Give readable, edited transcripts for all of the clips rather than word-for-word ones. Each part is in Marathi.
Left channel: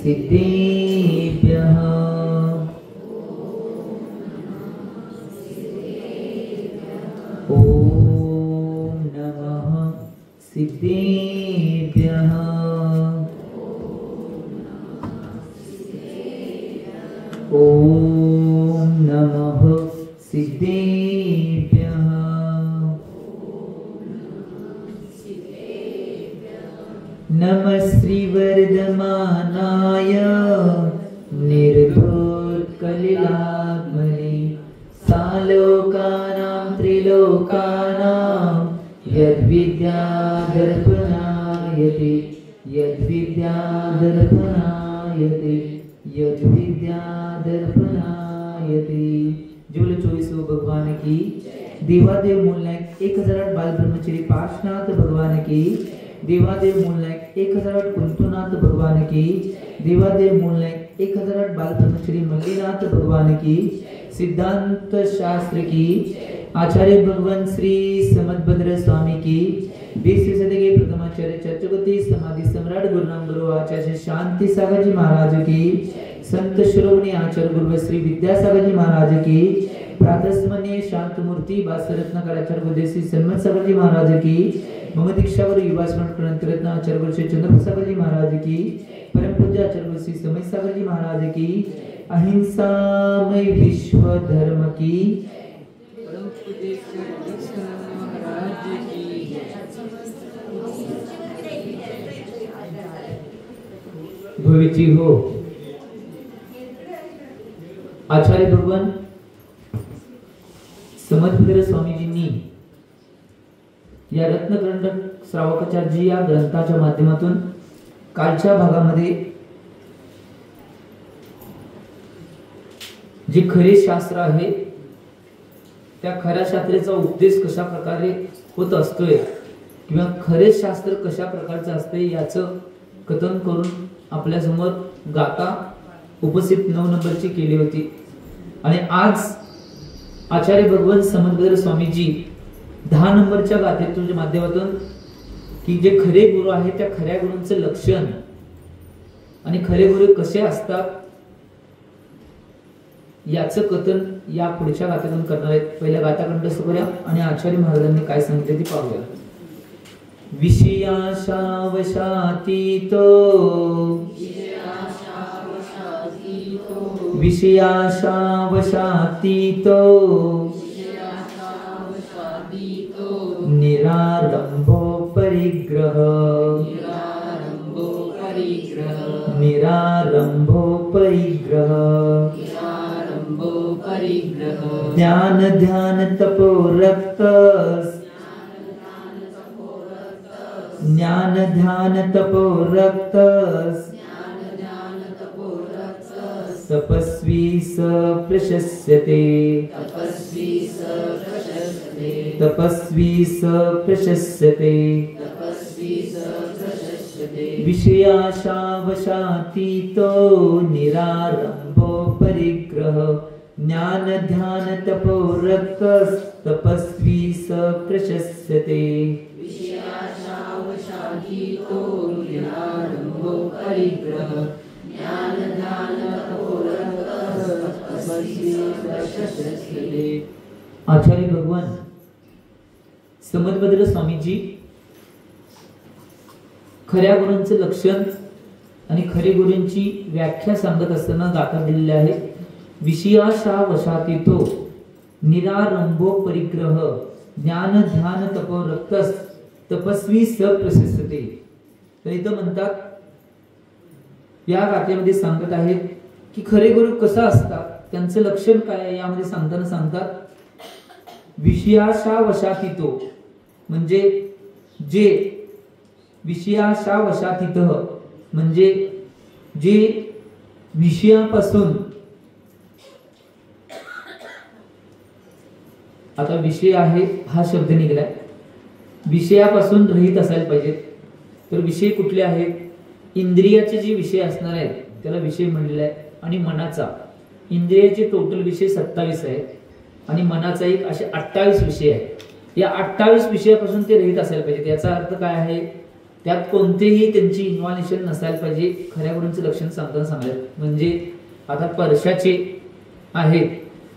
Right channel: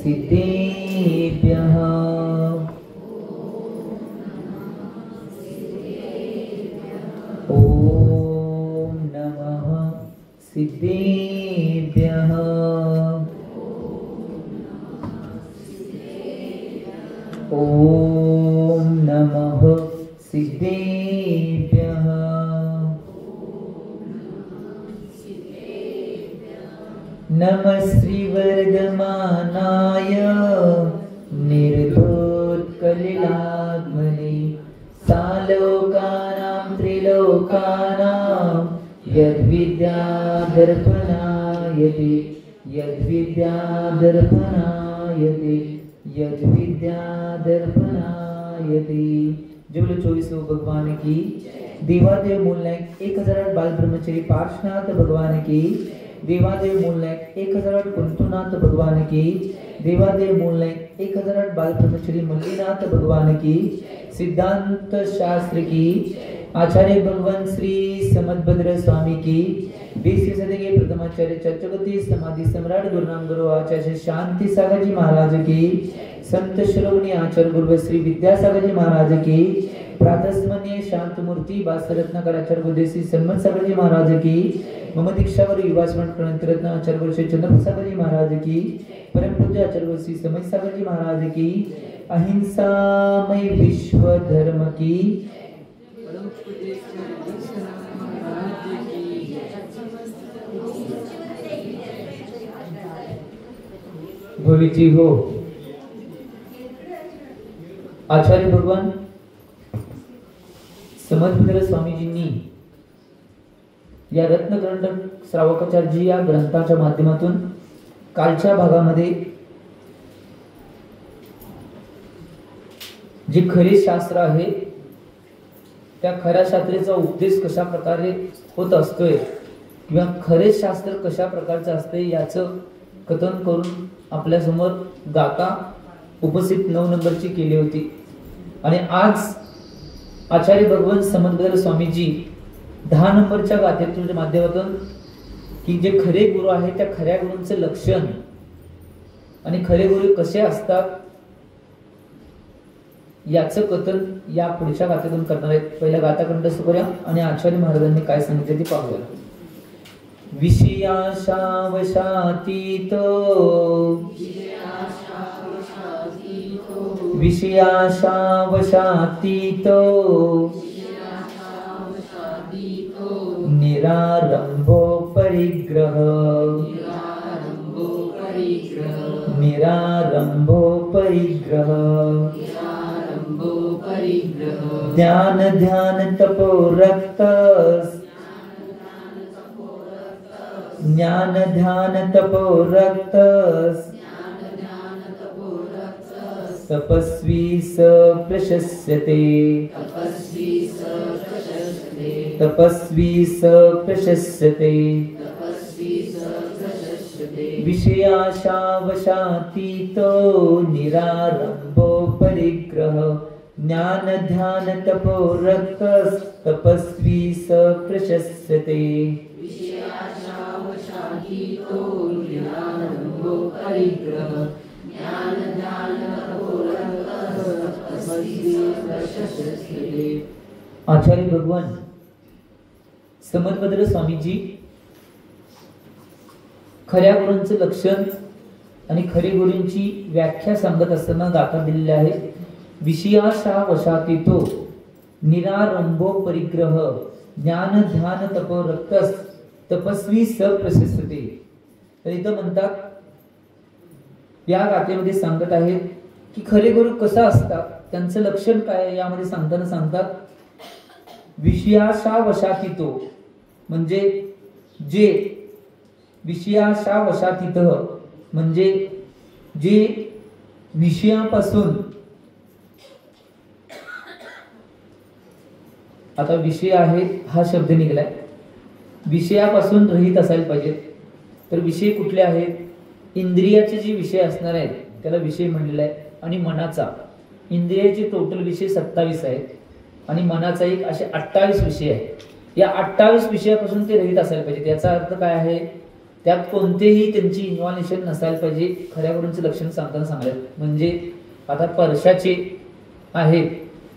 सिद्धेभ्यः ॐ नमः सिद्धेभ्यः ॐ नमः सिद्धेभ्यः नमः श्रीवर्धमानाय निर्धूतकलिलाग्मने सालोकानां त्रिलोकानां यद्विद्यादर्पणायते यद्विद्यादर्पणायते यद्विद्यादर्पणायते। जुबल 24 भगवान की देवादेव मूलनायक 1008 बाल ब्रह्मचारी पार्श्वनाथ भगवान की देवादेव मूलनायक 1008 कुंतुनाथ भगवान की देवादेव मूलनायक 1008 बाल ब्रह्मचारी मल्लीनाथ भगवान की सिद्धांत शास्त्र की आचार्य भगवान श्री समदभद्र स्वामी की 20वीं सदी के प्रथमाचार्य चतुर्थी समाधि सम्राट गुरुनाम गुरु आचार्य शांति सागर जी महाराज की संत शिरोमणि आचार्य गुरु श्री विद्यासागर जी महाराज की प्रातस्मरणीय शांत मूर्ति बासरत्नाकर आचार्य गुरुदेव सम्मत सागर जी महाराज की मम दीक्षावर युवाश्रम रत्न आचार्य गुरु श्री चंद्रप्रसाद जी महाराज की परम पूज्य आचार्य गुरु श्री समय सागर जी महाराज की अहिंसामय विश्व धर्म की भविची हो। आचार्य भगवान समदभद्र स्वामीजींनी या रत्नकंठ श्रावकाचार्य या ग्रंथाच्या माध्यमातून कालच्या भागामध्ये जे खरे शास्त्र आहे त्या खऱ्या शास्त्राचा उपदेश कशा प्रकारे होत असतोय किंवा खरे शास्त्र कशा प्रकारचं असते याचं कथन करून आपल्या समोर गाथा उपस्थित 9 नंबरची केली होती। आणि आज आचार्य भगवान समदभद्र स्वामीजी 10 नंबरच्या गाथेच्या माध्यमातून की जे खरे गुरु आहेत त्या खऱ्या गुरूंचे लक्षण आणि खरे गुरु कसे असतात याचं कथन या पुढच्या गाथेतून करणार आहेत। पहिल्या गाथाखंड सुरूया आणि आचार्य महाराजांनी काय सांगितले ते पाहूया। विषयाशावशातीतो विषयाशावशातीतो निरारंभो परिग्रह निरारंभो परिग्रह ध्यान ध्यान तपो रक्तस् ज्ञान ध्यान तपो रक्तस् तपस्वी स प्रशस्यते तपस्वी स प्रशस्यते विषयाशावशातीतो निरारंभो परिग्रह ज्ञान ध्यान तपो रक्तस् तपस्वी स प्रशस्यते विषयाशावशातीतो निरारंभो परिग्रह ज्ञान ध्यान तपो रक्तस् तपस्वी स प्रशस्यते। आचार्य भगवान समदभद्र स्वामीजी खऱ्या गुरूंचे लक्षण आणि खरे गुरूंची व्याख्या सांगत असताना गाथा दिलेली आहे। विषयाशावशातीतो निरारंभो परिग्रह ज्ञान ध्यान तपो रक्तस् तपस्वी स प्रशस्यते। तर इथं म्हणतात या गाथेमध्ये सांगत आहेत की खरे गुरु कसा असतात त्यांचं लक्षण काय आहे यामध्ये सांगताना सांगतात विषयाशावशातीतो म्हणजे जे विषयाशावशातीत म्हणजे जे विषयापासून आता विषय आहे हा शब्द निघालाय विषयापासून रहित असायला पाहिजे। तर विषय कुठले आहेत इंद्रियाचे जे विषय असणार आहेत त्याला विषय म्हणलेला आहे आणि मनाचा इंद्रियाचे टोटल विषय 27 आहेत आणि मनाचा एक असे 28 विषय आहेत। या 28 विषयापासून ते रहित असायला पाहिजे। याचा अर्थ काय आहे त्यात कोणतेही त्यांची इन्व्हॉल्युशन नसायला पाहिजे. खऱ्या गुरूंचं लक्षण सांगताना सांगायचं म्हणजे आता परशाचे आहेत,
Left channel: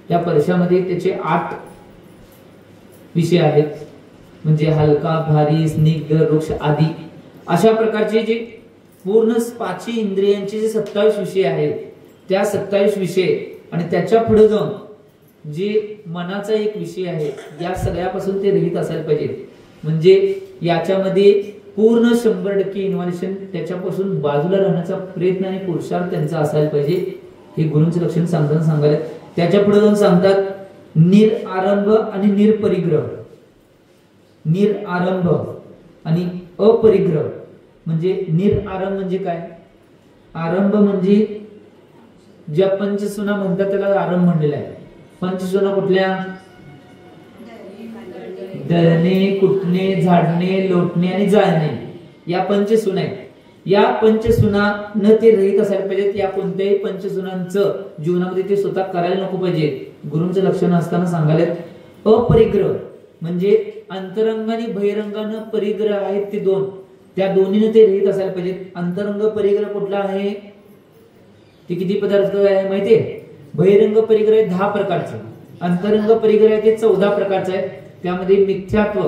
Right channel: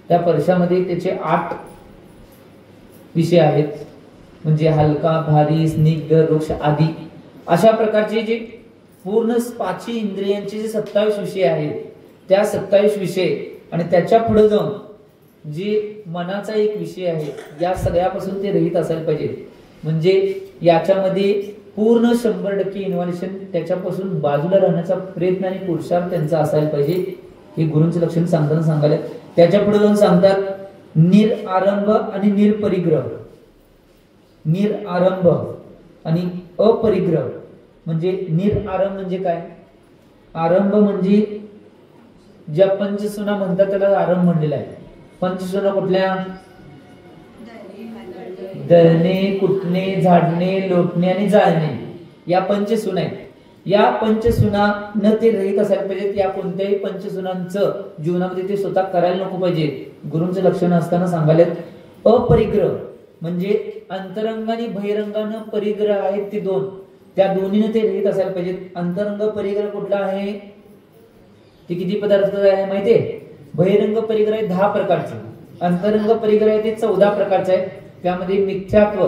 त्या परशामध्ये त्याचे 8 विषय आहेत, म्हणजे हलका, भारी, स्निग्ध, वृक्ष आदी अशा प्रकारचे जे पूर्ण 5 इंद्रियांचे जे 27 विषय आहेत, त्या 27 विषय आणि त्याच्या पुढे जाऊन जे मनाचा एक विषय आहे, या सगळ्यापासून ते रहित असायला पाहिजे. म्हणजे याच्यामध्ये पूर्ण 100% इन्व्हॉल्युशन त्याच्यापासून बाजूला राहण्याचा प्रयत्न आणि पुरुषार्थ त्यांचा असायला पाहिजे. हे गुरूंचं लक्षण सांगताना सांगायला. त्याच्या पुढे जाऊन सांगतात निरआरंभ आणि निरपरिग्रह. निरआरंभ आणि अपरिग्रह. म्हणजे निरआरंभ म्हणजे काय? आरंभ म्हणजे ज्या पंचसुना म्हणतात त्याला आरंभ म्हणलेला आहे. पंचसुना कुठल्या? दळणे, कुटणे, झाडणे, लोटणे आणि जाळणे, या पंचसुना आहेत. या पंचसुना न ते रहित असायला पाहिजेत. या कोणत्याही पंचसुनांचं जीवनामध्ये ते स्वतः करायला नको पाहिजे. गुरूंचं लक्षण असताना सांगायला. अपरिग्रह म्हणजे अंतरंग आणि बहिरंगानं परिग्रह आहेत ते 2, त्या दोन्हीने ते रहित असायला पाहिजेत. अंतरंग परिग्रह कुठला आहे? ते किती पदार्थ आहे माहितीये? बहिरंग परिग्रह आहे 10 प्रकारचे, अंतरंग परिग्रह आहे ते 14 प्रकारचे आहे. त्यामध्ये मिथ्यात्व,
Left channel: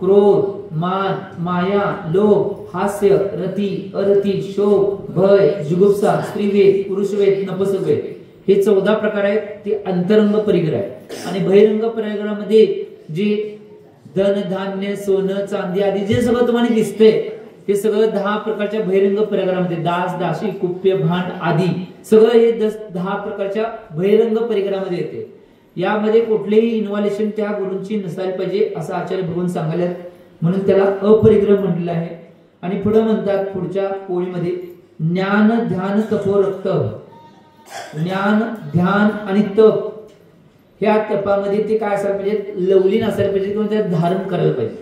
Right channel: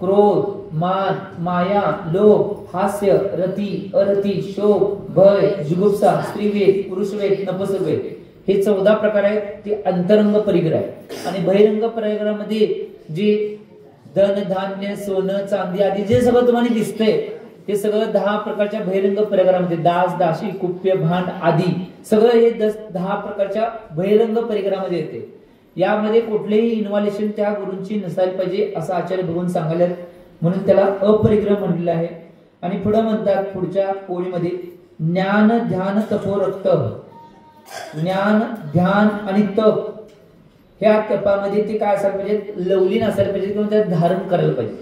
क्रोध, मान, माया, लोभ, हास्य, रती, अरती, शोक, भय, जुगुप्सा, स्त्रीवेद, पुरुषवेद, नपुंसकवेद हे 14 प्रकार आहेत. ते अंतरंग परिग्रह आहे. आणि बहिरंग परिग्रहामध्ये जे धन, धान्य, सोनं, चांदी आदी जे सगळं तुम्हाला दिसतंय हे सगळं 10 प्रकारच्या बहिरंग परिग्रहामध्ये, दास, दासी, कुप्य, भांड आदी सगळं हे 10 प्रकारच्या बहिरंग परिग्रहामध्ये येते. यामध्ये कुठलेही इन्व्हॉल्युशन त्या गुरूंची नसायला पाहिजे असं आचार्य भगवान सांगायला, म्हणून त्याला अपरिग्रह म्हटलेलं आहे. आणि पुढे म्हणतात पुढच्या ओळीमध्ये ज्ञान, ध्यान, तपो, रक्त. ज्ञान, ध्यान आणि तप, ह्या तपामध्ये ते काय असायला पाहिजे? लवलीन असायला पाहिजे किंवा त्यात धारण करायला पाहिजे.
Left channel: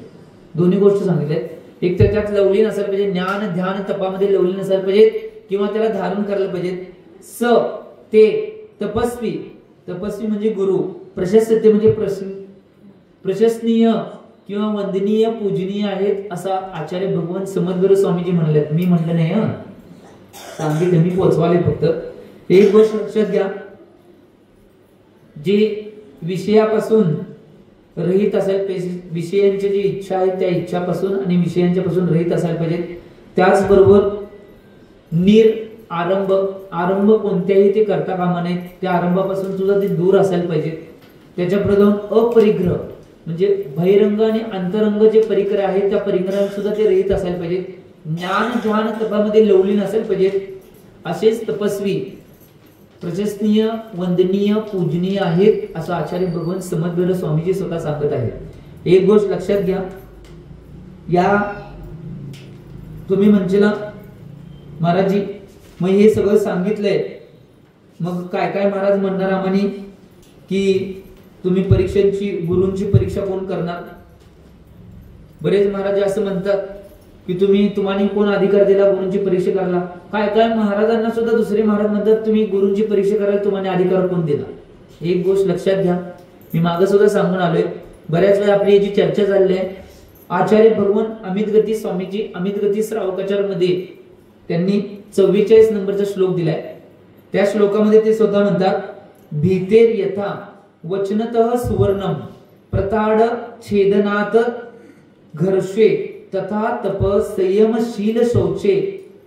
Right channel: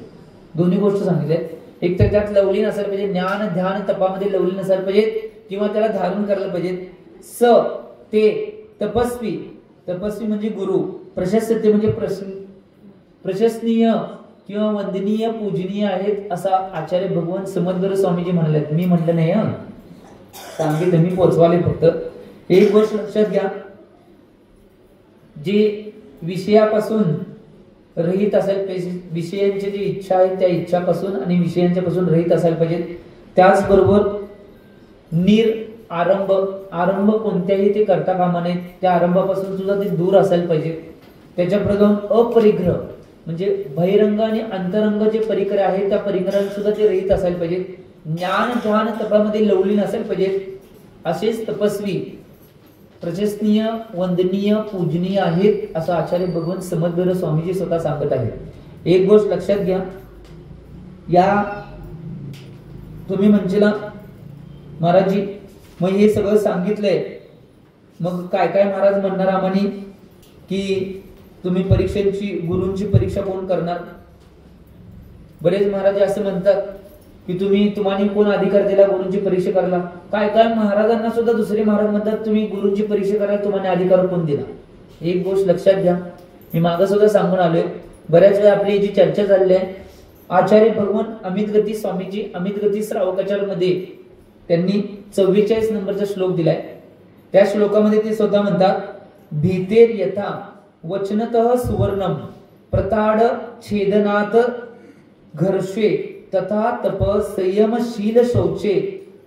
दोन्ही गोष्टी सांगितल्या. एक तर त्यात लवलीन असायला पाहिजे, ज्ञान, ध्यान, तपामध्ये लवलीन असायला पाहिजे किंवा त्याला धारण करायला पाहिजे. ते तपस्वी, तपस्वी म्हणजे गुरु. प्रशस्त म्हणजे प्रशंसनीय किंवा वंदनीय, पूजनीय आहेत असा आचार्य भगवान समद्गुरू स्वामीजी म्हणले. मी म्हटलं नाही, सांगितलं मी पोचवाले फक्त. एक गोष्ट लक्षात घ्या, जे विषयापासून रहित असायला पाहिजे, विषयांची जी इच्छा आहे त्या इच्छापासून आणि विषयांच्या पासून रहित असायला पाहिजे. त्याचबरोबर आरंभ, आरंभ कोणत्याही ते करता कामा नये, त्या आरंभापासून सुद्धा ते दूर असायला पाहिजे. त्याच्या पुढे जाऊन अपरिग्रह म्हणजे बहिरंग आणि अंतरंग जे परिग्रह आहे त्या परिग्रहात सुद्धा ते रहित असायला पाहिजे. ज्ञान, ध्यान, तपामध्ये लवलीन असायला पाहिजे. असेच तपस्वी प्रशंसनीय, वंदनीय, पूजनीय आहेत असं आचार्य भगवान समद्गुरू स्वामीजी स्वतः सांगत आहेत. एक गोष्ट लक्षात घ्या, या तुम्ही म्हणशीला महाराजजी मग हे सगळं सांगितलंय, मग काय काय महाराज म्हणणार आम्हानी की तुम्ही परीक्षेची, गुरूंची परीक्षा कोण करणार? बरेच महाराज असं म्हणतात की तुम्हाला कोण अधिकार दिला गुरूंची परीक्षा करायला? काय काय महाराजांना सुद्धा दुसरे महाराज म्हणतात तुम्ही गुरूंची परीक्षा करायला तुम्हाला अधिकार कोण दिला? एक गोष्ट लक्षात घ्या, मी मागे सुद्धा सांगून आलोय, बऱ्याच वेळा आपली जी चर्चा झाली आहे, आचार्य भगवान अमित गती स्वामीजी अमित गती श्रावकाचार मध्ये त्यांनी 44 नंबरचा श्लोक दिलाय. त्या श्लोकामध्ये ते स्वतः म्हणतात, भीतेर यथा वचनतः सुवर्णम प्रताड छेदनात घर्षे तथा तप संयमशील शौचे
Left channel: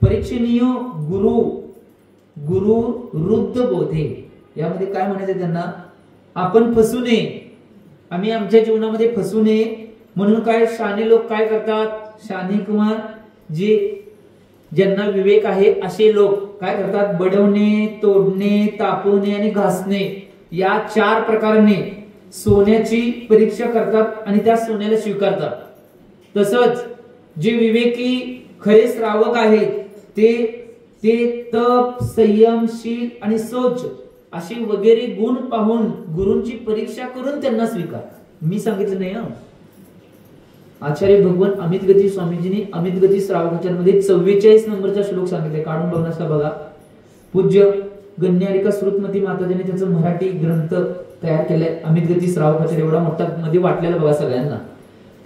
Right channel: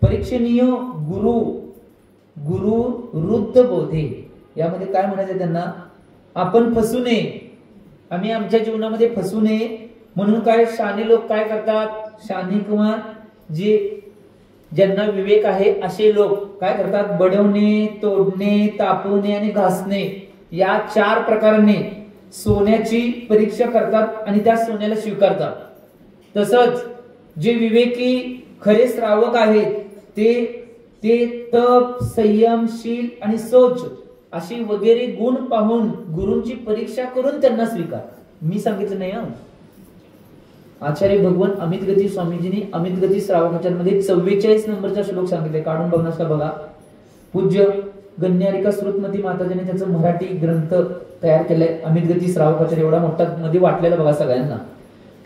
परीक्षणीय गुरु गुरु रुद्ध बोधे. यामध्ये काय म्हणायचं त्यांना? आपण फसू नये, आम्ही आमच्या जीवनामध्ये फसू नये म्हणून काय शाने लोक काय करतात? शाने कुमार जे ज्यांना विवेक आहे असे लोक काय करतात? बडवणे, तोडणे, तापवणे आणि घासणे या 4 प्रकाराने सोन्याची परीक्षा करतात आणि त्या सोन्याला स्वीकारतात. तसंच जे विवेकी खरे श्रावक आहेत ते तप, संयमशील आणि शौच अशी वगैरे गुण पाहून गुरूंची परीक्षा करून त्यांना स्वीकार. मी सांगितलं नाही हा, आचार्य भगवान अमित गती स्वामीजींनी अमित गती श्रावकाचार मध्ये 44 नंबरचा श्लोक सांगितले. काढून बघण्यास का बघा. पूज्य गण्यारिका श्रुतमती माताजींनी त्याचा मराठी ग्रंथ तयार केलाय. अमित गती श्रावकाचार एवढा मोठा मध्ये वाटलेला बघा सगळ्यांना.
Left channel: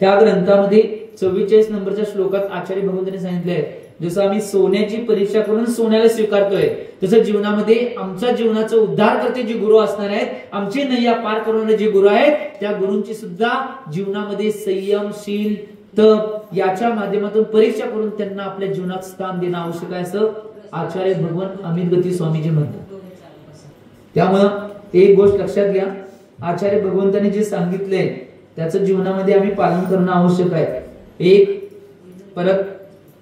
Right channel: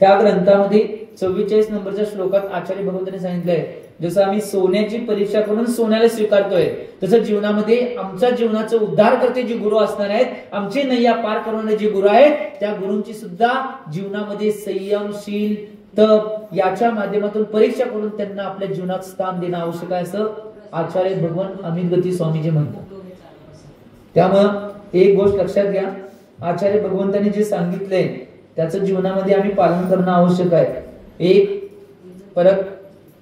त्या ग्रंथामध्ये 44 नंबरच्या श्लोकात आचार्य भगवंतांनी सांगितलंय, जसं आम्ही सोन्याची परीक्षा करून सोन्याला स्वीकारतोय, तसं जीवनामध्ये आमच्या जीवनाचं उद्धार करते जे गुरु असणार आहेत, आमचे नैया पार करणारे जे गुरु आहेत, त्या गुरूंची सुद्धा जीवनामध्ये संयमशील तप याच्या माध्यमातून परीक्षा करून त्यांना आपल्या जीवनात स्थान देणं आवश्यक आहे, असं आचार्य भगवान अमित गती स्वामीजी म्हणतात. त्यामुळं एक गोष्ट लक्षात घ्या, आचार्य भगवंतांनी जे सांगितलंय त्याचं जीवनामध्ये आम्ही पालन करणं आवश्यक आहे. एक परत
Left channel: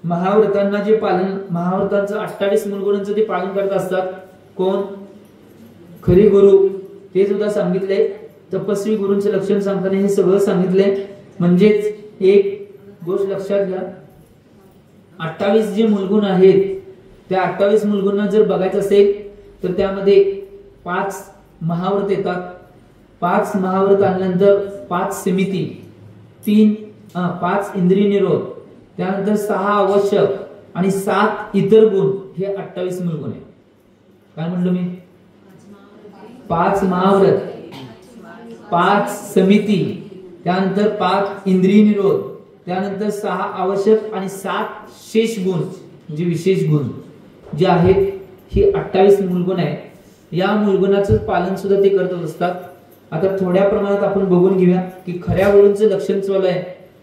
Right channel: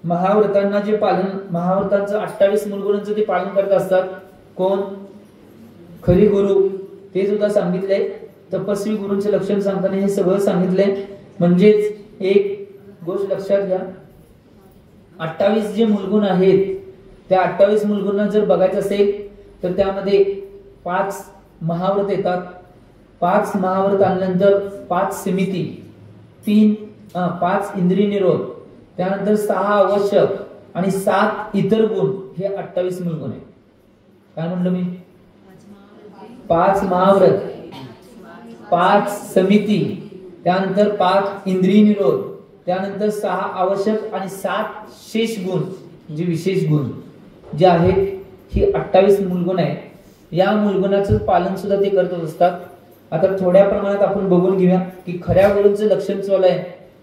महाव्रतांना जे पालन, महाव्रतांचं 28 मूलगुणांचं ते पालन करत असतात कोण? खरी गुरु. ते सुद्धा सांगितलंय. तपस्वी गुरूंचे लक्षण सांगताना हे सगळं सांगितलंय. म्हणजेच एक गोष्ट लक्षात घ्या, 28 जे मूलगुण आहेत त्या 28 मूलगुणांना जर बघायचं असेल तर त्यामध्ये 5 महाव्रत येतात. 5 महाव्रत आणल्यानंतर 5 समिती, 5 इंद्रिय निरोध, त्यानंतर 6 आवश्यक आणि 7 इतर गुण, हे 28 मूलगुण आहे. काय म्हणलं मी? 5 महाव्रत, 5 समिती, त्यानंतर 5 इंद्रिय निरोध, त्यानंतर 6 आवश्यक आणि 7 शेष गुण, म्हणजे विशेष गुण जे आहेत, ही 28 मूलगुण आहे. या मूलगुणाचं पालन सुद्धा ते करत असतात. आता थोड्या प्रमाणात आपण बघून घेऊया की खऱ्या गुरूंचं लक्षण चालू आहे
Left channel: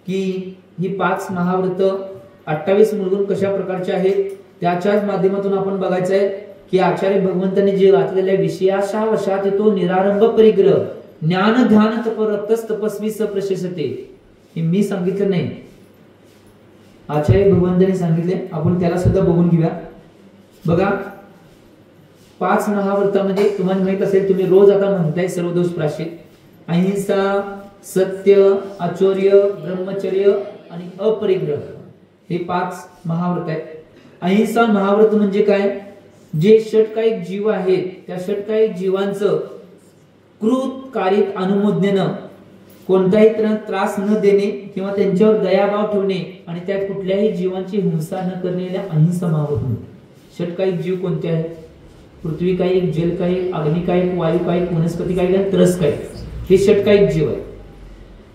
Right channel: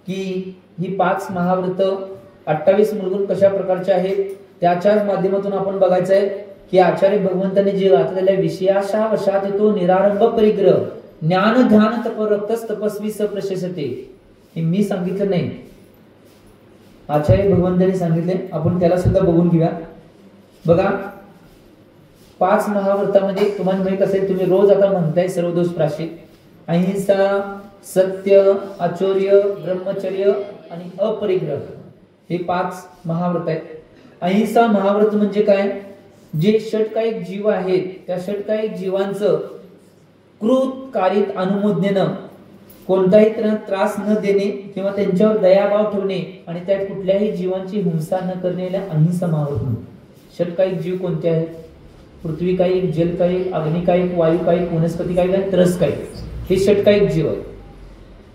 की ही 5 महाव्रत 28 मूलगुण कशा प्रकारचे आहेत. त्याच्याच माध्यमातून आपण बघायचं आहे की आचार्य भगवंतांनी जे घातलेल्या विषयाशा वशात तो निरारंभ परिग्रह ज्ञान ध्यान तपरक्तस तपस्वी सप्रशस्ते, हे मी सांगितलं नाही, आचार्य भगवंतांनी सांगितले. आपण त्याला सुद्धा बघून घेऊया. बघा 5 महाव्रतामध्ये तुम्हाला माहित असेल, तुम्ही रोज आता म्हणताय सर्व दोष प्राशित, अहिंसा, सत्य, आचर्य, ब्रह्मचर्य आणि अपरिग्रह, हे 5 महाव्रत आहेत. अहिंसा महाव्रत म्हणजे काय? जे षटकायिक जीव आहेत त्या षटकायिक जीवांचं कृतकारित अनुमोदनेनं कोणताही त्रास न देणे किंवा त्यांच्यावर दयाभाव ठेवणे आणि त्यात कुठल्याही जीवांची हिंसा न करणे याला अहिंसा महाव्रत. षटकायिक जीव कोणते आहेत? पृथ्वी कायिक, जल कायिक, अग्नि कायिक, वायू कायिक, वनस्पती कायिक आणि त्रस कायिक, हे षटकायिक जीव आहेत.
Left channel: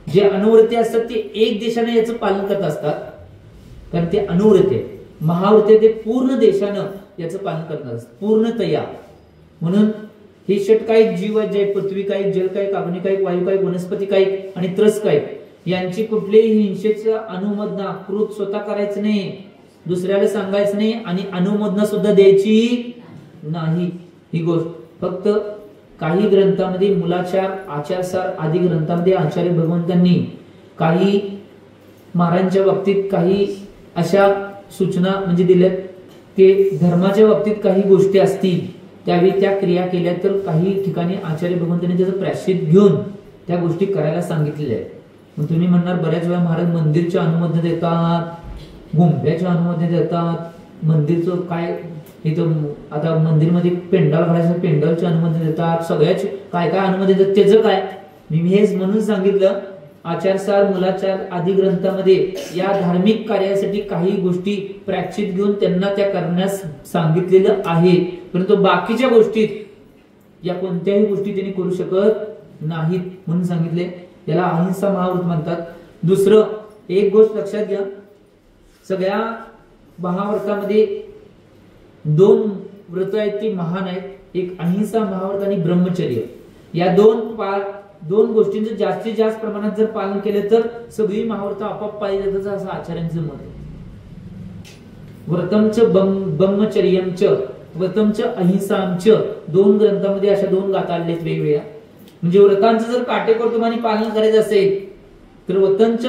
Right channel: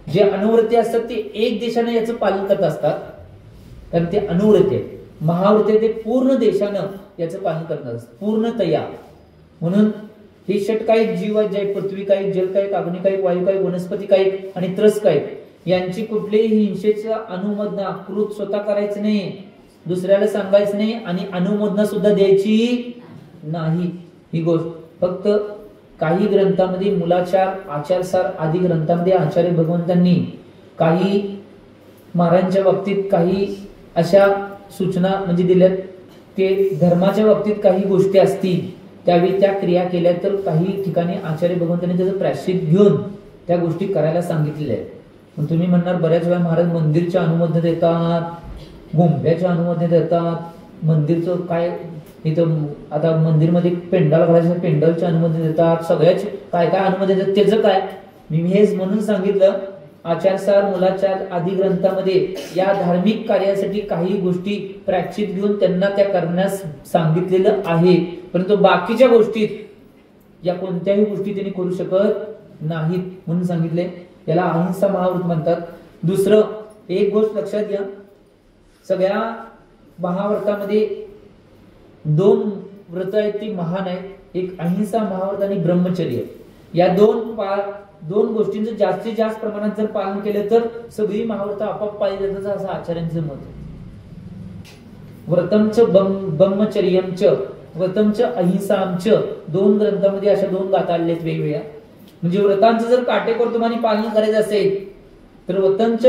जे अनुव्रते असतात ते एक देशाने याचं पालन करत असतात, कारण ते अनुव्रते. महाव्रते ते पूर्ण देशानं याचं पालन करत असतात, पूर्णतया. म्हणून हे षटकायिक जीव आहेत, जे पृथ्वी कायिक, जल कायिक, अग्नि कायिक, वायू कायिक, वनस्पती कायिक आणि त्रस कायिक, यांची कुठलीही हिंसेचा अनुमोदना कृत स्वतः करायचं नाही, दुसऱ्याला सांगायचं नाही आणि अनुमोदना सुद्धा द्यायची नाही. ही गोष्ट फक्त काही ग्रंथामध्ये, मुलाचार, आचारसार आदी ग्रंथामध्ये आचार्य भगवंतांनी काही महाराजांच्या बाबतीत काही अशा सूचना म्हणजे दिल्यात, ते धर्माच्या बाबतीत काही गोष्टी असतील त्यावेळी त्या क्रिया केल्या तर काही ठिकाणी आचार्य भगवंतांनी त्याचं प्रायश्चित घेऊन त्या गोष्टी करायला सांगितलेल्या आहेत. मग तुम्ही म्हणणार बऱ्याच वेळा महाराज मंदिरच्या अनुमोदन देतात, गुंब्याच्या अनुमोदन देतात, मंदिरचं काय इथं आता मंदिरमध्ये पेंडाल घालायचं पेंडालचे अनुमोदन देतात, सगळ्याचे काय काय अनुमोदन देतात, त्याचं काय? मी हेच म्हणून सांगितलं, आचारसार, मुलाचार आदी ग्रंथामध्ये या धार्मिक कार्यासाठी काही गोष्टी प्रायश्चित घेऊन त्यांना त्या करण्यास सांगितलेलं आहे, परंतु बाकीच्या गोष्टीत या कोणत्याही गोष्टी त्यांनी करू शकत नाहीत म्हणून सांगितले. याला अहिंसा महाव्रत म्हणतात. दुसरं एक गोष्ट लक्षात घ्या, सगळ्या महाव्रतामध्ये 2 व्रत आहेत ती महान आहेत, एक अहिंसा महाव्रत आणि ब्रह्मचर्य. या दोन गोष्टींचं जास्तीत जास्त प्रमाणात जर पालन केलं तर सगळी महाव्रत आपोआप पाळली जातात असं आचार्यांचं मत आहे. व्रतमच ब्रह्मचर्यमच व्रतमच अहिंसामच 2 ग्रंथामध्ये अशा 2 गाथा आलेल्या आहेत वेगवेगळ्या. म्हणजे व्रतांचं जर काटेकोरपणे पालन करायचं असेल तर व्रतमच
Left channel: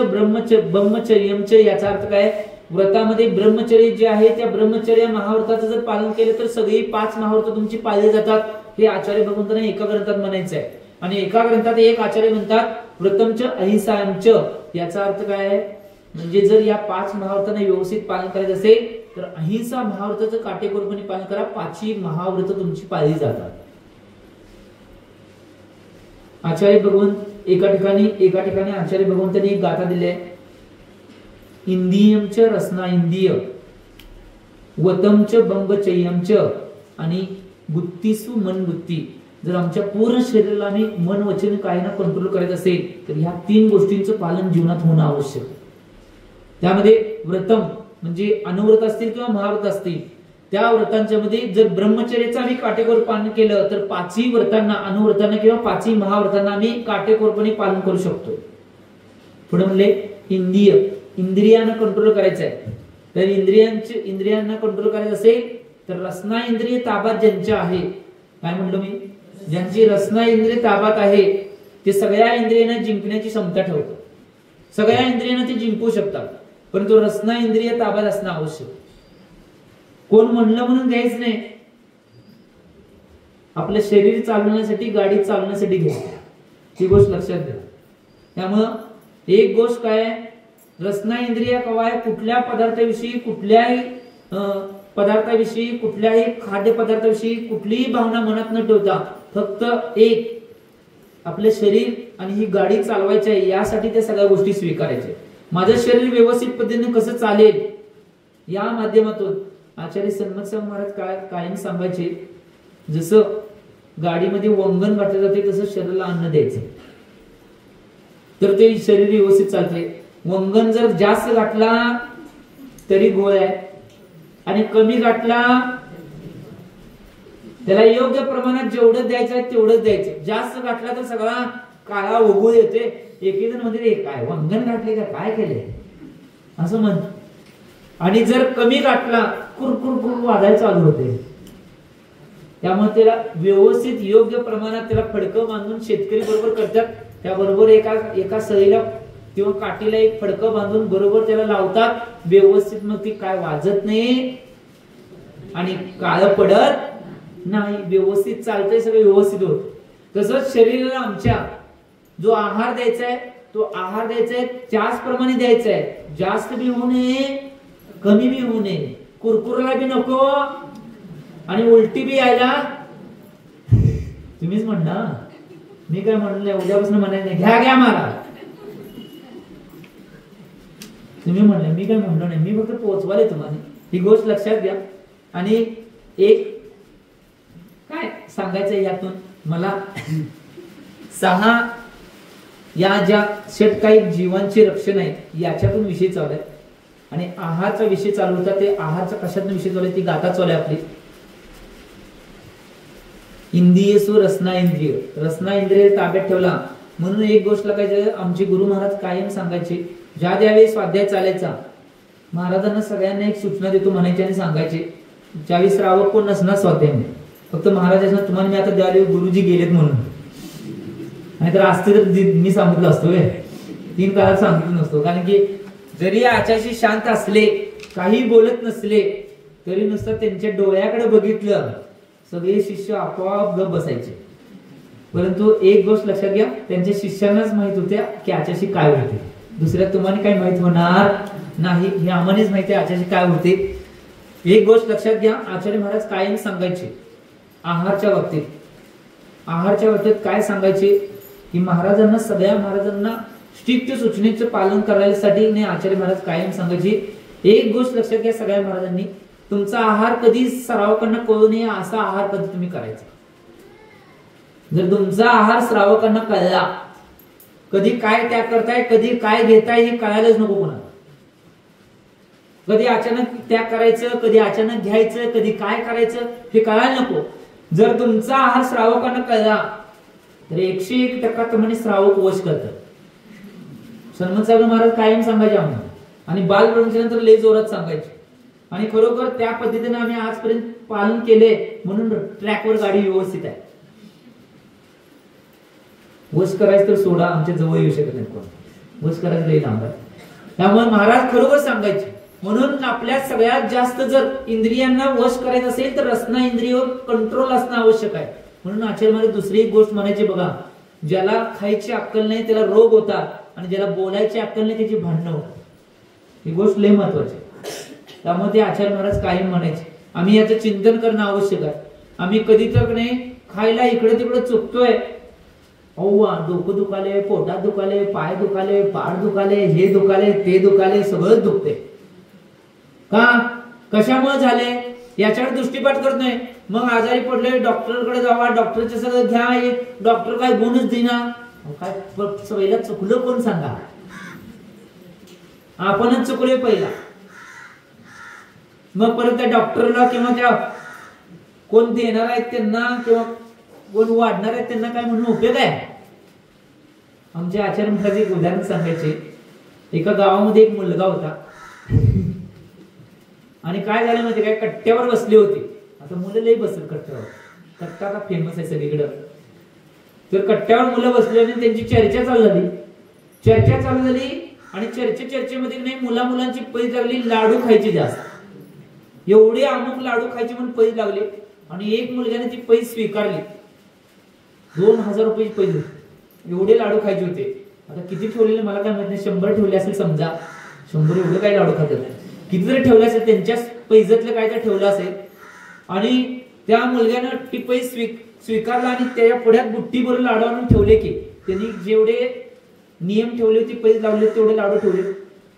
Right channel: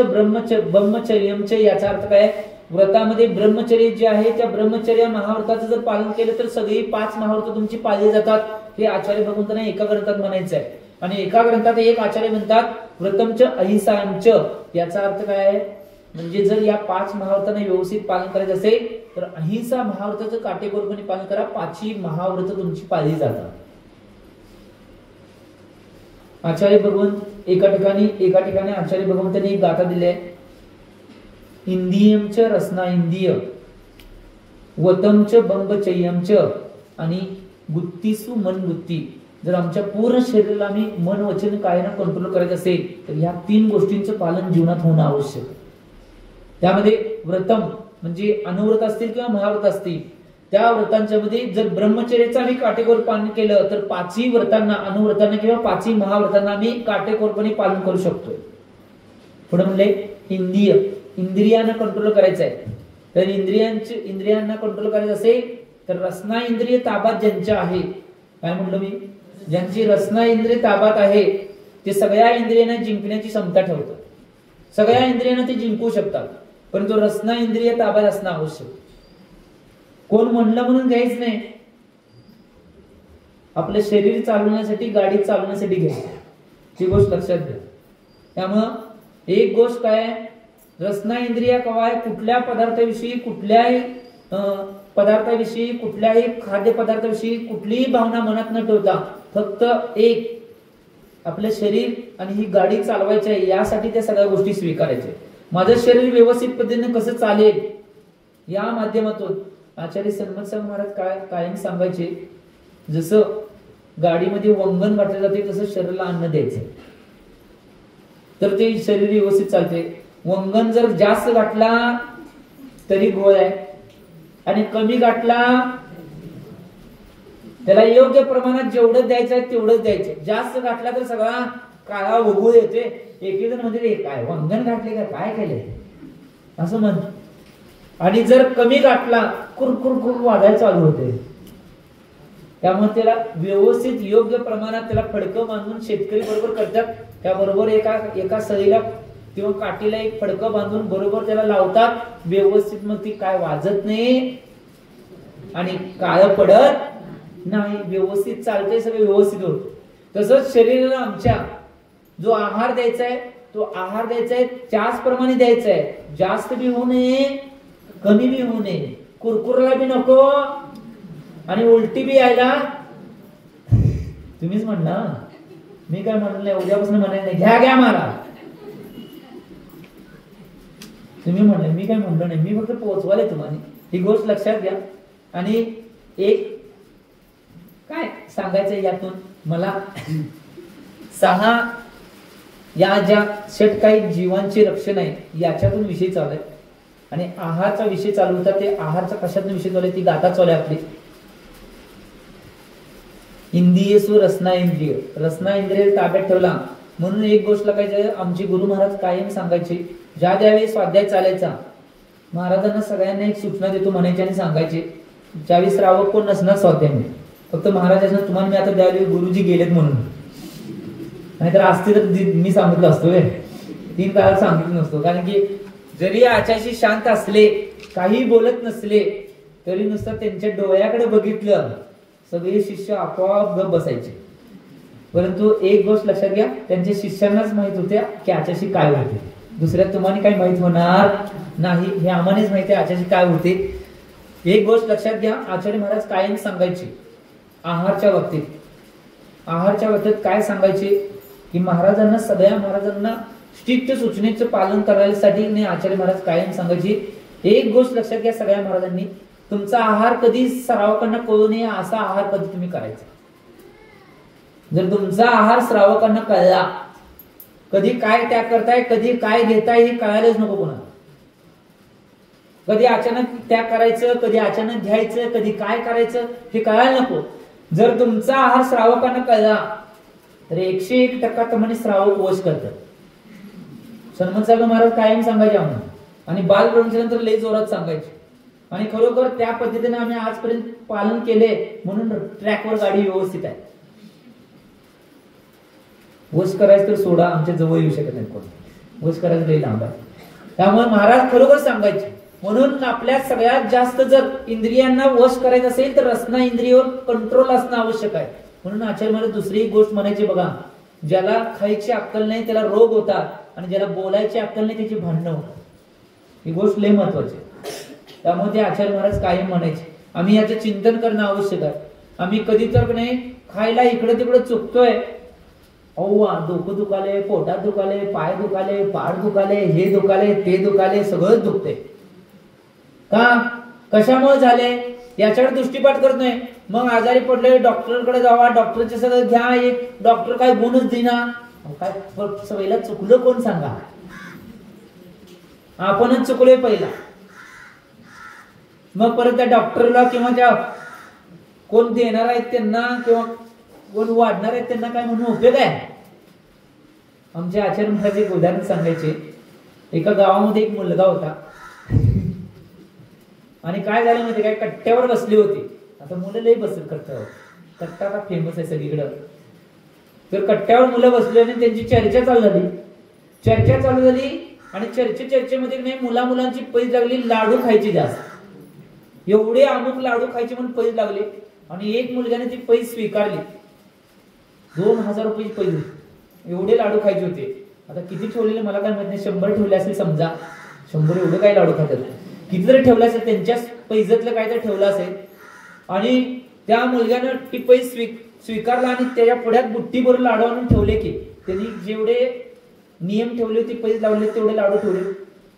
ब्रह्मचर्यमच याचा अर्थ काय? व्रतामध्ये ब्रह्मचर्य जे आहे त्या ब्रह्मचर्य महाव्रताचं जर पालन केलं तर सगळी 5 महाव्रत तुमची पाळली जातात, हे आचार्य भगवंतांना एका ग्रंथात म्हणायचं आहे. आणि एका ग्रंथात एक आचार्य म्हणतात व्रतमच अहिंसामच, याचा अर्थ काय आहे? म्हणजे जर या 5 महाव्रतांना व्यवस्थित पालन करायचं असेल तर अहिंसा महाव्रताचं काटेकोरपणे पालन करा, 5ही महाव्रत तुमची पाळली जातात. आचार्य भगवंत एका ठिकाणी आचार्य भगवंतांनी एक गाथा दिली आहे, इंदियमच रसना इंदिय वतमच बंबचयमच आणि गुत्तीसु मन गुत्ती. जर आमच्या पूर्ण शरीराला आम्ही मन वचन कायानं कंट्रोल करायचं असेल तर ह्या 3 गोष्टींचं पालन जीवनात होणं आवश्यक. त्यामध्ये व्रतम म्हणजे अनुव्रत असतील किंवा महाव्रत असतील, त्या व्रतांच्या मध्ये जर ब्रह्मचर्याचा आम्ही काटेकोर पालन केलं तर 5ही व्रतांना, अनुव्रतांना किंवा 5ही महाव्रतांना आम्ही काटेकोरपणे पालन करू शकतो. पुढे म्हणले इंद्रियांना कंट्रोल करायचं आहे. तर इंद्रियांना कंट्रोल करायचं असेल तर रसना इंद्रिय ताब्यात ज्यांच्या आहे, काय म्हणलं मी, ज्यांची रसना इंद्रिय ताब्यात आहे ते सगळ्या इंद्रियांना जिंकण्याची क्षमता ठेवतात. सगळ्या इंद्रियांना ते जिंकू शकतात, परंतु रसना इंद्रिय ताब्यात असणं आवश्यक. कोण म्हणलं म्हणून द्यायच नाही. आपलं शरीर चालवण्यासाठी, गाडी चालवण्यासाठी घ्यायचं, ही गोष्ट लक्षात घ्या. त्यामुळं एक गोष्ट काय, रसना इंद्रिय कवाय कुठल्या पदार्थाविषयी, कुठल्याही पदार्थाविषयी, कुठल्याही खाद्य पदार्थाविषयी कुठलीही भावना मनात न ठेवता फक्त एक आपलं शरीर आणि ही गाडी चालवायची आहे यासाठी त्या सगळ्या गोष्टी स्वीकारायच्या. माझं शरीर व्यवस्थित पद्धतीने कसं चालेल या माध्यमातून आचार्य सन्मत महाराज कायम सांगायचे, जसं गाडीमध्ये वंगण घातलं जाते तसं शरीराला अन्न द्यायचं तर ते शरीर व्यवस्थित चालते. वंगण जर जास्त घातला तरी गोळ आहे आणि कमी घातला त्याला योग्य प्रमाणात जेवढं द्यायचं आहे तेवढंच द्यायचं. जास्त घातला तर सगळा काळा उगवून येते. एक जण म्हणजे काय वंगण घातले का काय केले असं म्हणत. आणि जर कमी घातला कुरकुर वाजायला चालू होते. त्यामुळे त्याला व्यवस्थित योग्य प्रमाणात त्याला फडकं बांधून शेतकरी बरोबर करतात. त्याबरोबर एका सळीला किंवा काठीला एक फडकं बांधून बरोबर त्याला लावतात व्यवस्थित. मग ती काय वाजत नाही आणि काळ पडत नाही, व्यवस्थित चालतंय, सगळं व्यवस्थित होत. तसंच शरीराला आमच्या जो आहार द्यायचा आहे तो आहार द्यायचा आहे त्याचप्रमाणे द्यायचा आहे. जास्त बी होऊ नये, कमी बी होऊ नये, कुरकुरला बी नको आणि उलटी बी यायला. तुम्हीच म्हणा, मी काय म्हणलं उद्यापासून म्हणायचं घ्या मला. तुम्ही म्हणले, मी काय म्हणलो नाही, मी फक्त पोहोचवाले तुम्हाला. ही गोष्ट लक्षात घ्या. आणि एक काय सांगायचं यातून मला 6 या ज्या सेट काही जीवांचे रक्षण आहे याच्यातून विषय चालू आहे. आणि आहारचा विषय चालू होता, ते आहारचा कशातून विषय चालू आहे ती गाथा चालू आहे आपली. इंद्रियसु रसना इंद्रिय, रसना इंद्रिय ताब्यात ठेवला म्हणून एक गोष्ट लक्षात. आमचे गुरु महाराज कायम सांगायचे, ज्या ज्यावेळी स्वाध्याय चालायचा महाराजांना सगळ्यांना एक सूचना देतो म्हणायचे आणि सांगायचे, ज्यावेळी श्रावक कोण नसणार स्वाध्याय फक्त महाराजांना तुम्हाला मी आता द्यावे गुरुजी गेलेत म्हणून, नाहीतर असते तर मी सांगितलं असतो 3 काळात सांगितलं नसतो. कारण की जरी आचार्य शांत असले, काही बोलत नसले तरी नुसतं त्यांच्या डोळ्याकडे बघितलं सगळे शिष्य आपोआप गप बसायचे. परंतु एक गोष्ट लक्षात घ्या, त्यांच्या शिष्यांनाच माहित होत्या की आचार्य काय होते, दुसऱ्या तुम्हाला काही माहित होणार नाही. हे आम्हालाच माहिती आहे आचार्य काय होते. एक गोष्ट लक्षात घ्या, आचार्य महाराज कायम सांगायचे आहारच्या बाबतीत काय सांगायचे की सगळ्या महाराजांना स्ट्रिक्ट सूचनेचं पालन करायसाठी आचार्य महाराज कायम सांगायचे. एक गोष्ट लक्षात घ्या सगळ्या महाराजांनी, तुमचा आहार कधी श्रावकांना कळू नये असा आहार कधी तुम्ही करायचा. जर तुमचा आहार श्रावकांना कळला, कधी काय त्याग करताय, कधी काय घेताय हे कळायलाच नको कोणाला. कधी अचानक त्याग करायचं, कधी अचानक घ्यायचं, कधी काय करायचं हे कळायला नको. जर तुमचा आहार श्रावकांना कळला तर 101% म्हणजे श्रावक वश करतात. सन्मत साहेब महाराज कायम सांगायचे आम्हाला, आणि बाल ब्रह्मचर्यानंतर लय जोरात सांगायचे. आणि खरोखर त्या पद्धतीने आम्ही आजपर्यंत पालन केले म्हणून ट्रॅकवर गाडी व्यवस्थित आहे. वश करायचं तर सोडा, आमच्या जवळ येऊ शकत नाही कोण, वश करायचं लय लांब. त्यामुळे महाराज खरोखर सांगायचे. म्हणून आपल्या सगळ्यात जास्त जर इंद्रियांना वश करायचं असेल तर रसना इंद्रियावर कंट्रोल असणं आवश्यक आहे. म्हणून आचार्य महाराज दुसरी एक गोष्ट म्हणायची बघा, ज्याला खायची अक्कल नाही त्याला रोग होतात, आणि ज्याला बोलायची अक्कल नाही त्याची भांडणं होतात. ही गोष्ट लय महत्वाची. त्यामुळे ते आचार्य महाराज कायम म्हणायचे आम्ही याचं चिंतन करणं आवश्यक आहे. आम्ही कधी तर नाही खायला इकडे तिकडे चुकतोय, डोकं दुखाले, पोटात दुखाले, पाय दुखाले, पाठ दुखाले, हे दुखाले, ते दुखाले, सगळंच दुखते. का कशामुळे झाले याच्याकडे दृष्टीपात करत नाही. मग आजारी पडले डॉक्टरकडे जावा, डॉक्टरचे सगळं घ्या, डॉक्टर काय गुणच देणार, काय सवयीला चुकलं कोण सांगा. आपणच चुकलोय पहिला. मग परत त्या डॉक्टरला किंवा त्या कोण देणार आहेत त्यांना किंवा कोण वाढणार आहेत त्यांना काय म्हणून उपयोग आहे. आमचे आचार्य महाराज एक उदाहरण सांगायचे. एका गावामध्ये एक मुलगा होता आणि काय झालं माहिती काय, कट्ट्यावर बसले होते. आता मुलं लई बसत कट्ट्यावर, कट्टा का फेमस आहे सगळीकडं. तर कट्ट्यावर मुलं बसली आणि त्यांची चर्चा चालू झाली आणि चर्चेमध्ये नाही मुलांची पैज लागली लाडू खायची जास्त. एवढे अमुक लाडू खायचे म्हणून पैज लागले आणि एक मुलग्याने ती पैज स्वीकारली. 2000 रुपये पैज होते. एवढे लाडू खायचे होते. आता किती ठेवलेले मला काय माहित नाही, 100 ठेवले असेल समजा. 100 एवढं काय लाडू खातात, किती जरी ठेवलं असेल त्यांच्या पैजातलं काय तर ठेवलं असेल. आणि त्या मुलग्यानं ती पैज स्वीकारला आणि त्याच्या पुढ्यात बुट्टीभर लाडू आणून ठेवले की त्यांनी जेवढे नियम ठेवले होते पैज लावले तेवढे लाडू ठेवले.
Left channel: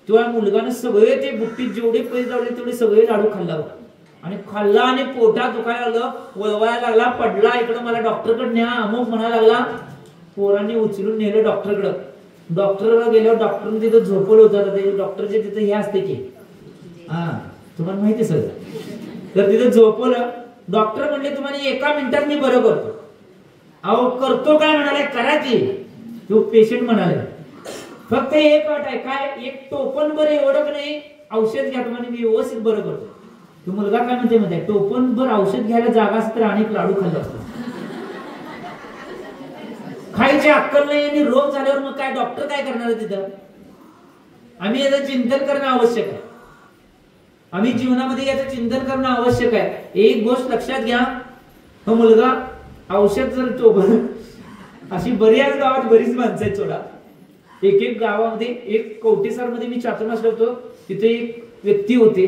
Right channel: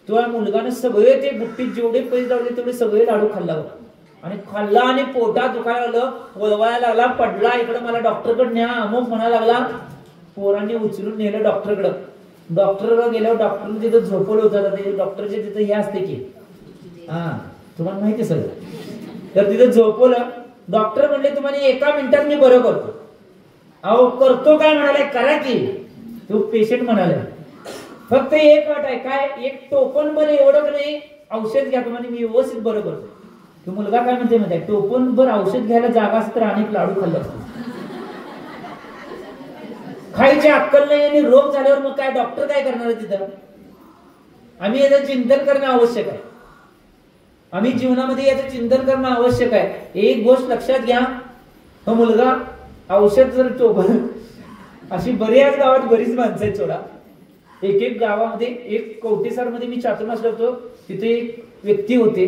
तेव्हा मुलगाने सगळे ते बुट्टीत जेवढे पैज लावले तेवढे सगळे लाडू खाल्ला होता. आणि खाल्ला आणि पोटात दुखायला लागलं, वळवायला लागला, पडला. इकडं मला डॉक्टरकडे न्या अमुक म्हणायला लागला. पोरांनी उचलून नेलं डॉक्टरकडं. डॉक्टरकडे गेल्यावर डॉक्टरने तिथं झोपवलं होतं. ते डॉक्टरचे तिथं हे असते की तुम्हाला माहिती सगळं. तर तिथं झोपवलं. डॉक्टर म्हणले तुम्हाला 1 मिनिटात मी बरं करतो. अहो करतो काय म्हणाले, करा की. तो पेशंट म्हणाले फक्त एक अट आहे काय, एक टोपण बरं एवढं नाही औषध घ्या तुम्हाला मी व्यवस्थित बरं करतो. तो मुलगा काय म्हणते मध्ये, टोपण बर औषध घ्यायला जागा असत तर अनेक लाडू खाल्ले असतो. खायची अक्कल नाही आणि रोग झाल्यावर मग काय डॉक्टर काय करणार आहे तिथं. आम्ही याचं चिंतन करणं आवश्यक आहे. आम्ही जीवनामध्ये याचं चिंतन करणं आवश्यक आहे. एक गोष्ट लक्षात घ्या, तो मुलगा औषध जर टोपण, अशी बऱ्याच गावात बरीच माणसं आहेत सोडा. एक गावामध्ये एक कवटेसार मध्ये मी चातुर्मास होतो. तिथे एक व्यक्ती होते.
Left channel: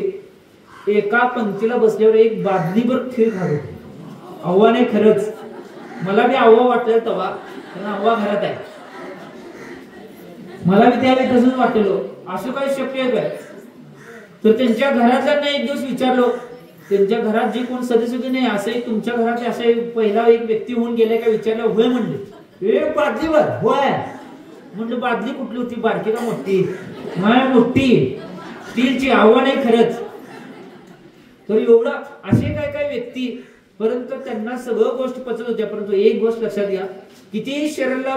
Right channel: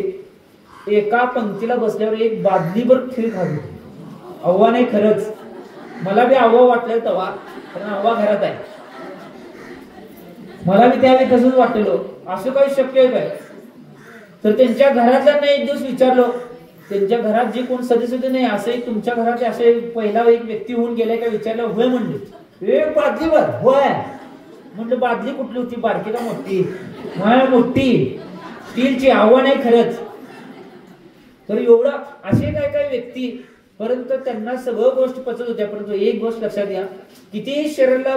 एका पंक्तीला बसल्यावर एक बादलीभर खीर खात होते. आव्हा नाही खरंच, मला बी आव्हा वाटलं तेव्हा, कारण आव्हा घरात आहे. मला बी त्यावेळी तसंच वाटलं असं काही शक्य आहे काय. तर त्यांच्या घरातल्यांना एक दिवस विचारलो, त्यांच्या घरात जे कोण सदस्य होते नाही असे तुमच्या घरात असे पहिला एक व्यक्ती होऊन गेलाय का विचारलं. होय म्हणले. एक बादलीवर होय म्हणलं. बादली कुठली होती, बारकी का मोठी. मोठी स्टीलची. आव्हान आहे खरंच. तर एवढं असे काय व्यक्ती, परंतु त्यांना सगळं गोष्ट पचत होत्या. परंतु एक गोष्ट लक्षात घ्या, किती शरीराला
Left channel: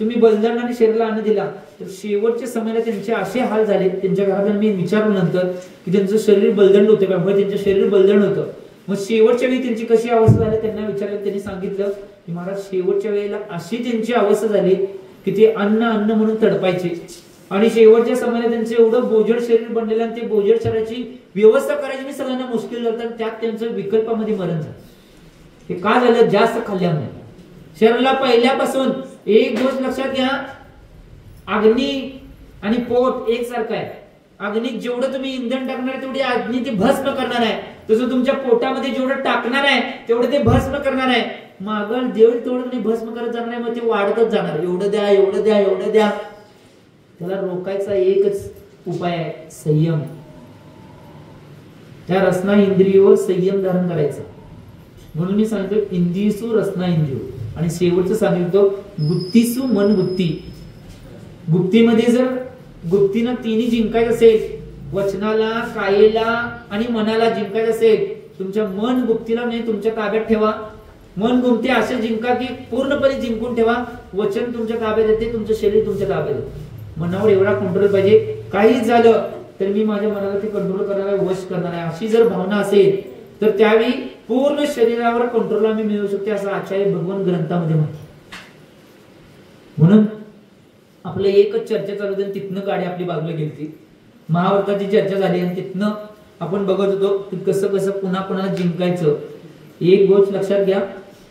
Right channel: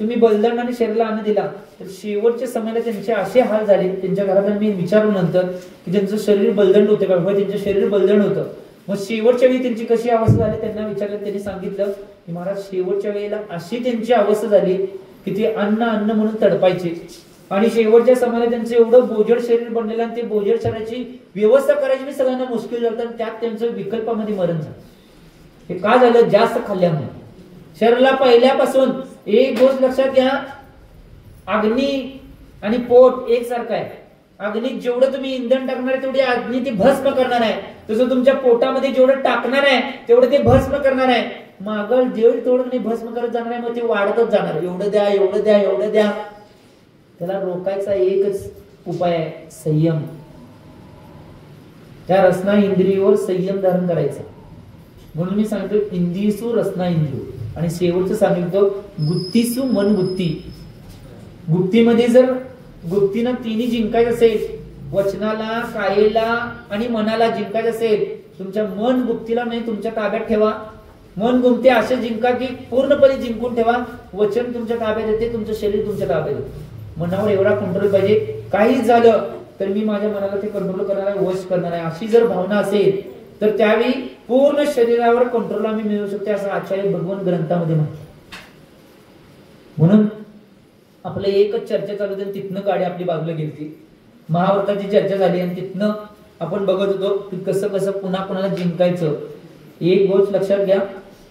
तुम्ही बलिदान आणि शरीराला अन्न दिला तर शेवटच्या समयाला त्यांचे असे हाल झाले. त्यांच्या घरात मी विचारलं नंतर की त्यांचं शरीर बलदंड होतं का, त्यांचं शरीर बलदंड होतं. मग शेवटच्या वेळी त्यांची कशी अवस्था झाली त्यांना विचारलं. त्यांनी सांगितलं की महाराज शेवटच्या वेळेला अशी त्यांची अवस्था झाली की ते अन्न म्हणून तडपायचे. आणि शेवटच्या समयाला त्यांचं एवढं बोजड शरीर बनलेलं आणि ते बोजड शरीराची व्यवस्था करायची मी सगळ्यांना मुश्किल झालं. तर त्यात त्यांचं विकल्पामध्ये मरण झालं. हे का झालं, जास्त खाल्ल्यामुळे. शरीराला पहिल्यापासून एक गोष्ट लक्षात घ्या, अग्नी आणि पोट एकसारखं आहे. अग्नीत जेवढं तुम्ही इंधन टाकणार आहे तेवढी अग्नी ते भस्म करणार आहे. तसं तुमच्या पोटामध्ये जेवढं टाकणार आहे तेवढं ते भस्म करणार आहे. मागल तेवढं नाही भस्म करत जाणार आहे. मग ते वाढतच जाणार. एवढं द्या एवढं द्या एवढं द्या. त्याला रोखायचा एकच उपाय आहे, संयम. त्या रसना इंद्रियोवर संयम धारण करायचं. म्हणून मी सांगतो इंद्रियसु रसना इंद्रियो. आणि शेवटचं सांगितलं गुप्तीसु मन गुप्ती. गुप्तीमध्ये जर गुप्तीनं तिन्ही जिंकायचं असेल, वचनाला, कायेला आणि मनाला जिंकायचं असेल, तुमच्या मन गुप्तीला नाही तुमच्या ताब्यात ठेवा. मन गुप्ते असे जिंका की पूर्णपणे जिंकून ठेवा. वचन तुमच्या ताब्यात येते, तुमचं शरीर तुमच्या ताब्यात येते. मनावर एवढा कंट्रोल पाहिजे, काहीच झालं तर मी माझ्या मनावरती कंट्रोल करणार आहे, वश करणार आहे, अशी जर भावना असेल तर त्यावेळी पूर्ण शरीरावर कंट्रोल आम्ही मिळवू शकते असं आचार्य भगवान ग्रंथामध्ये म्हणतात. म्हणून आपलं एकच चर्चा चालू होती, तिथनं गाडी आपली बाजूला गेली. महाभारताची चर्चा झाली आणि तिथनं आपण बघत होतो की कसं कसं पुन्हा पुन्हा जिंकायचं. एक गोष्ट लक्षात घ्या,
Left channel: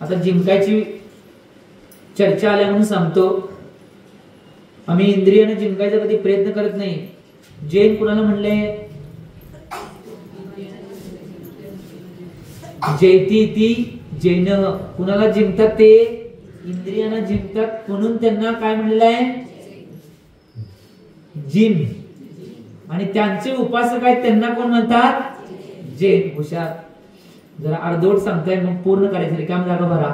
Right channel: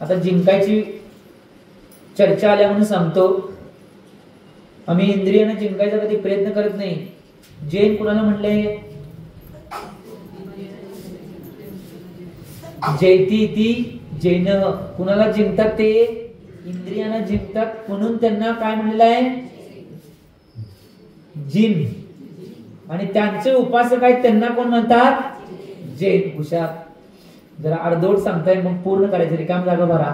आता जिंकायची चर्चा आल्या म्हणून सांगतो. आम्ही इंद्रियाने जिंकायचा कधी प्रयत्न करत नाही. जैन कुणाला म्हणले, जैती ती जैन. कुणाला जिंकतात ते इंद्रियांना जिंकतात. म्हणून त्यांना काय म्हणलेलं आहे, जिन. आणि त्यांचे उपासक आहेत त्यांना कोण म्हणतात, जैन. हुशार. जरा अर्धवट सांगताय मग पूर्ण करायचं, रिकाम जागा भरा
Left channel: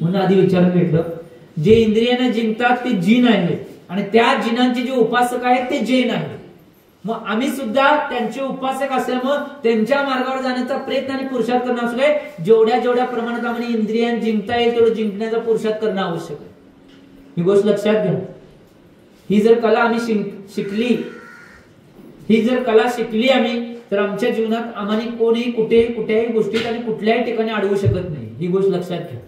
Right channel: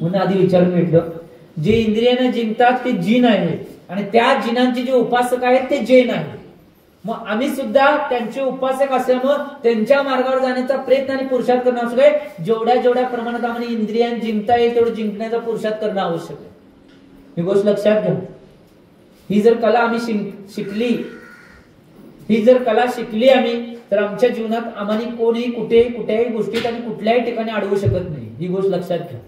म्हणून आधी विचारून भेटलं. जे इंद्रियांना जिंकतात ते जिन आहेत आणि त्या जिनांचे जे उपासक आहेत ते जैन आहेत. मग आम्ही सुद्धा त्यांचे उपासक असल्यामुळे त्यांच्या मार्गावर जाण्याचा प्रयत्न आणि पुरुषार्थ करणं आवश्यक आहे. जेवढ्या जेवढ्या प्रमाणात आम्हाला इंद्रियां जिंकता येईल तेवढं जिंकण्याचा पुरुषार्थ करणं आवश्यक आहे. ही गोष्ट लक्षात घ्या. ही जर कला आम्ही शिकली आम्ही, तर आमच्या जीवनात आम्हाला कोणीही कुठल्याही गोष्टीत आणि कुठल्याही ठिकाणी अडवू शकत नाही. ही गोष्ट लक्षात घ्या.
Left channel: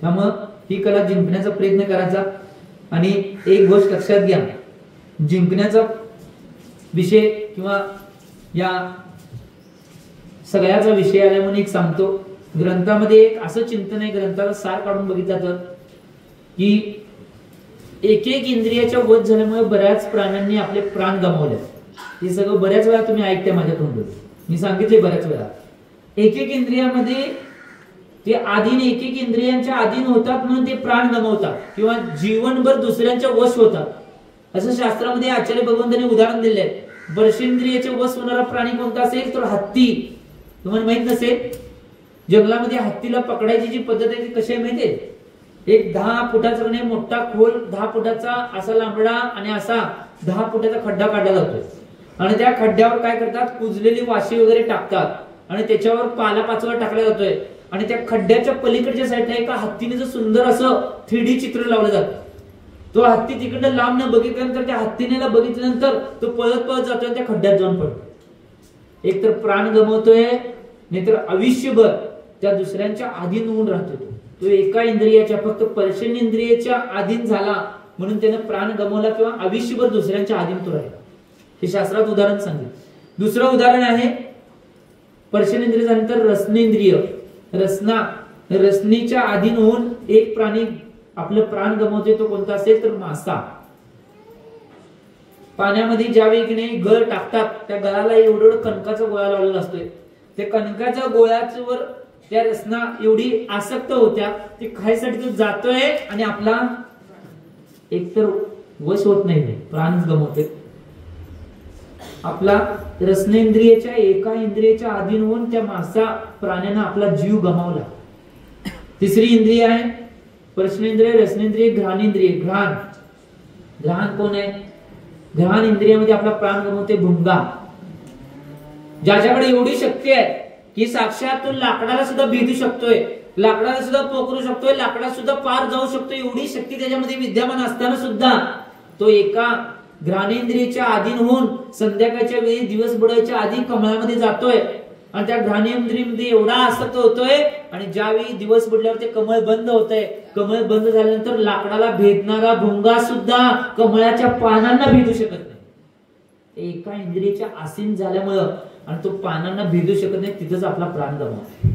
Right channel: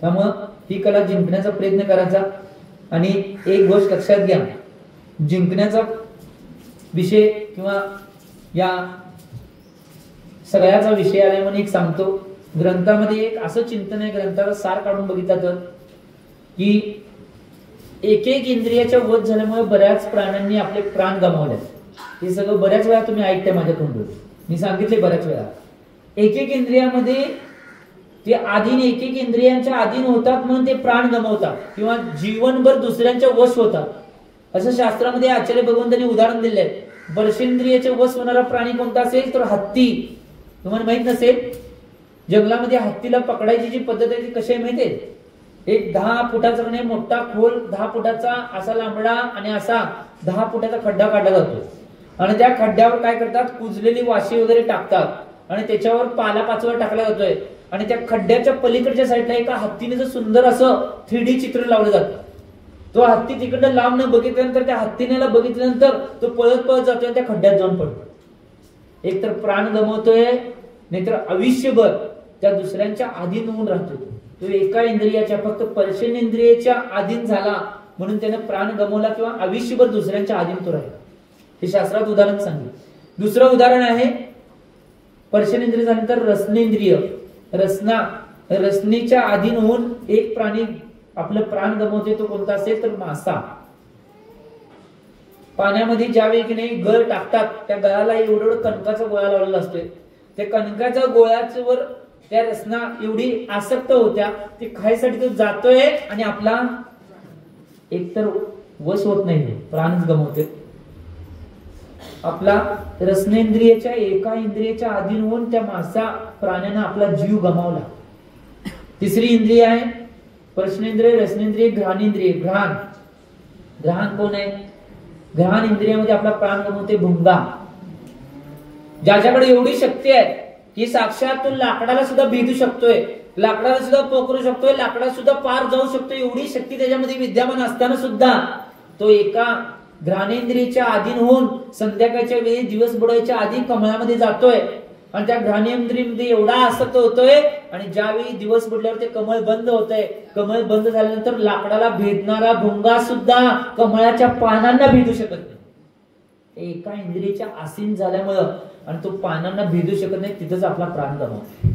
त्यामुळं ही कला जिंकण्याचा प्रयत्न करायचा. आणि एक गोष्ट लक्षात घ्या, जिंकण्याचा विषय किंवा या सगळ्याचा विषय आला म्हणून एक सांगतो. ग्रंथामध्ये एक असं चिंतन आहे, ग्रंथाला सार काढून बघितलं तर, की एक इंद्रियाच्या वध झाल्यामुळे बऱ्याच प्राण्यांनी आपले प्राण गमावले. हे सगळं बऱ्याच वेळा तुम्ही ऐकताय माझ्याकडून, मी सांगितले बऱ्याच वेळा. एक इंद्रियामध्ये ते एक इंद्रियांच्या अधीन होतात म्हणून ते प्राण गमावतात किंवा जीवनभर दुसऱ्यांच्या वश होतात. असं शास्त्रामध्ये आचार्य भगवंतांनी उदाहरण दिले आहे. स्पर्शेंद्रियाचे वश होणारा प्राणी कोणता असेल तर हत्ती. तुम्हाला माहित नसेल, जंगलामध्ये हत्तीला पकडायची जी पद्धत आहे ती कशी आहे माहितीये? एक 10 फुटाचा मोठा खोल 10 फुटाचा असा लांबडा आणि असा 10 फुटाचा खड्डा काढला जातो आणि त्या खड्ड्यावर काय करतात, कुजलेली वाशी वगैरे टाकतात आणि त्याच्यावर पाला पाचोळा टाकला जातोय आणि त्या खड्ड्याच्या पलीकडच्या साईडला एका हत्तीने जो सुंदर असं 3D चित्र लावलं जातं. तो हत्ती तिकडनं लांब न बघितल्यानंतर त्या हत्तीनेला बघितल्यानंतर तो पळत पळत जातोय, त्या खड्ड्यात जाऊन पडतो. एक तर प्राण गमवतोय, नाहीतर आयुष्यभर त्या दुसऱ्यांच्या अधीन होऊन राहतो. तो एका इंद्रियाच्या फक्त स्पर्शेंद्रियाच्या अधीन झाला म्हणून त्याने प्राण गमवला किंवा आयुष्यभर दुसऱ्यांच्या अधीन तो राहिला. हे शास्त्रात उदाहरण सांगितलं. दुसरं उदाहरण आहे, स्पर्शेंद्रिय झाल्यानंतर रसनेंद्रिय. रसनेच्या अधीन होऊन एक प्राणी आपलं प्राण गमवते. तो कोणता असेल तर मासा. पाण्यामध्ये ज्या वेळी गळ टाकतात त्या गळाला एवढं कणकाचा गोळा लावलेला असतोय. त्या कणकाच्या गोळ्यावर त्या रसना एवढी आसक्त होत्या, ती खायसाठी तो जातोय आणि आपला एकतर वश होत नाही, प्राणच गमवते. आपला रसनेंद्रियाच्या एका इंद्रियाच्या अधीन होऊन त्या मासा प्राण्याने आपला जीव गमावला. तिसरी इंद्रिय आहे स्पर्शेंद्रिय, रसनेंद्रिय, घ्राणेंद्रिय. घ्राण कोण आहे? घ्राण इंद्रियामध्ये आपला प्राण गमवते भुंगा. ज्याच्याकडे एवढी शक्ती आहे की साक्षात तो लाकडाला सुद्धा भेदू शकतोय, लाकडाला सुद्धा पोखरू शकतोय, लाकडाला सुद्धा पार जाऊ शकतोय. एवढी शक्ती त्याच्यामध्ये विद्यमान असताना सुद्धा तो एका घ्राणेंद्रियाच्या अधीन होऊन संध्याकाळच्या वेळी दिवस बुडायच्या आधी कमळामध्ये जातोय आणि त्या घ्राणेंद्रियामध्ये एवढा आसक्त होतोय आणि ज्यावेळी दिवस बुडल्यावर ते कमळ बंद होतंय. कमळ बंद झाल्यानंतर लाकडाला भेदणारा भुंगा सुद्धा कमळाच्या पानांना भेदू शकत नाही. एका इंद्रियाच्या आसीन झाल्यामुळं आणि तो पानांना भेदू शकत नाही, तिथंच आपला प्राण गमावतो.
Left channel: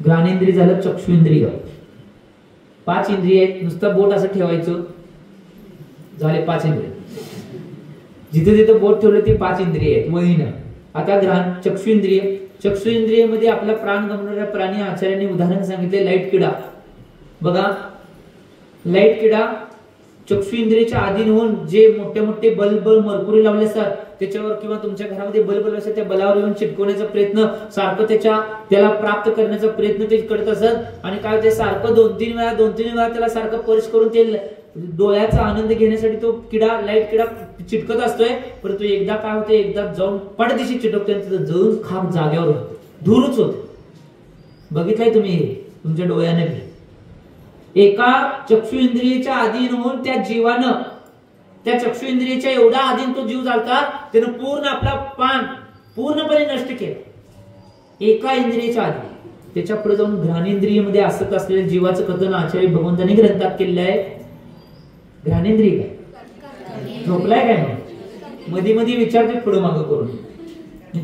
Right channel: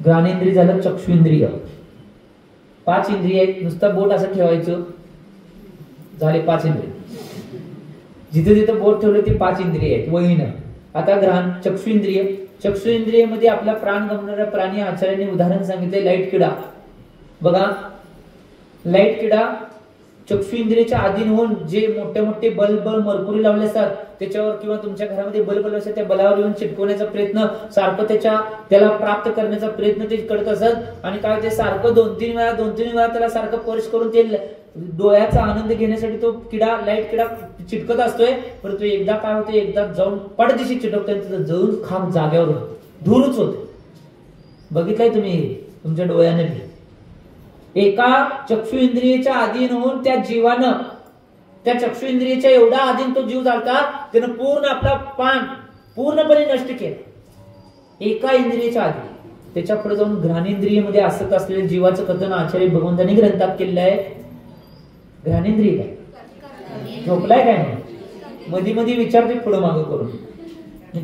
घ्राणेंद्रिय झालं चक्षुइंद्रिय. 5 इंद्रिय आहेत. नुसतं बोट असं ठेवायचं, झाले 5 इंद्रिय. जिथे जिथे बोट ठेवले ते 5 इंद्रिय आहेत वहीनं. आता चक्षुइंद्रिय. चक्षुइंद्रियमध्ये आपला प्राण गमवणारा प्राणी आचार्यांनी उदाहरण सांगितले लाईट किडा. बघा, लाईट किडा चक्षुइंद्रियाच्या अधीन होऊन जे मोठे मोठे बल्ब मरकुरी लावले असतात त्याच्यावर किंवा तुमच्या घरामध्ये बल्ब असतात त्या बलावर येऊन चिटकवण्याचा प्रयत्न सारखं त्याला प्राप्त करण्याचा प्रयत्न ते करत असत आणि काय ते सारखं 2-3 वेळा त्याला सारखं स्पर्श करून ते डोळ्याचा आनंद घेण्यासाठी तो लाईट किडा चिटकत असतोय. परंतु एकदा काय होते, एकदा जाऊन पडदिशी चिटकतोय, तिथं जळून खांब जाग्यावर धूरच होते. बघितलंय तुम्ही तुमच्या डोळ्याने. एका चक्षु इंद्रियाच्या अधीन होऊन त्या जीवानं त्या चक्षु इंद्रियाच्या एवढा अधीन तो जीव झालता, त्यानं पूर्ण आपला पान पूर्णपणे नष्ट केलं एका इंद्रियाच्या अधीन. त्याच्या पुढे जाऊन घ्राणेंद्रियमध्ये असत असलेल्या जीवाचं कथन आचार्य भगवंतांनी ग्रंथात केलेलं आहे. घ्राणेंद्रिय काय झोपलाय काय? मध्ये मध्ये विचारते पुढं मागं करून,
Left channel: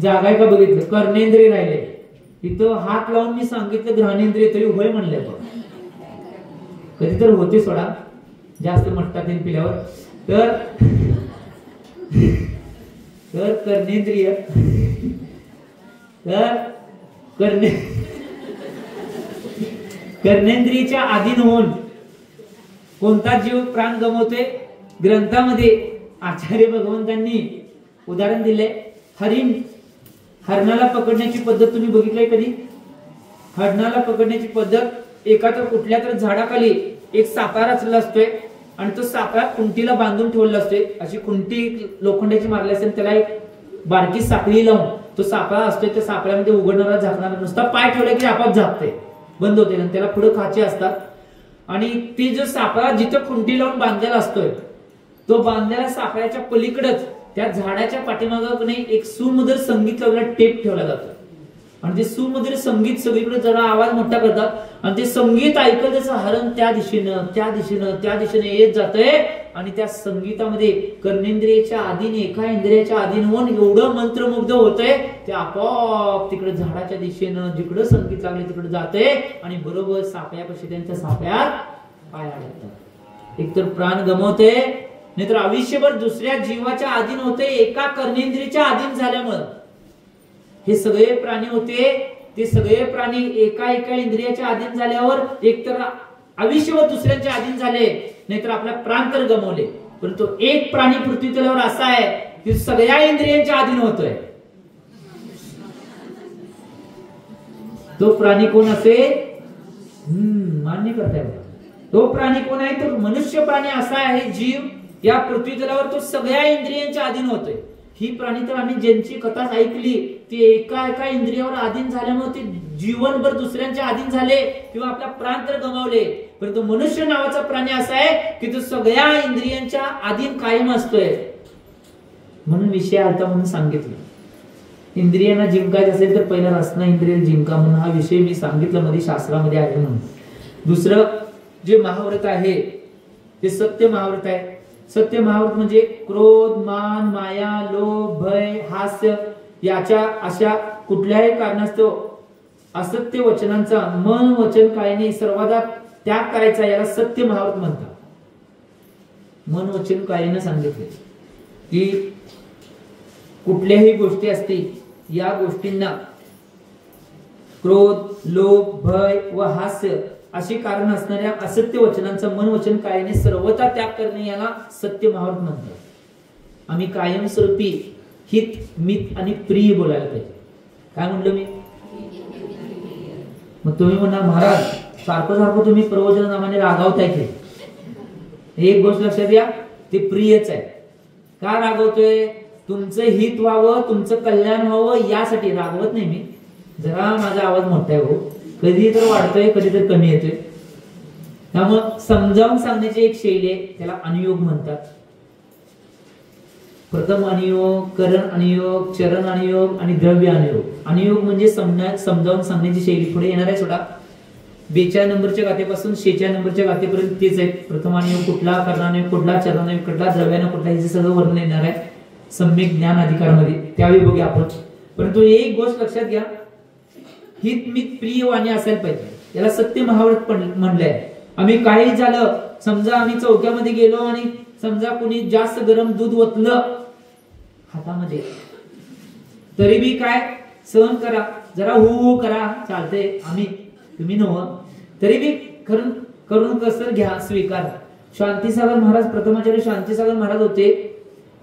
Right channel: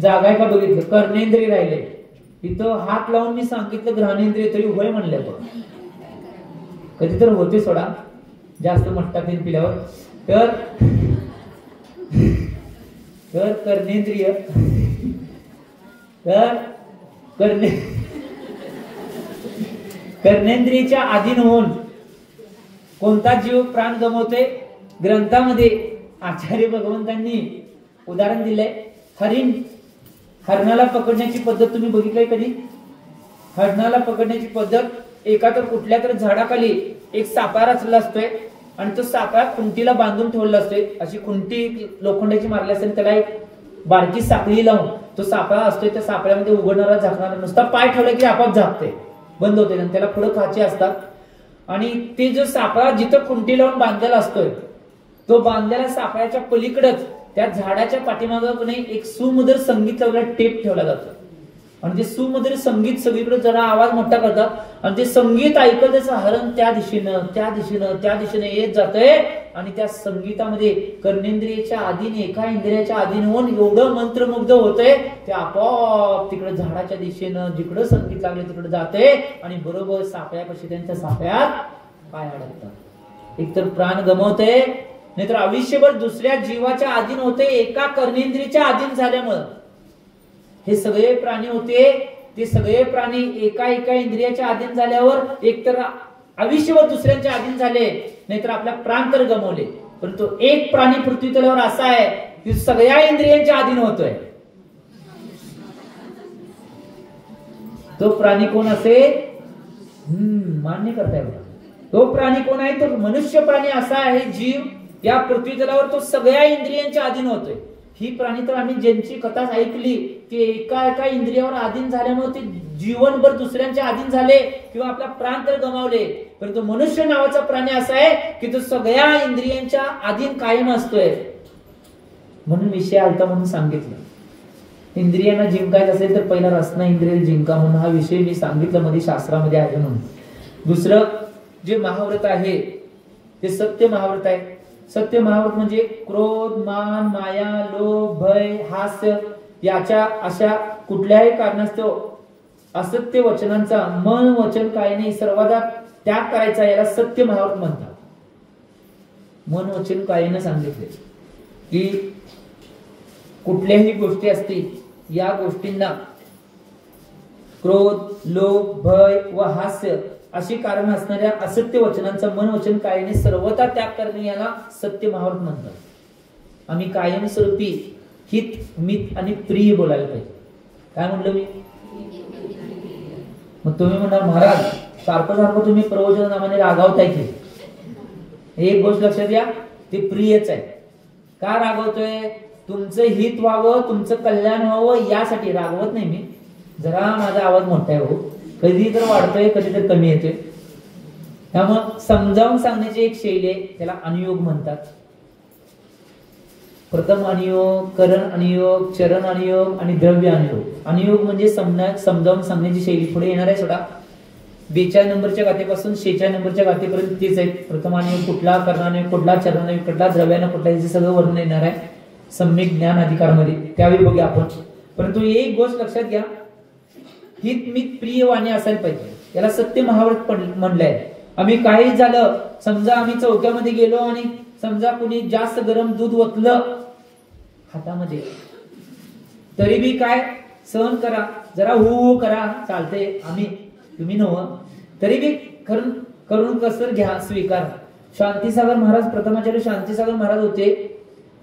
जागा का बघितलं. कर्णेंद्रिय राहिले इथं हात लावून मी सांगितलं घ्राणेंद्रिय तरी होय म्हणलं. कधी तर होते सोडा जास्त मट्टा तेल पिल्यावर. तर कर्णेंद्रिय कर्णेंद्रियच्या अधीन होऊन कोणता जीव प्राण गमवतोय? ग्रंथामध्ये आचार्य भगवंतांनी उदाहरण दिलंय. हरणाला पकडण्याची पद्धत तुम्ही बघितलंय कधी? हरणाला पकडण्याची पद्धत, एका तर कुठल्या तर झाडाखाली एक सापळा रचला असतोय आणि तो सापळा खुंटीला बांधून ठेवलेला असतोय. अशी खुंटी लोखंडाची मारली असते, त्याला एक बारकी साखळी लावून तो सापळा असतोय. त्या सापळ्यामध्ये उघडणारा झाकणारा नुसता पाय ठेवला की आपोआप झाकते, बंद होते. त्याला पुढे खाचे असतात आणि ते जो सापळा जिथं खुंटी लावून बांधलेला असतोय तो बांधलेल्या सापळ्याच्या पलीकडेच त्या झाडाच्या पाठीमागे एक सुमधुर संगीत लावलेला टेप ठेवला जातो. आणि ते सुमधुर संगीत सगळीकडे जरा आवाज मोठा करतात आणि ते संगीत ऐकतच हरण त्या दिशेनं त्या दिशेनं त्या दिशेनं येत जातंय. आणि त्या संगीतामध्ये कर्णेंद्रियाच्या आधीने एका इंद्रियाच्या आधीन होऊन एवढं मंत्रमुग्ध होतंय ते आपोआप तिकडे झाडाच्या दिशेनं जिकडं संगीत लागलं तिकडे जातंय आणि बरोबर सापळ्यापाशी त्यांच्या सापळ्यात पाय अडकतं. एकतर प्राण गमवते, नाहीतर आयुष्यभर दुसऱ्या जीवाच्या अधीन होते. एका कर्णेंद्रियाच्या अधीन झाल्यामुळे हे सगळे प्राणी होते, ते सगळे प्राणी एका एका इंद्रियाच्या अधीन झाल्यावर एकतर आयुष्यभर दुसऱ्यांच्या अधीन झाले, नाहीतर आपला प्राण तर गमवले. परंतु एक प्राणी पृथ्वी तलावर असा आहे की सगळ्या इंद्रियांच्या अधीन होतोय. तो प्राणी कोण असेल? मान्य करताय बघा. तो प्राणी कोण आहे? तो मनुष्य प्राणी असा आहे जीव या पृथ्वी तलावर तो सगळ्या इंद्रियांच्या अधीन होतोय. ही प्राणी तर आम्ही ज्यांची कथा ऐकली ते एका एका इंद्रियावर अधीन झाल्यामुळे ते जीवनभर दुसऱ्यांच्या अधीन झाले किंवा आपला प्राण तर गमावले. परंतु मनुष्य नावाचा प्राणी असा आहे की तो सगळ्या इंद्रियांच्या अधीन कायम असतोय. म्हणून विषय आलता म्हणून सांगितलं. इंद्रियांना जिंकायचं असेल तर पहिला रसना इंद्रिय जिंका म्हणून हा विषय मी सांगितलं मध्ये शास्त्रामध्ये आहे म्हणून. दुसरं जे महाव्रत आहे ते सत्य महाव्रत आहे. सत्य महाव्रत म्हणजे क्रोध, मान, माया, लोभ, भय, हास्य याच्या अशा कुठल्याही कारणास्तव असत्य वचनांचा मन वचन कायाने सर्वदा त्याग करायचा, याला सत्य महाव्रत म्हणतात. मन वचन कायाने सांगितले की कुठल्याही गोष्टी असतील या गोष्टींना क्रोध, लोभ, भय व हास्य अशी कारण असणाऱ्या असत्य वचनांचा मन वचन कायाने सर्वथा त्याग करणे याला सत्य महाव्रत म्हणतात. आम्ही कायमस्वरूपी हित, मित आणि प्रिय बोलायला पाहिजे. काय म्हणलं मी? मग तुम्ही म्हणणार महाराज सारखं सारखं तुम्ही प्रवचन नामाने रागावताय की. एक गोष्ट लक्षात घ्या, ते प्रियच आहे. का रागवतोय? तुमचं हित व्हावं, तुमचं कल्याण व्हावं यासाठी रागवत नाही मी. जरा माझा आवाज मोठा आहे हो, कधी तर वाढतोय कधी तर कमी येतोय. त्यामुळे समजावून सांगण्याची एक शैली आहे, त्याला अनुयोग म्हणतात. प्रथम अनुयोग, करण अनुयोग, चरण अनुयोग आणि द्रव्य अनुयोग. अनुयोग म्हणजे समजावून सांगण्याची शैली. पुढे येणार आहे सोडा. 42 नंबरच्या गाथेपासून 46 नंबरच्या गाथेपर्यंत तेच आहे. प्रथम अनुयोग कुठला, करण अनुयोग कुठला, चरण अनुयोग कुठला, द्रव्यानं कुठला, हे सगळं वर्णन येणार आहे सम्यक ज्ञान अधिकारमध्ये, त्यावेळी बघूया आपण. परंतु एक गोष्ट लक्षात घ्या, हित मित प्रिय वाणी असायला पाहिजे. याला सत्य महाव्रत म्हणलंय. आम्ही काही झालं, समजा आम्ही चौक्यामध्ये गेलो आणि समजा कुणी जास्त गरम दूध ओतलं हातामध्ये, तरी बी काय सहन करा, जरा हू करा, चालते. आम्ही तुम्ही नव्ह तरी बी करून कसर घ्या, स्वीकार. शांतीसागर महाराज, प्रथमाचार्य शांतीसागर महाराज होते.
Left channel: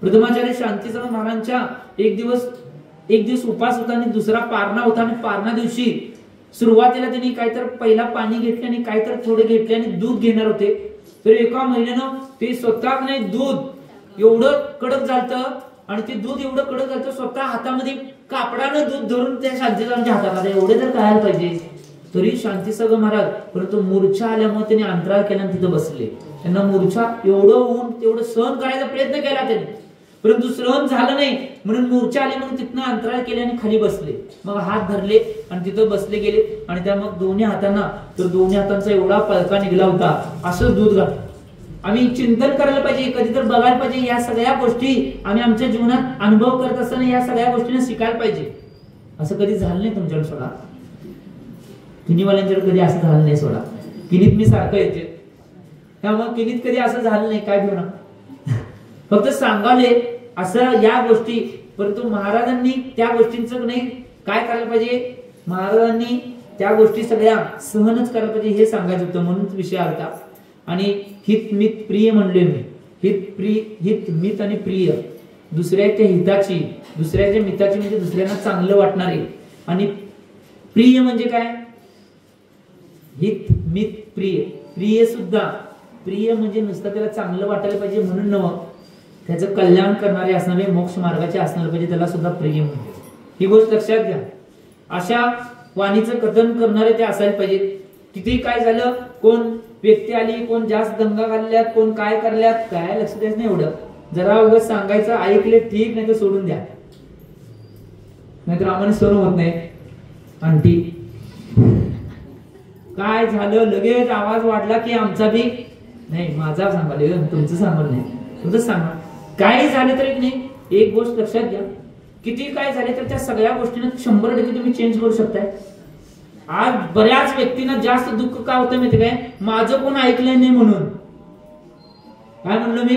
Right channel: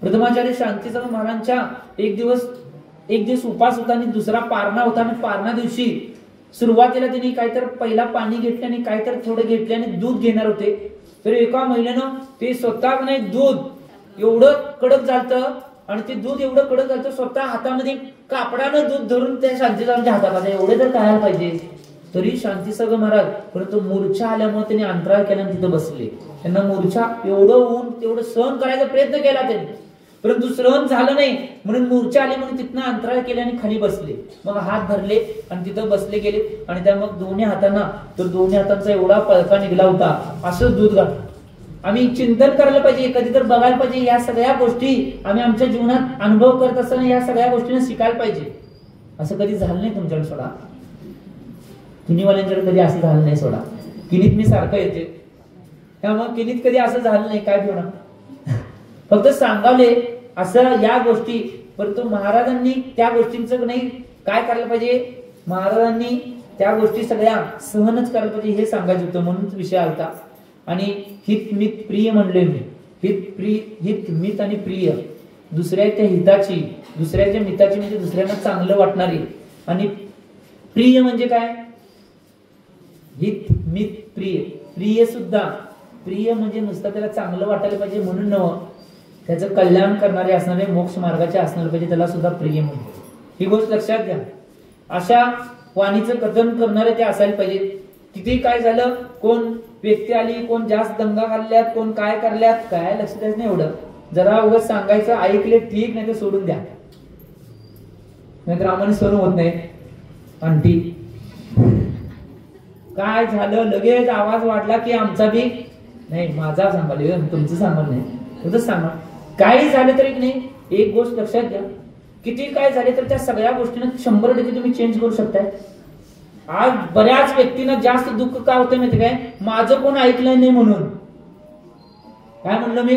प्रथमाचार्य शांतीसागर महाराजांच्या एक दिवस उपास होता आणि दुसरा पारणा होता. आणि पारणा दिवशी सुरुवातीला त्यांनी काहीतर पहिला पाणी घेतले आणि काहीतर थोडे घेतले आणि दूध घेणार होते. तर एका महिन्यानं ते स्वतः नाही दूध एवढं कडक झालं आणि ते दूध एवढं कडक झालं स्वतः हातामध्ये कापडानं दूध धरून त्या शांतीसागरच्या हातात आलं. एवढे तर करायला पाहिजे. तरी शांतीसागर महाराज परंतु मूर्छा आल्यामुळे त्यांनी अंतराळ केल्याने तिथं बसले. त्यांना मूर्छा एवढं होऊन तेवढं सहन करायचा प्रयत्न केला त्यांनी, परंतु सहन झालं नाही म्हणून मूर्छा आली म्हणून तिथनं अंतराळ केले आणि खाली बसले. मग हात धरले आणि तिथं बसले गेले आणि त्या मग दोन्ही हातांचा एवढा पळका निघाला होता. असं दूध घातलं. आम्ही चिंतन करायला पाहिजे, कधी तर बघायला पाहिजे. या सगळ्या गोष्टी आम्ही आमच्या जीवनात अनुभव करत असताना या सगळ्या गोष्टींना शिकायला पाहिजे. असं कधी झालं नाही तुमच्याकडे सोडा, किनीवाल्यांच्याकडे कधी असं झालं नाही सोडा. किनीत मी सारखं येते, त्यामुळे किनीत कधी असं झालं नाही. काय घेऊ फक्त सांगाले असं या गोष्टी. परंतु महाराजांनी त्या गोष्टींचं नाही काय करायला पाहिजे, महाराजांनी त्या गोष्टी सगळ्या सहनच करायला पाहिजे हे सांगायचं होतं. म्हणून विषय आलता. आणि हित मित प्रिय म्हणले मी. हित मित आणि प्रिय दुसऱ्याच्या हिताची, दुसऱ्याच्या मिताची म्हणजे दुसऱ्यांना चांगलं वाटणारी. आणि प्रिय म्हणजे काय? हित मित प्रिय. प्रिय सुद्धा प्रिय म्हणजे नुसतं त्याला चांगलं वाटायला पाहिजे म्हणून नव्हतं, त्याचं कल्याण करणारे असणारे, मोक्ष मार्गाचे असणारे पाहिजे, त्याला सुद्धा प्रिय म्हणते. ही गोष्ट लक्षात घ्या. अशा वाणीचं कथन करणारे ते असायला पाहिजे. किती काय झालं, कोण व्यक्ती आली, कोण जास्त दंगा घालल्यात, कोण काय करल्यात, काय लक्षात द्यायचं नाही. एवढं जरा उगाच सांगायचं, ऐकले ठीक, नाही तर सोडून द्या, नाहीतर आम्हाला सहन होत नाही. आंटी काय झालं, लगेच आवाज वाढला की आमचा बी नाही, माझा सांगाल, तुमचं सांगाल नाही, तुझं सांगा. काही झालं तरी नाही, एक गोष्ट लक्षात घ्या, किती काय झाले तर त्या सगळ्या गोष्टींना 100% तुम्ही चेंज करू शकताय. आज बऱ्याच व्यक्तींना जास्त दुःख का होतं माहिती काय, माझं कोण ऐकलं नाही म्हणून. काय म्हणलं मी,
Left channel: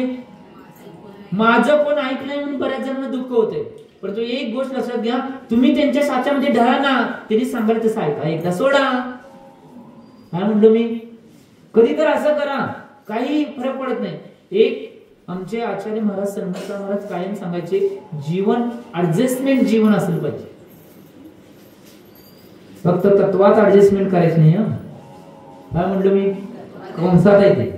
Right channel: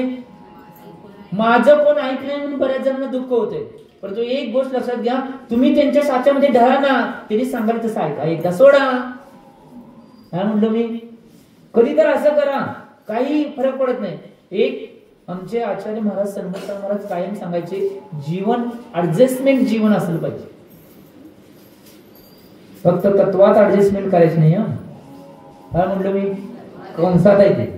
माझं कोण ऐकलंय म्हणून बऱ्याच जणांना दुःख होते. परंतु एक गोष्ट लक्षात घ्या, तुम्ही त्यांच्या साच्यामध्ये ढळा ना, त्यांनी सांगायला तसं ऐका, एकदा सोडा. काय म्हणलं मी, कधी तर असं करा, काही फरक पडत नाही. एक आमचे आचार्य महाराज संत महाराज कायम सांगायचे, जीवन ऍडजस्टमेंट जीवन असलं पाहिजे, फक्त तत्वात ऍडजस्टमेंट करायची नाही. काय म्हणलं मी, कंसात आहे ते.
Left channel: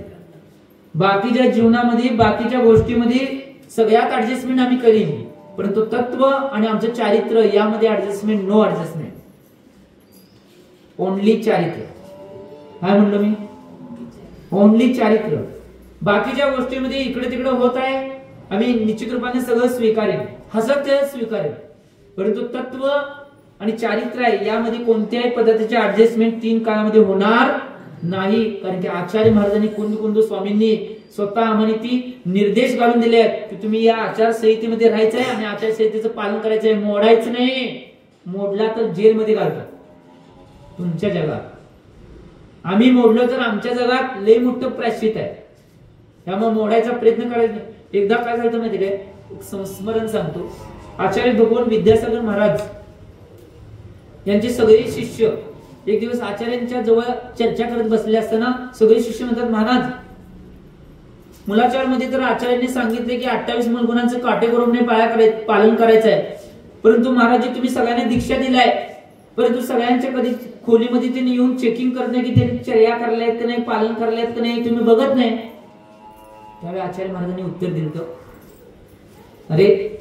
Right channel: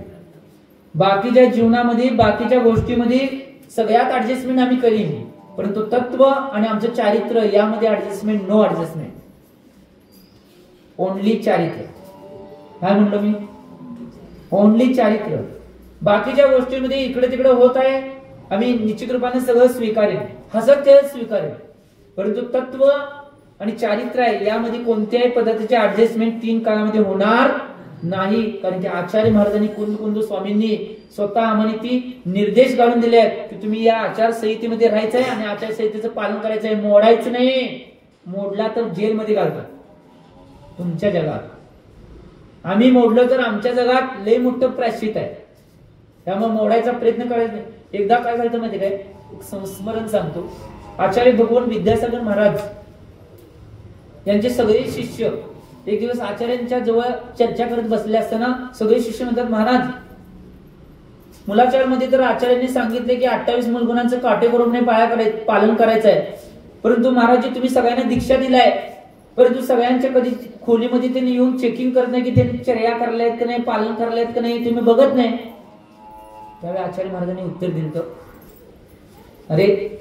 बाकीच्या जीवनामध्ये, बाकीच्या गोष्टीमध्ये सगळ्यात ऍडजस्टमेंट आम्ही करीन, परंतु तत्व आणि आमचं चारित्र्य यामध्ये ऍडजस्टमेंट, नो ऍडजस्टमेंट, ओनली चारित्र्य. काय म्हणलं मी, ओनली चारित्र्य. बाकीच्या गोष्टींमध्ये इकडे तिकडे होत आहे, आम्ही निश्चित रूपाने सगळं स्वीकारेन, हसत खेळत स्वीकारेन, परंतु तत्व आणि चारित्र्य आहे यामध्ये कोणत्याही पद्धतीचे ऍडजस्टमेंट 3 काळामध्ये होणार नाही. कारण की आचार्य महाराजांनी, कुंद स्वामींनी स्वतः आम्हाला ती निर्देश घालून दिले आहेत की तुम्ही या आचारसंहितेमध्ये राहायचंय आणि आचारसंहितेचं पालन करायचंय, मोडायचं नाही. मोडला तर जेलमध्ये घालतात तुमच्या जगात. आम्ही मोडलं तर आमच्या जगात लय मोठं प्रायश्चित आहे, त्यामुळे मोडायचा प्रयत्न करायचा नाही. एकदा काय झालं माहिती काय, एक संस्मरण सांगतो. आचार्य भगवान विद्यासागर महाराज यांचे सगळे शिष्य एक दिवस आचार्यांच्या जवळ चर्चा करत बसले असताना सगळे शिष्य म्हणतात, महाराज मुलाचार मध्ये तर आचार्यांनी सांगितले की 28 मूलगुणांचं काटेकोरपणे पालन करायचं आहे, परंतु महाराज तुम्ही सगळ्यांना दीक्षा दिलाय, परंतु सगळ्यांच्या कधी खोलीमध्ये त्यांनी येऊन चेकिंग करत नाही की त्यांनी चर्या करायला आहेत का नाही, पालन करायला आहेत का नाही, तुम्ही बघत नाही. त्यावेळी आचार्य महाराजांनी उत्तर दिलं, अरे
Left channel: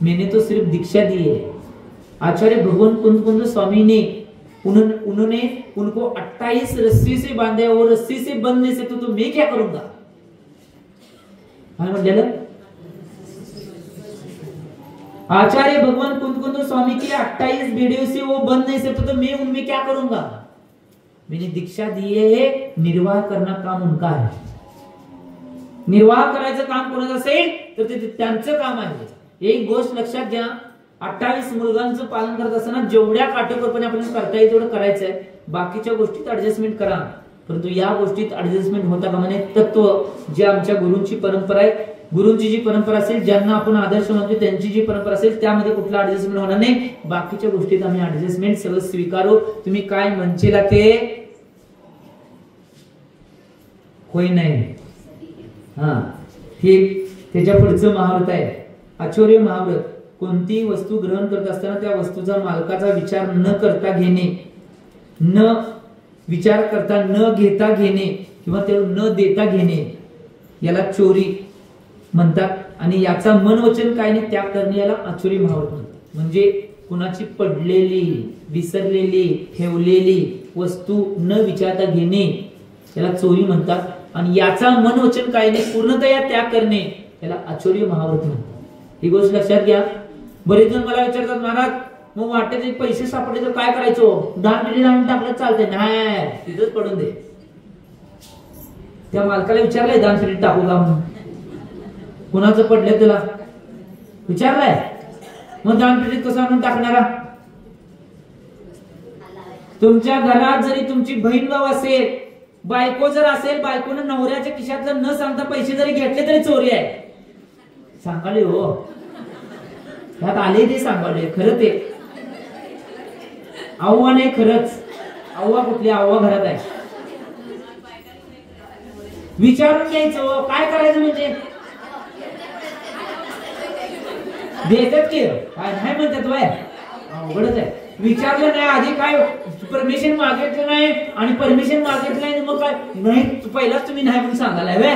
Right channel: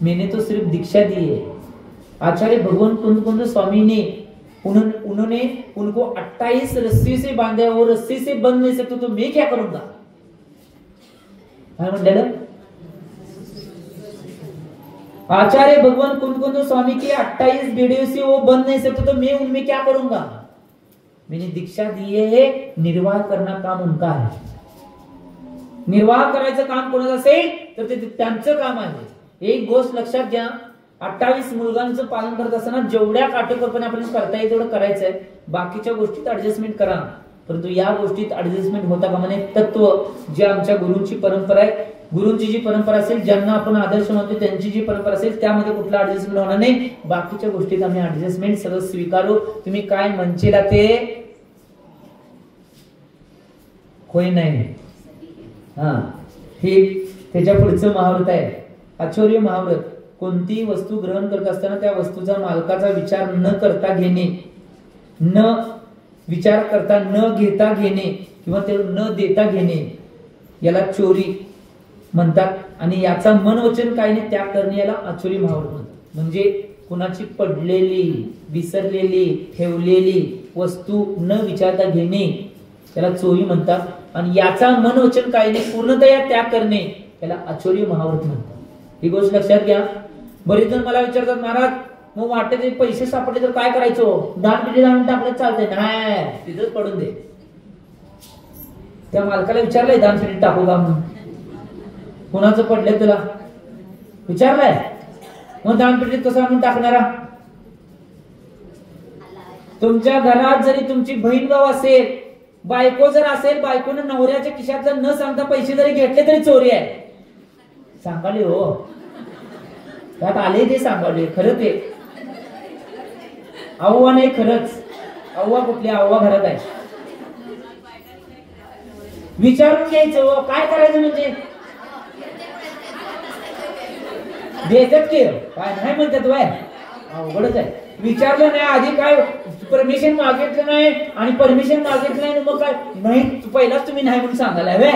मैंने तो सिर्फ दीक्षा दी है. आचार्य भगवान कुंद स्वामी ने उन्होंने उनको 28 रस्सी से बांधे और रस्सी से बंध नहीं सकते, तो मैं क्या करूंगा. काय म्हटलेलं, आचार्य भगवान कुंद स्वामी के 28 बेड़ियों से वो बंध नहीं सकते, तो मैं उनमें क्या करूंगा. मैंने दीक्षा दी है, निर्वाह करना काम उनका है. निर्वाह करायचं काम कोणाचं असेल तर ते त्यांचं काम आहे. एक गोष्ट लक्षात घ्या, 28 मुलगांचं पालन करत असताना जेवढ्या काटेकोरपणे आपल्याला करता येईल तेवढं करायचं आहे. बाकीच्या गोष्टीत ऍडजस्टमेंट करा, परंतु या गोष्टीत ऍडजस्टमेंट होता कामा नये. तत्व जे आमच्या गुरूंची परंपरा आहे, गुरूंची जी परंपरा असेल, ज्यांना आपण आदर्श मानतो त्यांची जी परंपरा असेल, त्यामध्ये कुठला ऍडजस्टमेंट होणार नाही. बाकीच्या गोष्टीत आम्ही ऍडजस्टमेंट सगळं स्वीकारू. तुम्ही काय म्हणचेला ते होय नाही. हे त्याच्या पुढचं महाव्रत आहे, आचर्य महाव्रत. कोणती वस्तू ग्रहण करत असताना त्या वस्तूचा मालकाचा विचार न करता घेणे, न विचार करता न घेता घेणे किंवा ते न देता घेणे याला चोरी म्हणतात. आणि याचा मन वचन काय नाही त्याग करणे याला आचर्य महाव्रत म्हणतात. म्हणजे कुणाची पडलेली, विसरलेली, ठेवलेली वस्तू न विचारता घेणे याला चोरी म्हणतात. आणि याचा मन वचन काय नाही पूर्णतया त्याग करणे याला आचर्य महाव्रत म्हणतात. ही गोष्ट लक्षात घ्या. बरेच जण मला विचारतात, महाराज मग वाटते पैसे सापडले तर काय करायचं, दान पेटीत आणून टाकलं चालतंय. नाही, तिथंच पडून दे. त्या मालकाला विचारलंय दान पेटीत टाकू का म्हणून, कुणाचं पडलंय तुला विचारलंय, मग दान पेटीत कसं आणून टाकणारा. तुमच्या घरात जरी तुमची बहीण भाऊ असेल, बायको जर असेल, बायकोने नवऱ्याच्या खिशातलं न सांगता पैसे जरी घेतले तरी चोरी आहे. सांगाले हो, त्यात आले ते सांगाले, खरं ते अव्वा नाही, खरंच अव्वा कुठली, अव्वा घरात आहे. विचारून घ्यायचं काय करायचं, म्हणजे देतात की काय नाही म्हणतात. अवघडच आहे. विचारलं नाही आधी, काय परमिशन मागितलं नाही आणि परमिशन मागितलं नाही मग काय नाही, पहिलाच तुम्ही नाही म्हणून सांगायला हवे.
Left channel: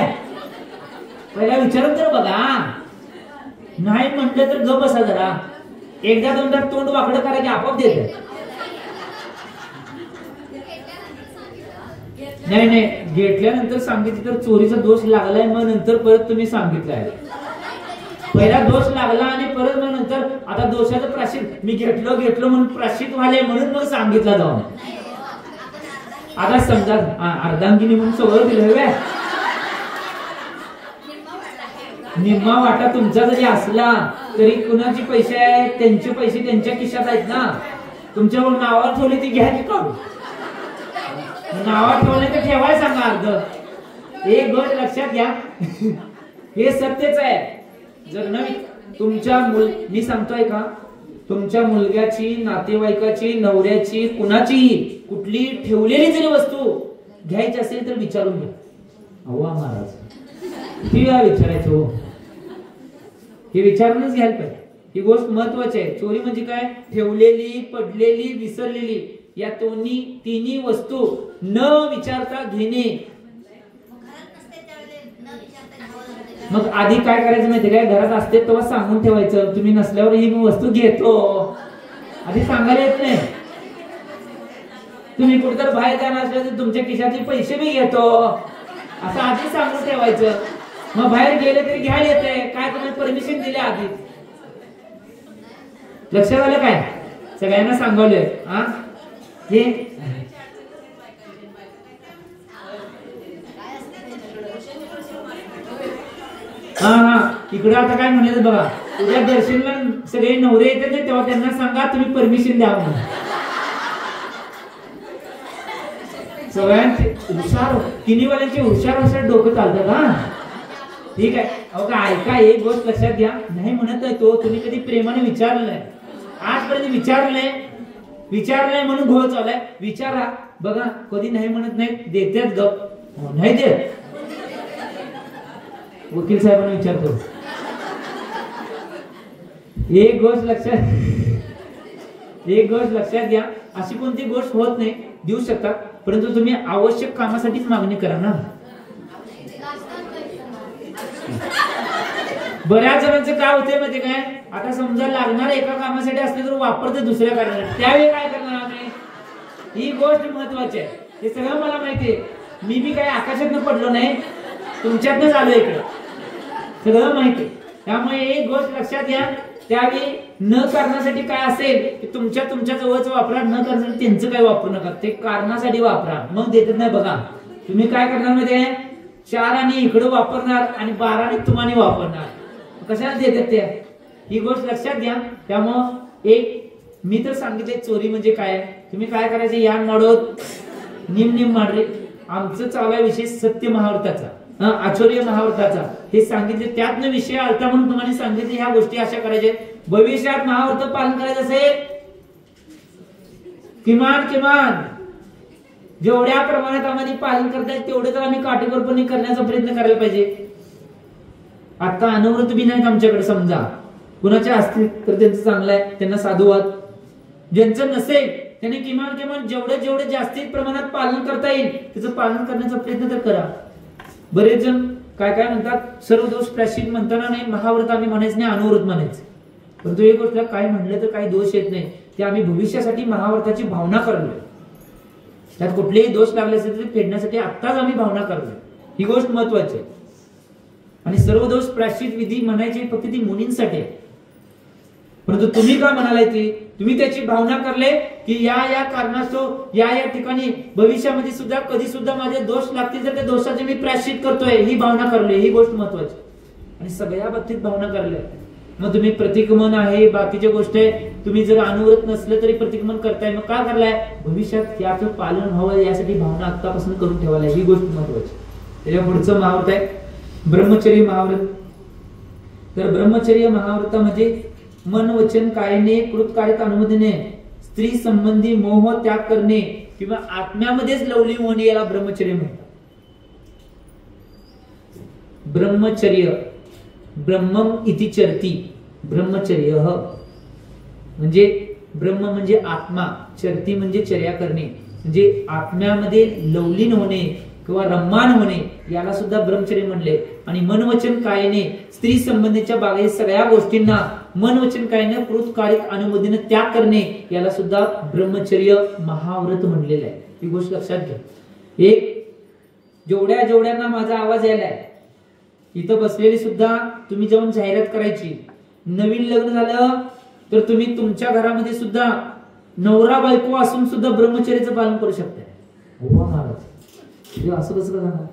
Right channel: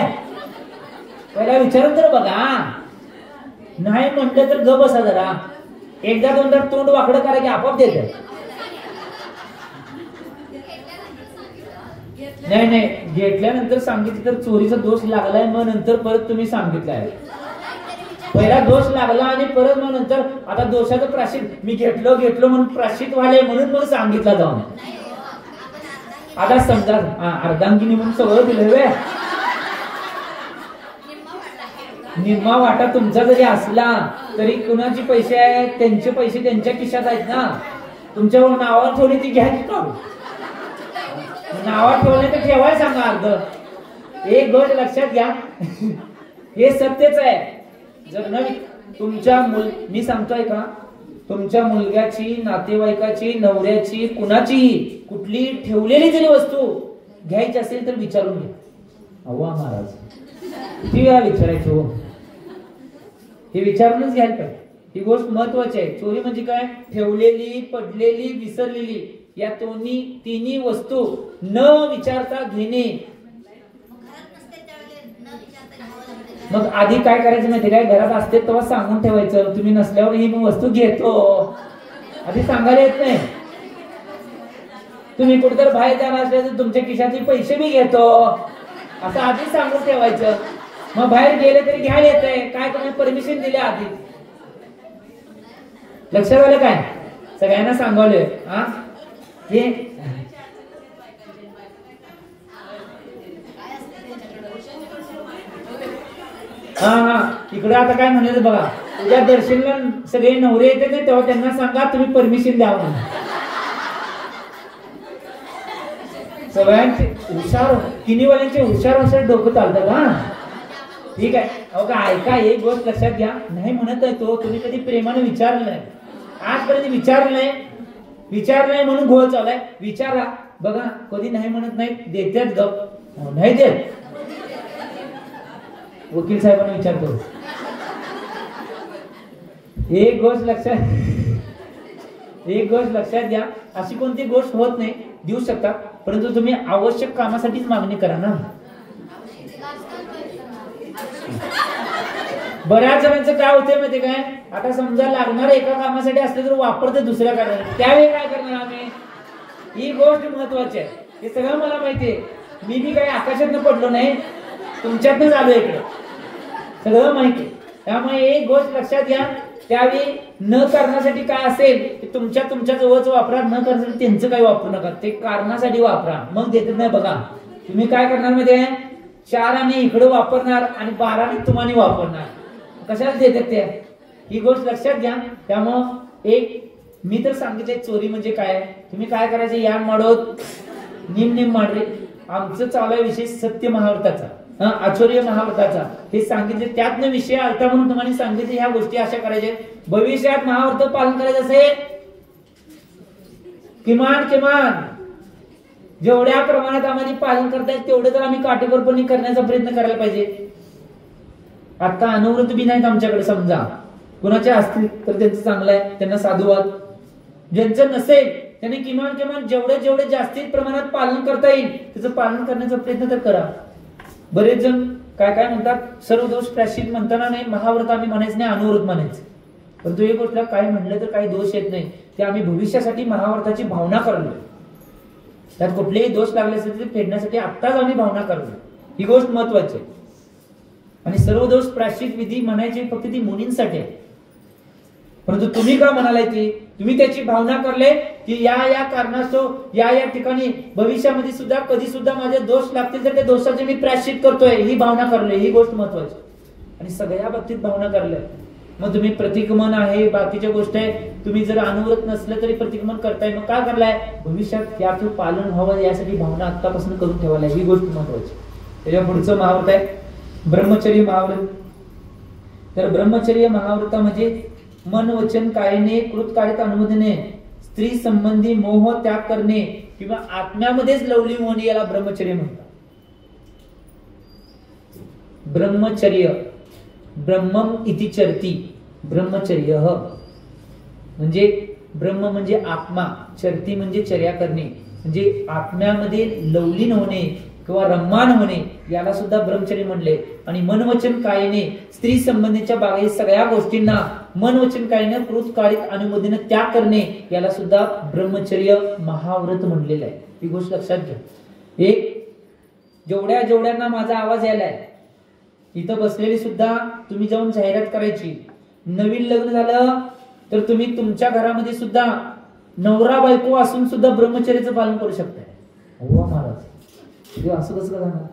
पहिला विचारून तर बघा. नाही म्हटलं तर ग बसा जरा. एकदा दोनदा तोंड वाकडं करा की आपोआप देते. नाही नाही, घेतल्यानंतर सांगितलं तर चोरीचा दोष लागलाय, मग नंतर परत तुम्ही सांगितलंय. पहिला दोष लागला आणि परत मग नंतर आता दोषाचं प्राश्चित, मी घेतलो म्हणून प्राश्चित व्हायला म्हणून मग सांगितलं जाऊन. आता समजा अर्धांगिनी म्हणून सवय दिलं, निम्मा वाटा तुमचा जरी असला तरी कुणाचे पैसे आहेत, त्यांचे पैसे त्यांच्या खिशात आहेत ना. तुमच्यावर नावावर ठेवले ती घ्या की काढू. नावावर ठेवले तर ठेवाय सांगा अर्ध. एक गोष्ट लक्षात घ्या, हे सत्यच आहे. जर नवी तुमच्या मी सांगतोय का, तुमच्या मुलग्याची, नातेवाईकाची, नवऱ्याची, कुणाचीही कुठली ठेवलेली जरी वस्तू घ्यायची असेल तर विचारून घ्या. अव्वा महाराज किती वेळा विचारायचं हो, हे विचारूनच घ्यायला पाहिजे. ही गोष्ट महत्वाची आहे. चोरी म्हणजे काय, ठेवलेली, पडलेली, विसरलेली या तिन्ही वस्तू न विचारता घेणे. मग आधी काय करायचं माहिती काय, घरात असते तेव्हा सांगून ठेवायचं, तुम्ही नसल्यावर ही मी वस्तू घेतो. आधी सांगायला येत नाही. तुम्ही कुठतर बाहेर जाणार असल्या तर तुमच्या खिशातले पैसे मी घेतो असं आधी सांगून ठेवायचं. मग बाहेर गेले तरी घ्या येतंय, काय तुम्ही परमिशन दिले आधी. लक्षात आलं काय, सगळ्यांना सांगवलंय. हे इकडे आता काय म्हणाले बघा, उद्या दर्शनला सगळे नवरे येते तेव्हा त्यांना सांगा तुम्ही परमिशन द्या म्हणून. सगळ्यांचे हुशार, किनीवाल्यांचे हुशार डोकं चालतात. ठीक आहे. अहो का ऐका, एक गोष्ट लक्षात घ्या, नाही म्हणत आहे तो, तुम्ही कधी प्रेमाने विचारलं नाही, आजपर्यंत विचारलंय म्हणून घोळ चाललाय. विचारा बघा, कधी नाही म्हणत नाही, देतात गप. नाही देत, वकील साहेबांना विचारतो. एक गोष्ट लक्षात घ्या, अशी कोणती गोष्ट होत नाही, देऊ शकतात, परंतु तुम्ही आवश्यक कामासाठीच मागणी करा ना. बऱ्याच जणांचं काय होतंय माहिती काय, आता समजा लागणार एका कामासाठी असले तर वापरते दुसऱ्या कामासाठी, त्यावेळी काय करणार आम्ही. ही गोष्ट महत्वाची आहे. हे सगळं मला माहितीये, मी बी काही आकाशातनं पडलो नाही, तुमच्यातनंच आलो इकडे, सगळं माहिती. त्यामुळे एक गोष्ट लक्षात घ्या, त्यावेळी न करण्यासाठी काय असेल की तुमच्या जवळच वापरा, न करण्यासाठी त्यांचं काही वापरू नका, ते कारणासाठी वापरा, मग देतात नाही. बघा तुम्ही काय करणार मध्ये 4 आणि इकडे वापरणार आणि 12 आणि तुम्हाला वापरणार, कशाला देतात ते, ही गोष्ट लक्षात घ्या. त्यामुळं एक मी तर सांगितले, चोरी म्हणजे काय, तुम्ही काय करायचं, या माडोत निम माडरे. आमचं चालू विषय सत्य महाव्रताचा, आचर्य महाव्रताचा, हे सांगितले, त्यातनं विषय आलता म्हणून तुम्हाला सांगितले. ह्या गोष्टी अशा करायच्या, भविष्यात महाव्रत पालन करायचं असेल किमान जेवढ्या प्रमाणात आम्हाला पालन करता येईल तेवढं तर आम्ही काटेकोरपणे करण्याचा प्रयत्न करायला पाहिजे. आता अनवृत्त बी नाहीत आमच्याकडे, समजा कुणाचे असतील तर त्यांचं चांगलं आहे, त्यांना साधुवाद. ज्यांचं नसेल त्यांनी किमान जेवढे जास्तीत प्रमाणात पालन करता येईल त्याचं पालन करण्याचा प्रयत्न तर करा. बरेच जण काय म्हणतात, सर्व दोष प्रायश्चित म्हणताना नाही, महाव्रत आम्ही म्हणायचं नाही, अनुव्रत म्हणायचं. परंतु एक गोष्ट, काय म्हणलं तर काही दोष येत नाही, ते आम्ही भविष्यासाठी महाव्रताची भावना करलोय. त्यात कुठलेही दोष लागले असेल तर फेडण्यासाठी आत्ताच आम्ही भावना करलोय, ही गोष्ट महत्वाची आहे. आणि सर्व दोष प्रायश्चित विधी म्हणायची फक्त ती मुनींसाठी आहे. परंतु तुम्ही का म्हणालाय ती, तुम्ही त्याची भावना करले की या कारणास्तव या ठिकाणी भविष्यामध्ये सुद्धा कधी सुद्धा माझे दोष लागतील तर त्या दोषाचे मी प्रायश्चित करतोय, ही भावना करले, ही गोष्ट महत्वाची. आणि सगळ्या बाबतीत भावना करले. मग तुम्ही प्रतिक्रमण आहे, बाकीच्या गोष्ट आहे, तुम्ही जर अनुव्रत नसलं तरी प्रतिक्रमण करताय, मग काय करलाय, भविष्यात याचं पालन व्हावं यासाठी भावना आतापासून करून ठेवायला, ही गोष्ट महत्वाची. त्याच्या पुढचं महाव्रत आहे ब्रह्मचर्य महाव्रत. तर ब्रह्मचर्य महाव्रतामध्ये मन वचन कायने कृतकार्यता अनुमोदने, स्त्री संबंधी मोह त्याग करणे किंवा आत्म्यामध्येच लवली होणे, याला ब्रह्मचर्य म्हणतात. ब्रह्मचर्य, ब्रह्मम इति चरती, ब्रह्मचर्य म्हणजे ब्रह्म म्हणजे आत्मा, चरती म्हणजे चर्या करणे, म्हणजे आत्म्यामध्ये लवलीन होणे किंवा रम्मान होणे, याला सुद्धा ब्रह्मचर्य म्हणले. आणि मनवचन कायने स्त्री संबंधीच्या बागायत सगळ्या गोष्टींना मनवचन कायने कृतकाळिक अनुमतीने त्याग करणे, याला सुद्धा ब्रह्मचर्य महाव्रत म्हणलेलं आहे. ही गोष्ट लक्षात घ्या. एक जेवढ्यांना माझा आवाज यायलाय, इथं बसलेली सुद्धा तुम्ही जाऊन जाहिरात करायची. नवीन लग्न झालं तर तुम्ही तुमच्या घरामध्ये सुद्धा नवरा बायको असून सुद्धा ब्रह्मचर्याचं पालन करू शकताय. हो महाराज, असं कसं करणार?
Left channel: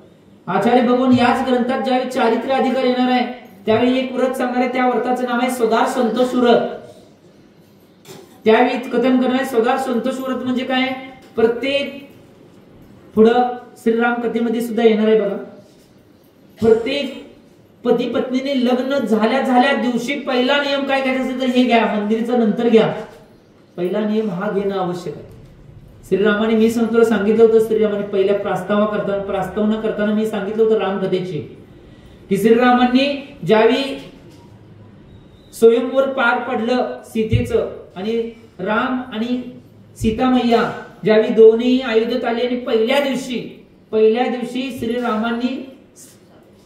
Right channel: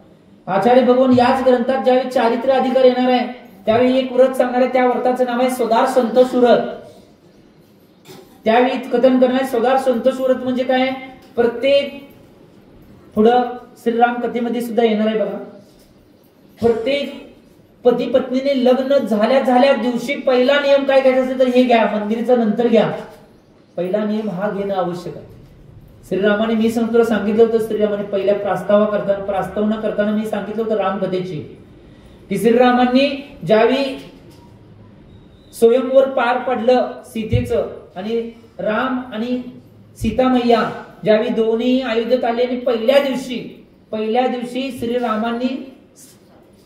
आचार्य भगवान याच ग्रंथात ज्यावेळी चारित्र्य अधिकार येणार आहे त्यावेळी एक व्रत सांगणार आहे. त्या व्रताचं नाव आहे स्वदार संतोष व्रत. त्यावेळी कथन करणार स्वदार संतोष व्रत म्हणजे काय? प्रत्येक पुढं श्रीराम कथेमध्ये सुद्धा येणार आहे बघा. प्रत्येक पती पत्नीने लग्न झाल्या दिवशी पहिला नियम काय घ्यायचा असेल तर हे घ्या, मंदिरचा नंतर घ्या. पहिला नियम हा घेणं आवश्यक आहे. श्रीरामाने, मी सांगितलं होतं, श्रीरामाने पहिल्या प्रास्तावना करताना मी सांगितलं होतं रामकथेची, की श्रीरामांनी ज्यावेळी स्वयंवर पार पडलं सीतेचं आणि राम आणि सीता मैया ज्यावेळी दोन्ही अयोध्येत आले आणि पहिल्या दिवशी श्रीरामांनी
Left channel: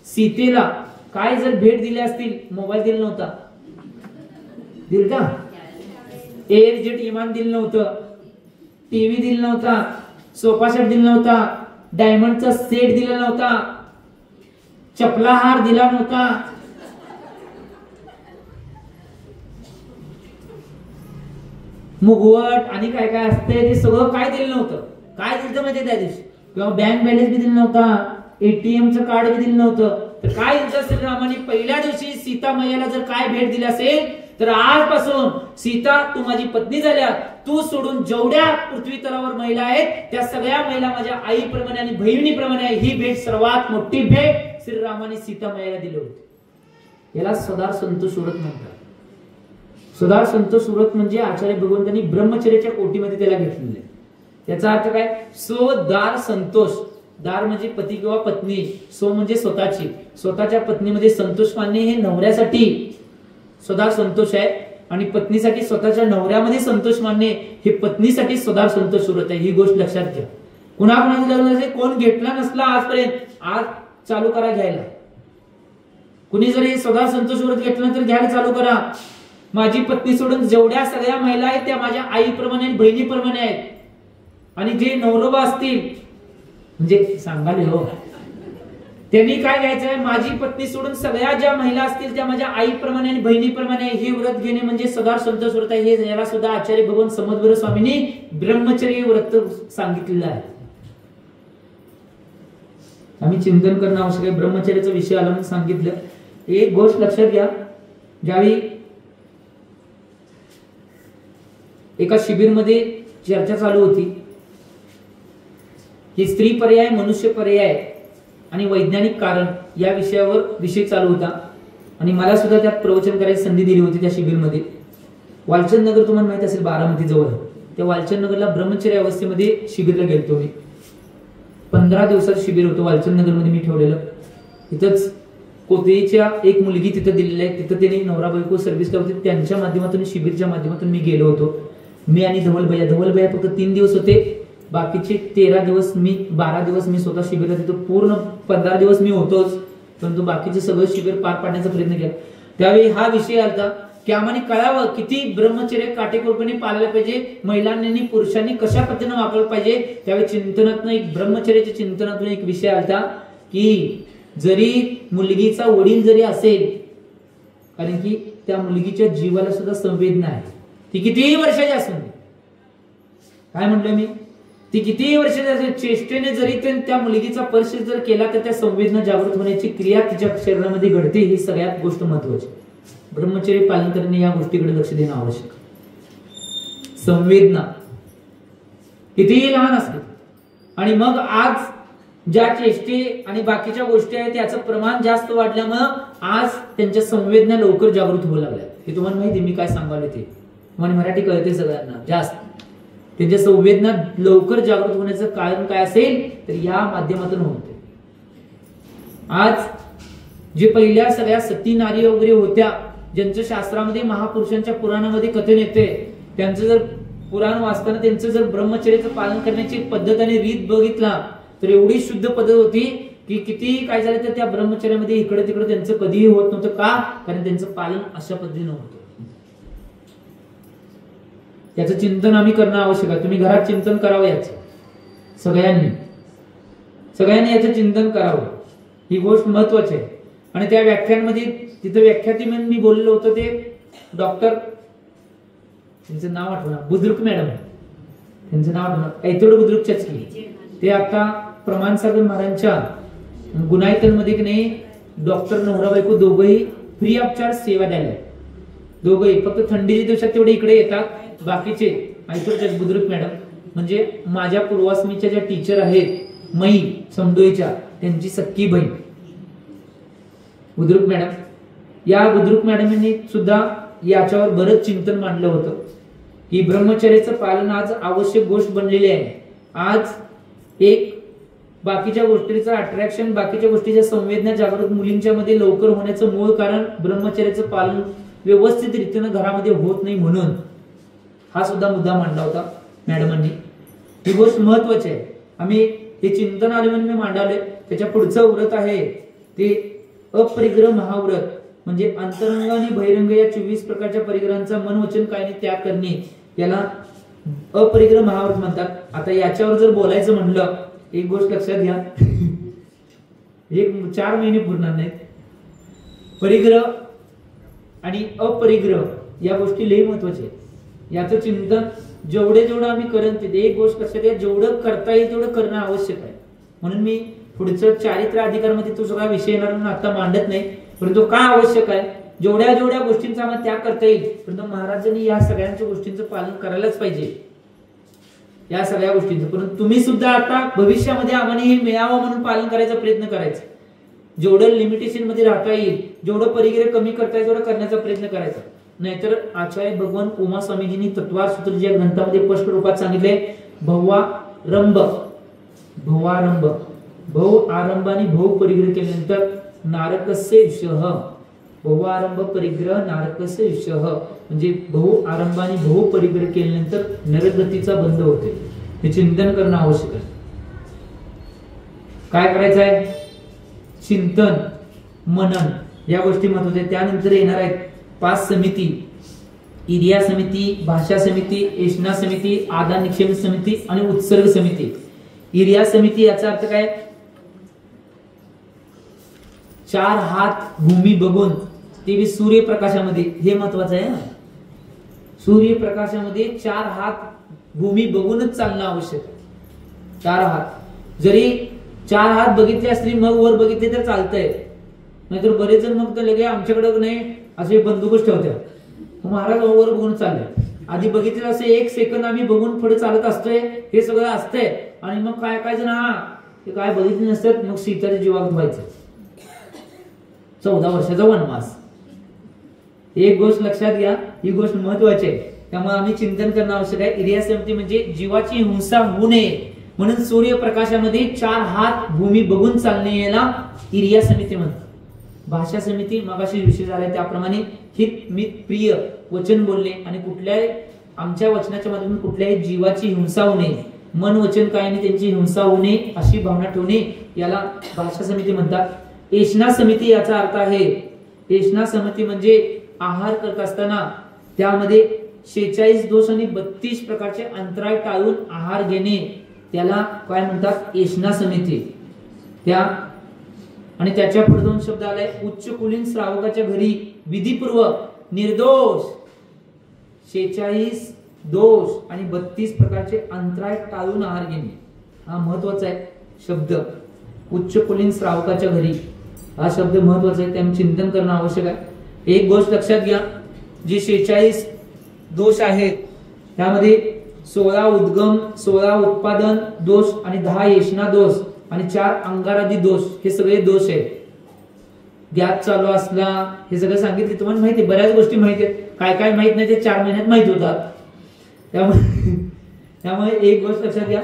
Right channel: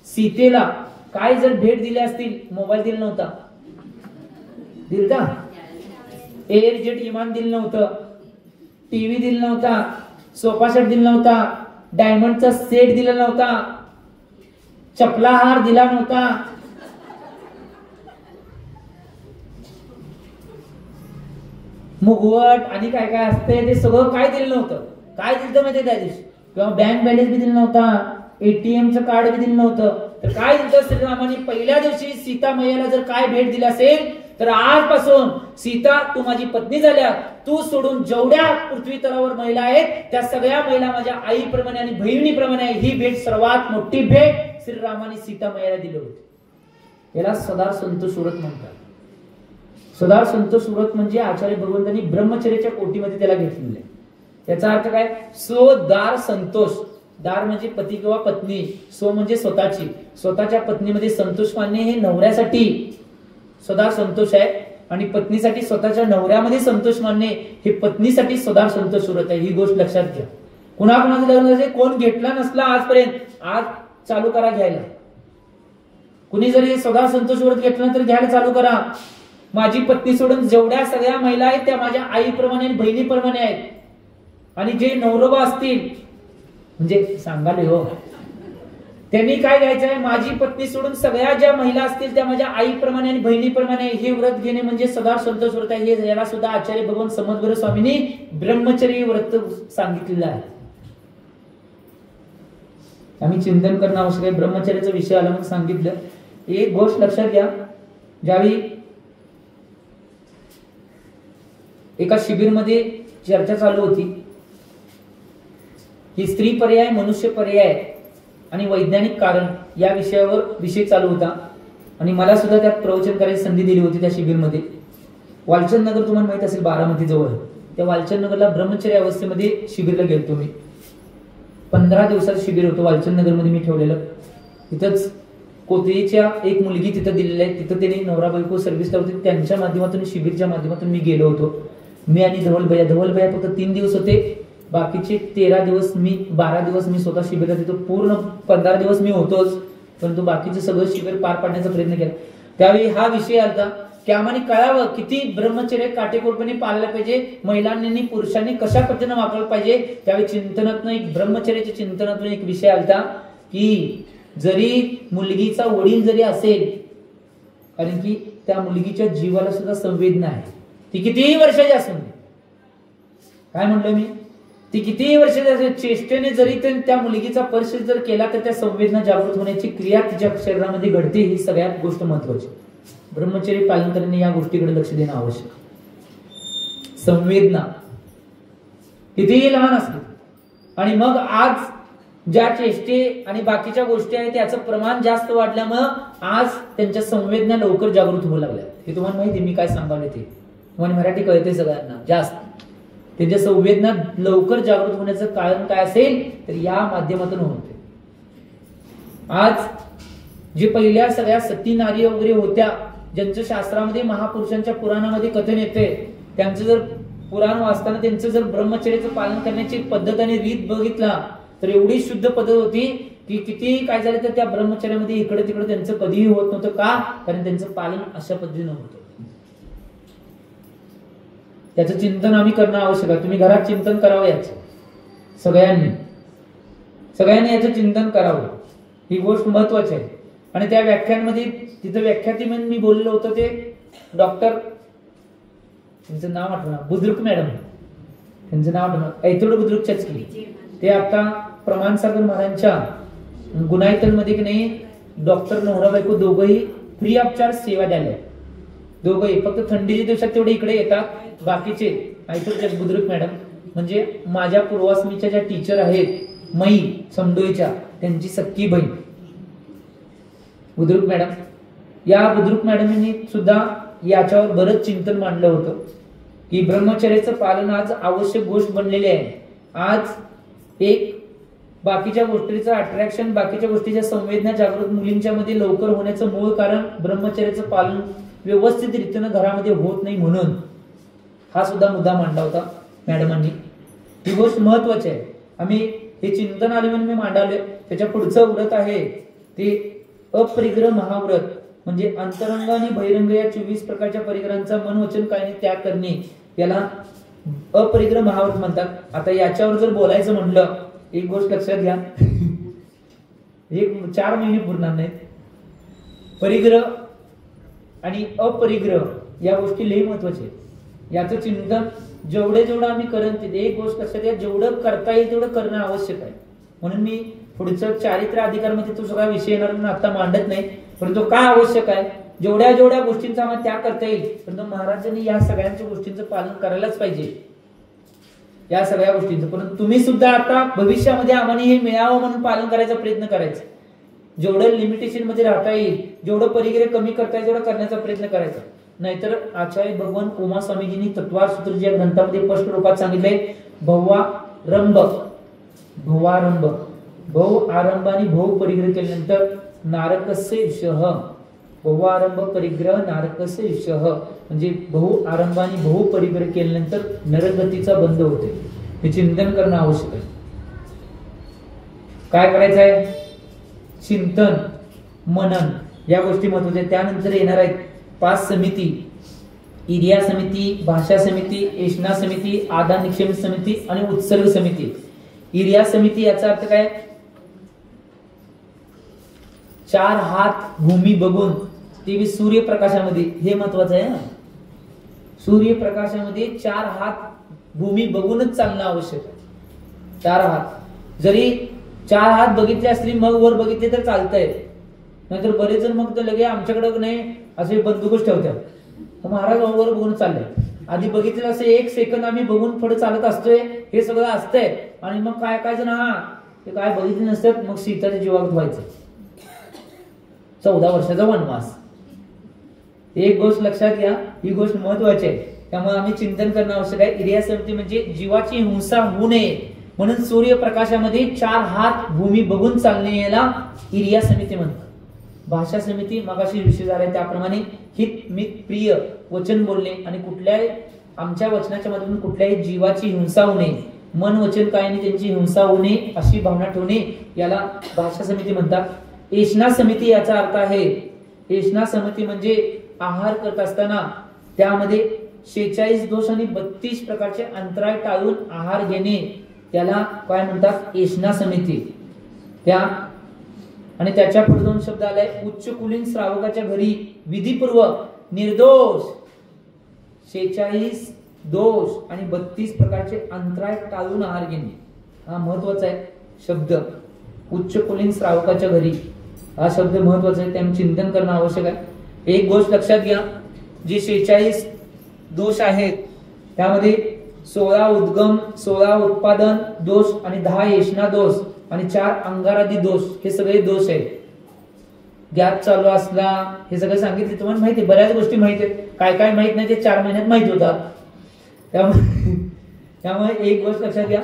सीतेला काय जर भेट दिली असतील, मोबाईल दिला नव्हता, दिल का? एअर जेट विमान दिलं नव्हतं, टीव्ही दिला नव्हता, सोफा सेट दिला नव्हता, डायमंडचा सेट दिला नव्हता, चपला हार दिला नव्हता, मुगवट आणि काय काय असते ते सगळं काय दिलं नव्हतं. काय दिलं माहिती त्या दिवशी? किंवा बँक बॅलन्स बी दिला नव्हता, एटीएमचं कार्ड बी दिलं नव्हतं. तर काय दिलं श्रीरामाने? पहिल्या दिवशी सीता मैयाला जर काय भेट दिली असेल तर आजपासून सीता तू माझी पत्नी झाल्या, तू सोडून जेवढ्या पृथ्वी तलावर महिला आहेत त्या सगळ्या महिला माझ्या आईप्रमाणे आणि बहिणीप्रमाणे आहे. ही भेट सर्वात मोठी भेट श्रीरामाने सीता मैयाला दिली होती. याला स्वदार संतोष व्रत म्हणतात. स्वदार संतोष व्रत म्हणजे आचार्य भगवंतांनी ब्रह्मचर्याच्या कोटीमध्ये त्याला घेतलेले. त्याचा अर्थ काय? स्वदार संतोष. दार म्हणजे पती किंवा पत्नी, सो म्हणजे स्वतःच्या पत्नीमध्ये संतोष मानणे हे नवऱ्यासाठी स्वदार संतोष आहे, आणि पत्नीसाठी स्वतःच्या नवऱ्यामध्ये संतोष मानणे हे पत्नीसाठी स्वदार संतोष व्रत आहे. ही गोष्ट लक्षात घ्या. कुणाकुणाचं कोण घेतला नसला आजपर्यंत, आज चालू करा घ्यायला. कुणी जरी स्वदार संतोष व्रत घेतलं तर घ्यायला चालू करा. माझी पत्नी सोडून जेवढ्या सगळ्या महिला आहेत त्या माझ्या आईप्रमाणे आणि बहिणीप्रमाणे आहेत. आणि जे नवरोबा असतील म्हणजे सांगाले हो, त्यांनी काय घ्यायचंय? माझी पत्नी सोडून सगळ्या ज्या महिला असतील त्या माझ्या आईप्रमाणे आणि बहिणीप्रमाणे हे व्रत घेणे म्हणजे स्वदार संतोष व्रत आहे. हे याला सुद्धा आचार्य भगवान समद्गुरू स्वामींनी ब्रह्मचर्य व्रत सांगितलेलं आहे. आम्ही चिंतन करणं आवश्यक आहे. ब्रह्मचर्याचा विषय आला म्हणून सांगितलं. एक गोष्ट लक्षात घ्या, ज्यावेळी एका शिबिरमध्ये चर्चा चालू होती ही स्त्री पर्याय, मनुष्य पर्याय आणि वैज्ञानिक कारण या विषयावर विषय चालू होता. आणि मला सुद्धा त्यात प्रवचन करायची संधी दिली होती त्या शिबिरमध्ये. वालचंद नगर तुम्हाला माहित असेल, बारामती जवळ. त्या वालचंद नगरला ब्रह्मचर्य अवस्थेमध्ये शिबिरला गेलतो मी. 15 दिवसाचं शिबिर होतं वालचंद नगरमध्ये मी ठेवलेलं. तिथंच कोथळीच्या एक मुलगी तिथं दिलेली आहे. तिथं त्यांनी नवरा बायको सर्व्हिसला होते, त्यांच्या माध्यमातून शिबिरच्या माध्यमातून मी गेलो होतो. मी आणि धवलभैया फक्त 3 दिवस होते. बाकीचे 13 दिवस 12 दिवस मी स्वतः शिबिरात तिथं, पूर्ण 15 दिवस मी होतोच, परंतु बाकीचे सगळं शिबिर पार पाडण्याचा प्रयत्न केला. त्यावेळी हा विषय आला की आम्हाला कळावं किती ब्रह्मचर्य काटेकोरपणे पाळलं पाहिजे, महिलांनी पुरुषांनी कशा पद्धतीने वापरलं पाहिजे. त्यावेळी चिंतनातून एक ब्रह्मचर्याच्या चिंतनातून एक विषय आला की जरी मुलगीचा वडील जरी असेल, कारण की त्या मुलगीच्या जीवाला सुद्धा संवेदना आहे, ती कितीही वर्षाची असेल. काय म्हणलं मी? ती कितीही वर्षाची चेष्टेने जरी त्या मुलगीचा स्पर्श जर केला तर त्या संवेदना जागृत होण्याची क्रिया तिच्या शरीरामध्ये घडते. ही सगळ्यात गोष्ट महत्वाची. ब्रह्मचर्य पालन करणे या गोष्टीकडे लक्ष देणं आवश्यक. संवेदना कितीही लहान असते, आणि मग आज ज्या चेष्टे आणि बाकीच्या गोष्टी आहेत त्याचं प्रमाण जास्त वाढल्यामुळे आज त्यांच्या संवेदना लवकर जागृत होऊ लागल्या. हे तुम्हाला माहिती मी काय सांगायला ते तुम्हाला मराठी कळते सगळ्यांना जास्त. त्यांच्या संवेदना लवकर जागृत होण्याचं कारण काय असेल तर या माध्यमातून होते. आज जे पहिल्या सगळ्या सती नारी वगैरे होत्या, ज्यांच्या शास्त्रामध्ये महापुरुषांच्या पुराणामध्ये कथन येते, त्यांचं जर पुराण वाचताना त्यांचं जर ब्रह्मचर्याचं पालन करण्याची पद्धत आणि रीत बघितला तर एवढी शुद्ध पद्धत होती की किती काय झालं तर त्या ब्रह्मचर्यामध्ये इकडे तिकडे त्यांचं कधीही होत नव्हतं. का? कारण त्यांचं पालन अशा पद्धतीने होतं. याचं चिंतन आम्ही करणं आवश्यक आहे. तुम्ही घरात चिंतन करावं याचं, सगळ्यांनी याचं चिंतन करावं. ही गोष्ट महत्वाची आहे. आणि त्या व्याख्यानमध्ये तिथं व्याख्याती म्हणून मी बोललो होतो ते डॉक्टर, त्यांचं नाव आठवणार, बुद्रुक मॅडम, त्यांचं नाव आठवणार, ऐतोड बुद्रुकच्याच की ते आता प्रमाण सागर महाराजांच्या गुणायतनमध्ये की नाही डॉक्टर नवरा बायको दोघंही फ्री ऑफ चार्ज सेवा द्यायला. दोघंही फक्त थंडीच्या दिवसात तेवढे इकडे येतात. बाकीचे ऐतोडच्या बुद्रुक मॅडम म्हणजे माझ्या पूर्वाश्रमीच्या ज्या टीचर आहेत मई समडोईच्या त्यांची सख्खी बहीण बुद्रुक मॅडम. या बुद्रुक मॅडमनी सुद्धा याच्यावर बरंच चिंतन मांडलं होतं की ब्रह्मचर्याचं पालन आज आवश्यक गोष्ट बनलेली आहे. आज एक बाकीच्या गोष्टीचं अट्रॅक्शन, बाकीच्या गोष्टीच्या संवेदना जागृत मुलींच्या मध्ये लवकर होण्याचं मूळ कारण ब्रह्मचर्याचं पालन व्यवस्थित रीतीनं घरामध्ये होत नाही म्हणून हा सुद्धा मुद्दा मांडला होता मॅडमांनी. ही गोष्ट महत्वाची आहे. आम्ही हे चिंतन आले म्हणून मी मांडवले. त्याच्या पुढचं व्रत आहे ते अपरिग्रह महाव्रत, म्हणजे अंतरंग आणि बहिरंग या 24 प्रकारच्या परिग्रहांचा मन वचन कायाने त्याग करणे याला अपरिग्रह महाव्रत म्हणतात. आता याच्यावर जर बोलायचं म्हणलं एक गोष्ट लक्षात घ्या, एक 4 महिने पुरणार नाहीत. परिग्रह आणि अपरिग्रह या गोष्टी लई महत्वाच्या आहेत. याचं चिंतन जेवढं आम्ही करेन ते एक गोष्ट लक्षात घ्या, जेवढं करता येईल तेवढं करणं आवश्यक आहे. म्हणून मी पुढचं चारित्र्य अधिकारमध्ये तो सगळा विषय येणार म्हणून आता मांडत नाही, परंतु काय आवश्यक आहे जेवढ्या गोष्टींचा आम्हाला त्याग करता येईल परंतु महाराजांनी या सगळ्यांच्या गोष्टींचं पालन करायलाच पाहिजे, या सगळ्या गोष्टींचं. परंतु तुम्ही सुद्धा आता भविष्यामध्ये आम्हाला हे मिळावं म्हणून पालन करायचा प्रयत्न करायचा. जेवढं लिमिटेशन मध्ये राहता येईल, जेवढं परिग्रह कमी करता येईल तेवढं करण्याचा प्रयत्न करायचा. नाहीतर आचार्य भगवान उमा स्वामीजींनी तत्वार सूत्र या ग्रंथामध्ये स्पष्ट रूपात सांगितले, भवारंभ भव आरंभ आणि भव परिग्रह केल्यानंतर नारकस्य विषह, भवारंभ परिग्रह नारकस्य विषह, म्हणजे भव आरंभ आणि भव परिग्रह केल्यानंतर नरगतीचा बंध होते. हे चिंतन करणं आवश्यक आहे. काय करायचं आहे? चिंतन मनन या गोष्टी महत्वाच्या आहेत. त्यानंतर येणार आहेत 5 समिती, इरिया समिती, भाषा समिती, एषणा समिती, आदान निक्षेप समिती आणि उत्सर्ग समिती. इरिया समिती याचा अर्थ काय? 4 हात भूमी बघून ते सूर्यप्रकाशामध्ये, हे महत्वाचं आहे. सूर्यप्रकाशामध्ये 4 हात भूमी बघूनच चालणं आवश्यक आहे. 4 हात जरी 4 हात बघितले असले मग वर बघितले तर चालतंय, नाहीतर बरेच जण मग लगे आमच्याकडे नाही असे बंदोबस्त ठेवतात. महाराज वर बघून चालले, आधी बघितलं असे 1 सेकंद आम्ही बघून पुढे चालत असतोय, हे सगळं असतंय. आणि मग काय जण ते काय बघितले नसतात, मग सीताच्या जीवावर व्हायचं. 14 वर्षाचा वनवास. एक गोष्ट लक्षात घ्या, ही गोष्ट महत्वाची आहे. त्यामुळे आम्ही चिंतन करणं आवश्यक आहे. इरिया समिती म्हणजे जीवाची हिंसा होऊ नये म्हणून सूर्यप्रकाशामध्ये 4 हात भूमी बघून चालणे याला इरिया समिती म्हणतात. भाषा समिती मगाशी विषय झालाय त्याप्रमाणे हित मित प्रिय वचन बोलणे आणि कुठल्याही आमच्या वचनाच्या माध्यमातून कुठल्याही जीवाची हिंसा होऊ नये, मन वचन कायाने त्यांची हिंसा होऊ नये अशी भावना ठेवणे याला भाषा समिती म्हणतात. एषणा समिती याचा अर्थ आहे, एषणा समिती म्हणजे आहार करत असताना त्यामध्ये 46 दोष आणि 32 प्रकारचे अंतराय टाळून आहार घेणे त्याला काय म्हणतात? एषणा समिती. त्या आणि त्याच्या पुढे 2 शब्द आले, उच्च कुलीन श्रावकाच्या घरी विधीपूर्वक निर्दोष 46 दोष आणि 32 प्रकारचे अंतराय टाळून आहार घेणे. हा महत्वाचा आहे शब्द. उच्च कुलीन श्रावकाच्या घरी हा शब्द महत्वाचा आहे, त्यामुळे चिंतन करणं आवश्यक आहे. एक गोष्ट लक्षात घ्या, जे 46 दोष आहेत त्यामध्ये 16 उद्गम, 16 उत्पादन दोष आणि 10 येषणा दोष आणि 4 अंगारादी दोष, हे सगळे दोष आहेत. गॅप चालू असला हे सगळं सांगितले तुम्हाला माहिती, बऱ्याच गोष्टी माहिती आहेत. काय माहित नाही ते 4 महिन्यात माहित होतात. त्यामुळे एक गोष्ट लक्षात घ्या,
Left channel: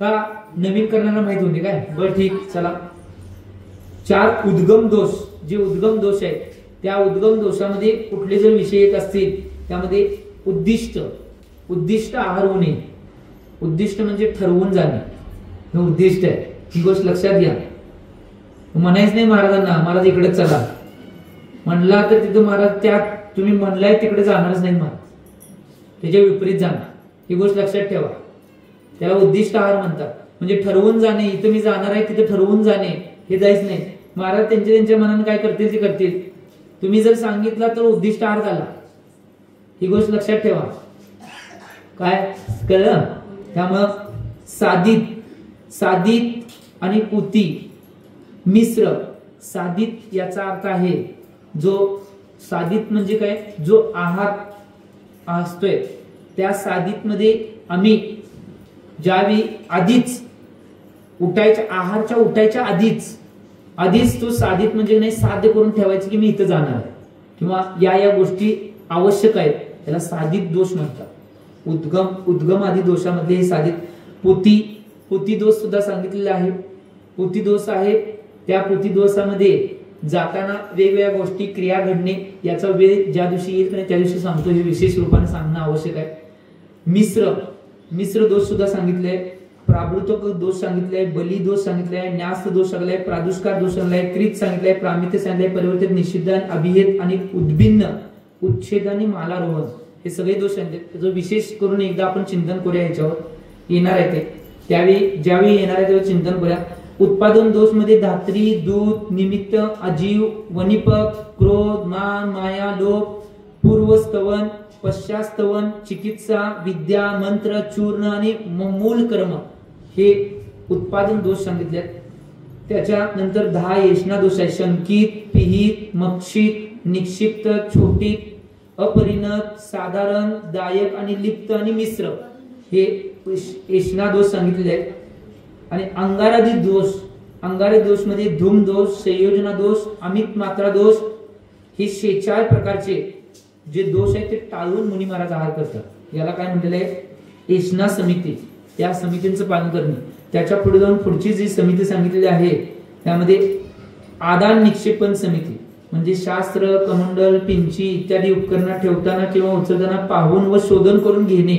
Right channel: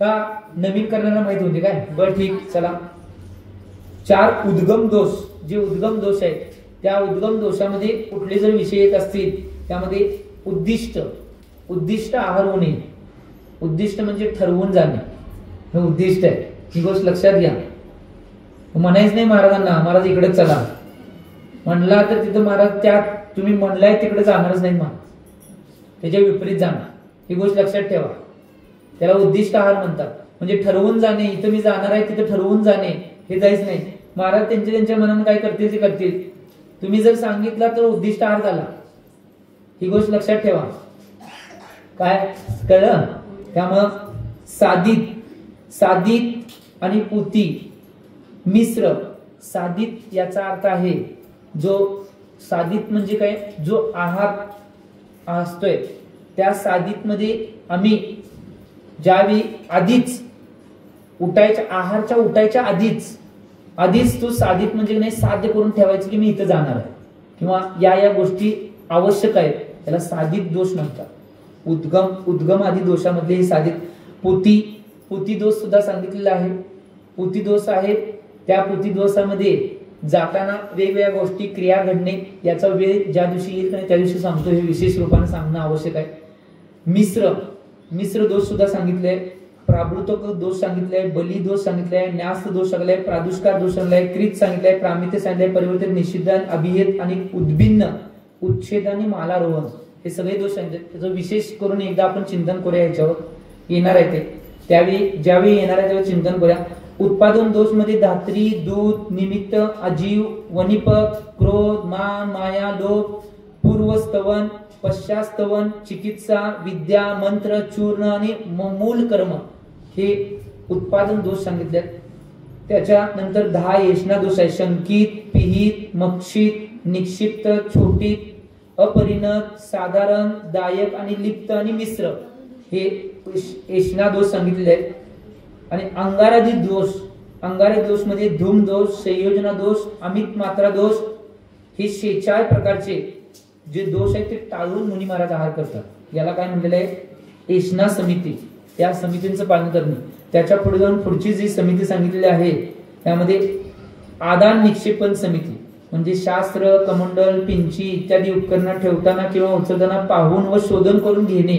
का नवीन करण्याला माहिती होती काय? बरं ठीक, चला. 4 उद्गम दोष, जे उद्गम दोष आहेत त्या उद्गम दोषामध्ये कुठले जर विषय येत असतील त्यामध्ये उद्दिष्ट, उद्दिष्ट आहार होणे, उद्दिष्ट म्हणजे ठरवून जाणे, हे उद्दिष्ट आहे. ही गोष्ट लक्षात घ्या. म्हणायच नाही महाराजांना महाराज इकडे चला, म्हणला तर तिथं महाराज त्या तुम्ही म्हणलाय तिकडे जाणारच नाही, मग त्याच्या विपरीत जाणार. ही गोष्ट लक्षात ठेवा. त्याला उद्दिष्ट आहार म्हणतात. म्हणजे ठरवून जाणे. इथं मी जाणार आहे तिथे ठरवून जाणे, हे जायच नाही. महाराज त्यांच्या मनाने काय करतील ते करतील. तुम्ही जर सांगितलं तर उद्दिष्ट आहार झाला. ही गोष्ट लक्षात ठेवा. काय कळलं? त्यामुळं साधित, साधित आणि पुती मिश्र. साधित याचा अर्थ आहे जो साधित म्हणजे काय, जो आहार असतोय त्या साधित मध्ये आम्ही ज्यावेळी आधीच उठायच्या, आहारच्या उठायच्या आधीच तो साधित म्हणजे नाही साध्य करून ठेवायचं की मी इथं जाणार आहे किंवा या गोष्टी आवश्यक आहेत, त्याला साधित दोष म्हणतात. उद्गम आदी दोषामध्ये हे साधित. पुती दोष सुद्धा सांगितलेला आहे. पुती दोष आहे. त्या पुती दोषामध्ये जाताना वेगवेगळ्या गोष्टी क्रिया घडणे, याचा वेळ ज्या दिवशी येईल त्या दिवशी सांगतो, हे विशेष रूपाने सांगणं आवश्यक आहे. मिश्र दोष सुद्धा सांगितले. प्राभृत दोष सांगितले, बली दोष सांगितले, न्यास दोष सांगितले, प्रादुष्कार दोष सांगितले, क्रित सांगितले, प्रामित्य सांगितले, परिवर्तित, निषिद्ध, अभिहित आणि उद्भिन्न, उच्छेद आणि मालारोहण, हे सगळे दोष सांगितले. त्याचं विशेष करून एकदा आपण चिंतन करूया. याच्यावर येणार आहे ते त्यावेळी, ज्यावेळी येणार आहे त्यावेळी चिंतन करूया. उत्पादन दोष मध्ये धात्री, दूत, निमित्त, अजीव, वनिपक, क्रोध, मान, माया, लोभ, पूर्वस्तवन, पश्चास्तवन, चिकित्सा, विद्या, मंत्र, चूर्ण आणि मूल कर्म, हे उत्पादन दोष सांगितले. त्याच्यानंतर 10 येष्णा दोष आहे. शंकित, पिहित, मक्षित, निक्षिप्त, छोटीत, अपरिणत, साधारण, दायक आणि लिप्त आणि मिश्र, हे येष्णा दोष सांगितले आहेत. आणि अंगारादी दोष, अंगारादी दोष मध्ये धूम दोष, संयोजना दोष, अमित मात्रा दोष, हे 46 प्रकारचे जे दोष आहेत ते टाळून मुनी महाराज आहार करतात. याला काय म्हटलेलं आहे? येष्णा समिती. त्या समितींचं पालन करणे. त्याच्या पुढे जाऊन पुढची जी समिती सांगितलेली आहे त्यामध्ये आदान निक्षेपण समिती, म्हणजे शास्त्र, कमंडल, पिंची इत्यादी उपकरणं ठेवताना किंवा उचलताना पाहून व शोधन करून घेणे.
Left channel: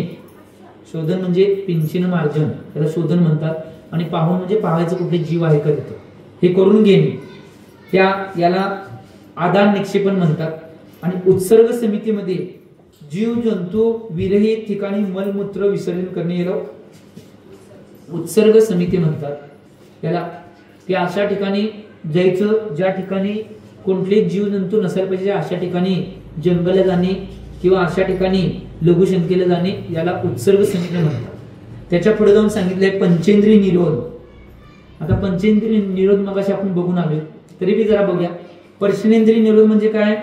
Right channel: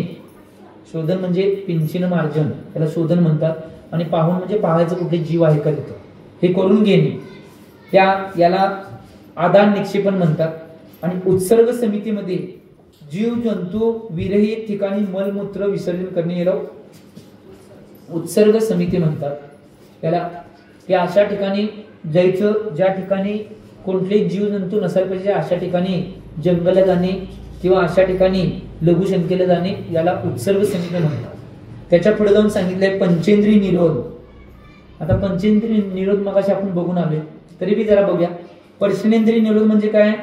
शोधन म्हणजे पिंचीनं मार्जन, त्याला शोधन म्हणतात. आणि पाहून म्हणजे पाहायचं कुठे जीव आहे का तिथे, हे करून घेणे, याला आदान निक्षेपण म्हणतात. आणि उत्सर्ग समितीमध्ये जीव जंतू विरहित ठिकाणी मलमूत्र विसर्जन करणे, याला उत्सर्ग समिती म्हणतात. याला या अशा ठिकाणी जायचं ज्या ठिकाणी कोणतेही जीव जंतू नसायला पाहिजे, अशा ठिकाणी जंगला जाणे किंवा अशा ठिकाणी लघुशंकेला जाणे, याला उत्सर्ग समिती म्हणतात. त्याच्या पुढे जाऊन सांगितलंय पंचेंद्रिय निरोध. आता पंचेंद्रिय निरोध मगाशी आपण बघून आलोय, तरी बी जरा बघूया. पर्शनेंद्रिय निरोध म्हणजे काय?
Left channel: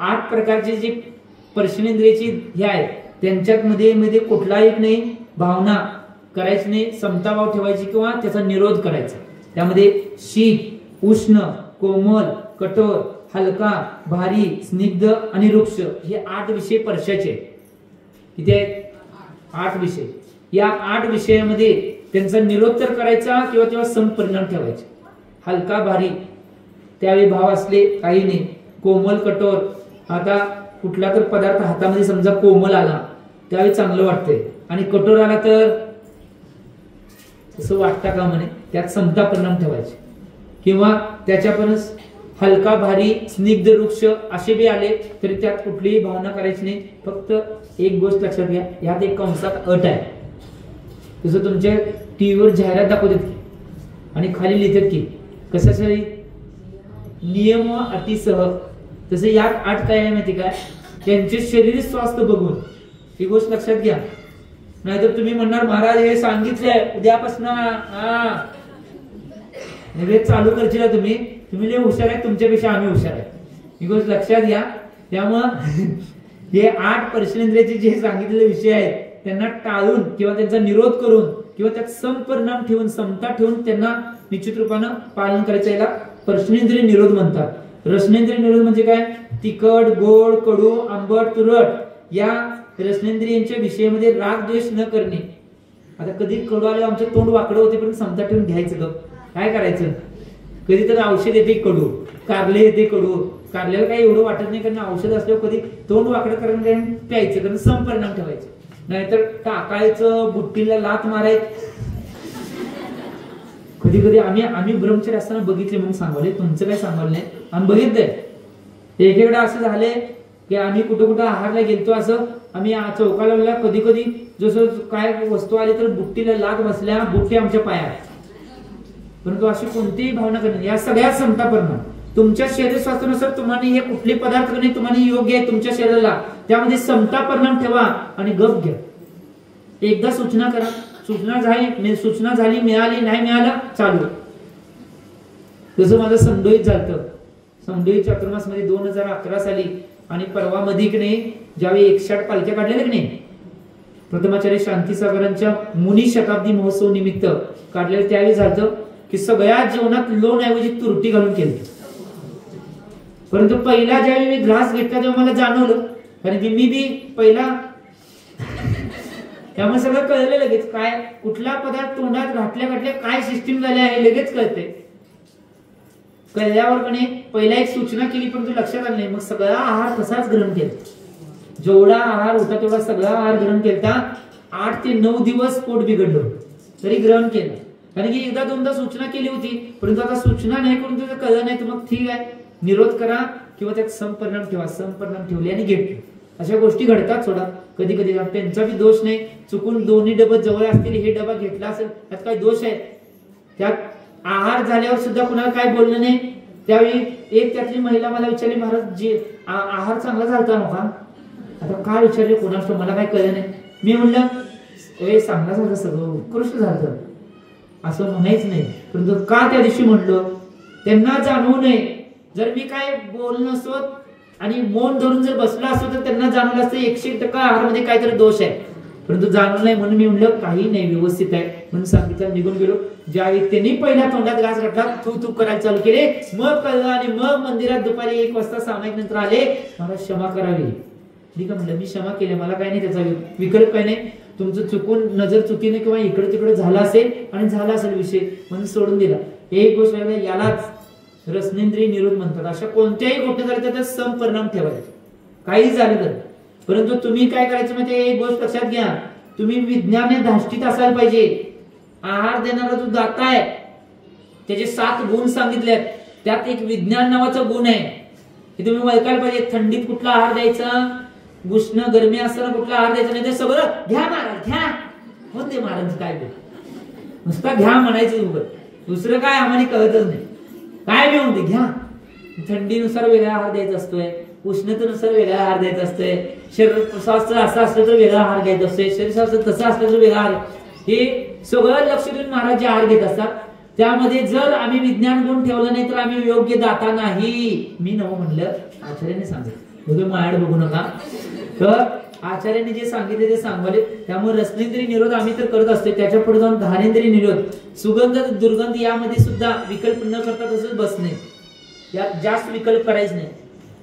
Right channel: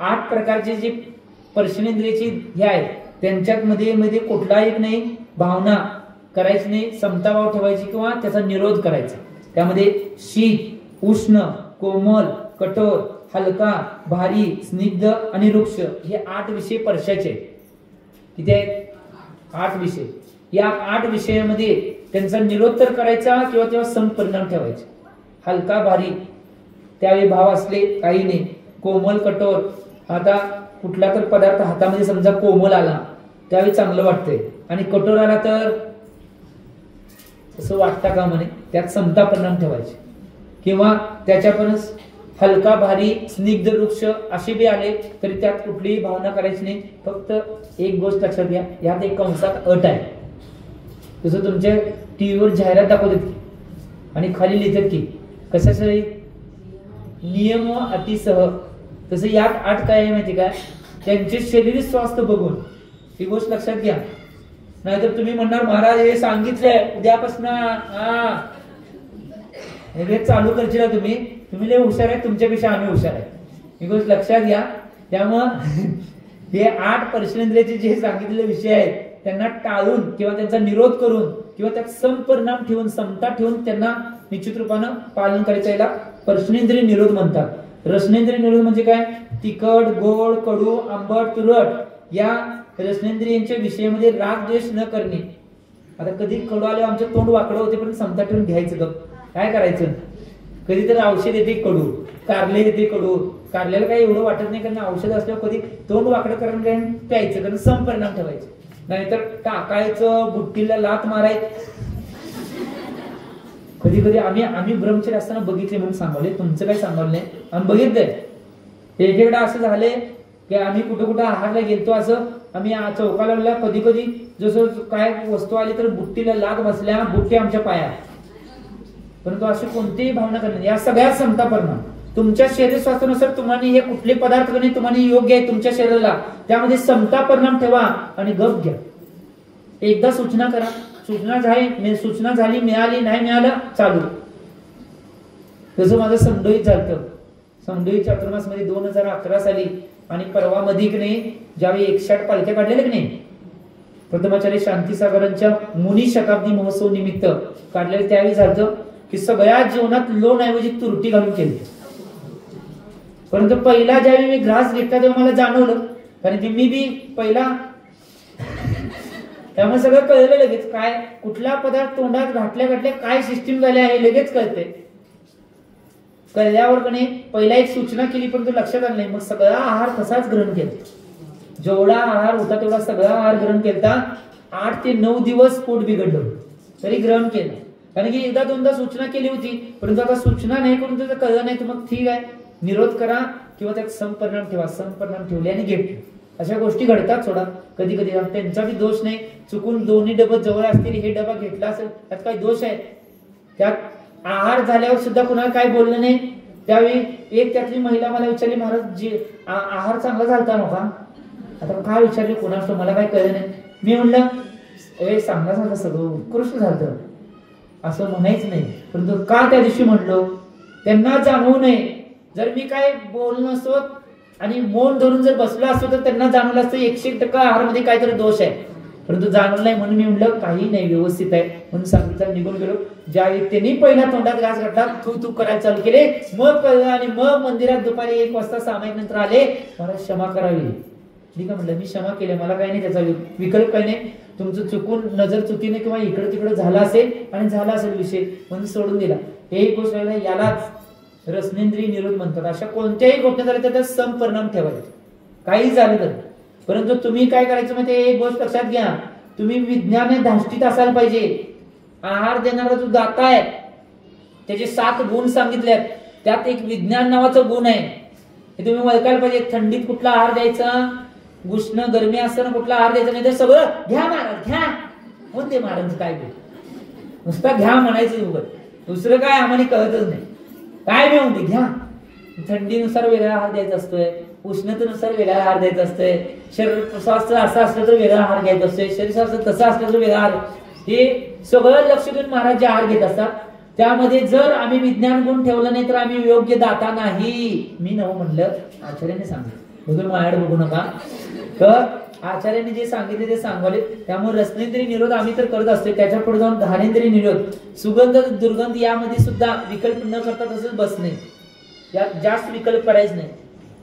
8 प्रकारचे जे पर्शनेंद्रियाचे हे आहेत त्यांच्यात मध्ये कुठला एक नाही भावना करायची नाही, समताभाव ठेवायची किंवा त्याचा निरोध करायचा. त्यामध्ये शीत, उष्ण, कोमल, कठोर, हलका, भारी, स्निग्ध आणि रुक्ष, हे 8 विषय पर्शाचे. किती आहेत? 8 विषय. या 8 विषयामध्ये त्यांचा निरोध तर करायचा किंवा तेव्हा समपरिणाम ठेवायचे. हलका, भारी त्यावेळी भाव असले काही नाही. कोमल, कठोर, आता कुठला तर पदार्थ हातामध्ये समजा कोमल आला त्यावेळी चांगलं वाटतंय आणि कठोर आला तर असं वाटतं का म्हणे, त्यात समता परिणाम ठेवायचे. किंवा त्याच्यापर्यंत हलका, भारी, स्निग्ध, वृक्ष असे बी आले तरी त्यात कुठलीही भावना करायची नाही. फक्त एक गोष्ट लक्षात घ्या, यात एक कंसात अट आहे. जसं तुमच्या टीव्हीवर जाहिरात दाखवतात आणि खाली लिहितात की कशासाठी नियम व अटीसह, तसं यात 8 काय आहे माहिती काय? त्यांचे शारीरिक स्वास्थ्य बघून. ही गोष्ट लक्षात घ्या. नाहीतर तुम्ही म्हणणार महाराज हे सांगितलंय उद्यापासून हे चालू करशील तुम्ही लय हुशार आहे, तुमच्यापेक्षा आम्ही हुशार आहे. ही गोष्ट लक्षात घ्या. त्यामुळं हे 8 पर्शनेंद्रियाचे जे सांगितलेले विषय आहेत त्यांना टाळून किंवा त्यांचा निरोध करून किंवा त्यात समपरिणाम ठेवून, समता ठेवून त्यांना निश्चित रूपानं पालन करायचं, याला पर्शनेंद्रिय निरोध म्हणतात. रसनेंद्रिय निरोध म्हणजे काय? तिखट, गोड, कडू, आंबट, तुरट या रसनेंद्रियांच्या विषयामध्ये राग द्वेष न करणे. आता कधी कडू आले आमचं तोंड वाकडं होते पण समता ठेवून घ्यायचं. काय करायचं? कधी तर औषध येते कडू, कारले येते कडू, काढलेलं काही एवढं वाटत नाही, कारण औषध असल्यावर कधी तोंड वाकडं करून प्यायचं, कारण संपरिणाम ठेवायचं, नाहीतर टाकायचं, बुट्टीला लात मारायचं. कधी कधी आम्ही ब्रह्मचर्य असताना बघितले म्हणून सांगवले, तुमचं काय सांगवलं नाही, आम्ही बघितलंय. एकेकडे असं झाले की आम्ही कुठं कुठं आहारला गेलतो, असं आम्ही चौकाला कधी कधी जसं काय वस्तू आली तर बुट्टीला लात बसल्या, बुट्टी आमच्या पायात. परंतु अशी कोणतीही भावना करणे, या सगळ्यात समता परिणाम. तुमच्या शरीर स्वास्थ्यानुसार तुम्हाला हे कुठले पदार्थ करणे तुम्हाला योग्य आहे तुमच्या शरीराला, त्यामध्ये समता परिणाम ठेवा आणि गप घ्या. एकदा सूचना करा, सूचना झाली मिळाली नाही मिळालं चालू. जसं माझं समडोईत झालं, समडोई चातुर्मास मध्ये 2011 साली, आणि परवा मध्ये की नाही ज्यावेळी 160 पालख्या काढलेल्या की नाही, प्रथमाचार्य शांतीसागरांच्या मुनी शताब्दी महोत्सव निमित्त काढलेलं, त्यावेळी झालं की सगळ्या जीवनात लोण ऐवजी तुरटी घालून केली. परंतु पहिला ज्यावेळी मी ग्रास घेतला तेव्हा मला जाणवलं, कारण की मी बी पहिला, त्यामुळे सगळं कळलं लगेच, काय कुठला पदार्थ तोंडात घातल्या काय सिस्टीम झाली आहे लगेच कळते. कळल्यावर म्हणे पहिला एक सूचना केली, परंतु लक्षात आलं नाही, मग सगळा आहार तसाच ग्रहण केला. जेवढा आहार होता तेवढा सगळा आहार ग्रहण केला. 8 ते 9 दिवस पोट बिघडलं तरी ग्रहण केलं, कारण की एकदा दोनदा सूचना केली होती, परंतु आता सूचना नाही करून तुझं कळलं नाही तर मग ठीक आहे, निरोध करा किंवा त्यात समपरिणाम ठेवा. समपरिणाम ठेवले आणि घेतले. अशा गोष्टी घडतात सोडा कधी कधी, त्यांचा बी दोष नाही. चुकून दोन्ही डबे जवळ असतील, हे डबा घेतला असेल त्यात काही दोष आहे. त्यात आहार झाल्यावर सुद्धा कुणाला काय बोललं नाही. त्यावेळी एक त्यातली महिला मला विचारली, महाराज जी आहार चांगला झालता नव्हता, आता काय विचारले कोणाच मला काय कळलं नाही. मी म्हणलं सांगण्यासारखं सगळं उत्कृष्ट झालं असं म्हणायच नाही, परंतु का त्या दिवशी म्हणतो त्यांना जाणवू नये. जर मी काय बोललो नसतो आणि मौन धरून जर बसला असतो तर त्यांना जाणवलं असतं 100% आहारमध्ये काहीतरी दोष आहे, परंतु जाणवलं नाही म्हणून मी म्हणलं काही नाही व्यवस्थित आहे म्हणून सांगितलं, निघून गेलो. ज्या व्यक्तीने पहिला तोंडात घास घातला तू करायला चालू केले, मग कळलं आणि मग मंदिरात दुपारी 1 वाजता सामायिक नंतर आले, मला क्षमा करावी. ठीक आहे म्हटलं, मी क्षमा केली, मला काही नाही, त्याचा विकल्प काही नाही. तुमचं चुकून नजर चुकीने किंवा इकडे तिकडे झाला असेल आणि झाला असेल विषय म्हणून सोडून दिला. एक गोष्ट यालाच रसनेंद्रिय निरोध म्हणतात. अशा कोणत्याही गोष्टी झाल्या त्याचा समपरिणाम ठेवायचा, काही झालं तर. परंतु तुम्ही काय करायचं माहिती, एक गोष्ट लक्षात घ्या, तुम्ही विज्ञाने धाष्टीत असायला पाहिजे. आहार देणारा जो दाता आहे त्याचे 7 गुण सांगितले, त्यात एक विज्ञान नावाचा गुण आहे, हे तुम्ही ओळखायला पाहिजे. थंडीत कुठला आहार द्यायचा, उष्ण गरमी असताना कुठला आहार द्यायचा, नाही तर सगळं घ्या महाराज घ्या म्हणते महाराज. काय नुसता घ्या म्हणायचं, दुसरं काय आम्हाला कळतच नाही. काय बी म्हणते घ्या. थंडीनुसार वेगळा आहार द्यायचा असतोय, उष्णतेनुसार वेगळा आहार द्यायचा असतोय, शरीर स्वास्थ्य असं असलं तर वेगळा आहार घ्यायचा असतोय, शरीर स्वास्थ्य तसं असलं तर वेगळा आहार. हे सगळं लक्ष देऊन महाराज जे आहार घेत असतात त्यामध्ये जर आम्ही विज्ञान गुण ठेवलं नाही तर आम्ही योग्य दाता नाही. मी नव म्हणलं, आचार्यांनी सांगितलं, माझ्याकडे बघू नका, तर आचार्यांनी जे सांगितले ते सांगले. त्यामुळे रसनेंद्रिय निरोध आम्ही तर करत असतो, त्याच्या पुढे जाऊन घाणेंद्रिय निरोध, सुगंध दुर्गंध यामध्ये सुद्धा विकल्प न करता तसंच बसणे, यात जास्त विकल्प करायच नाही.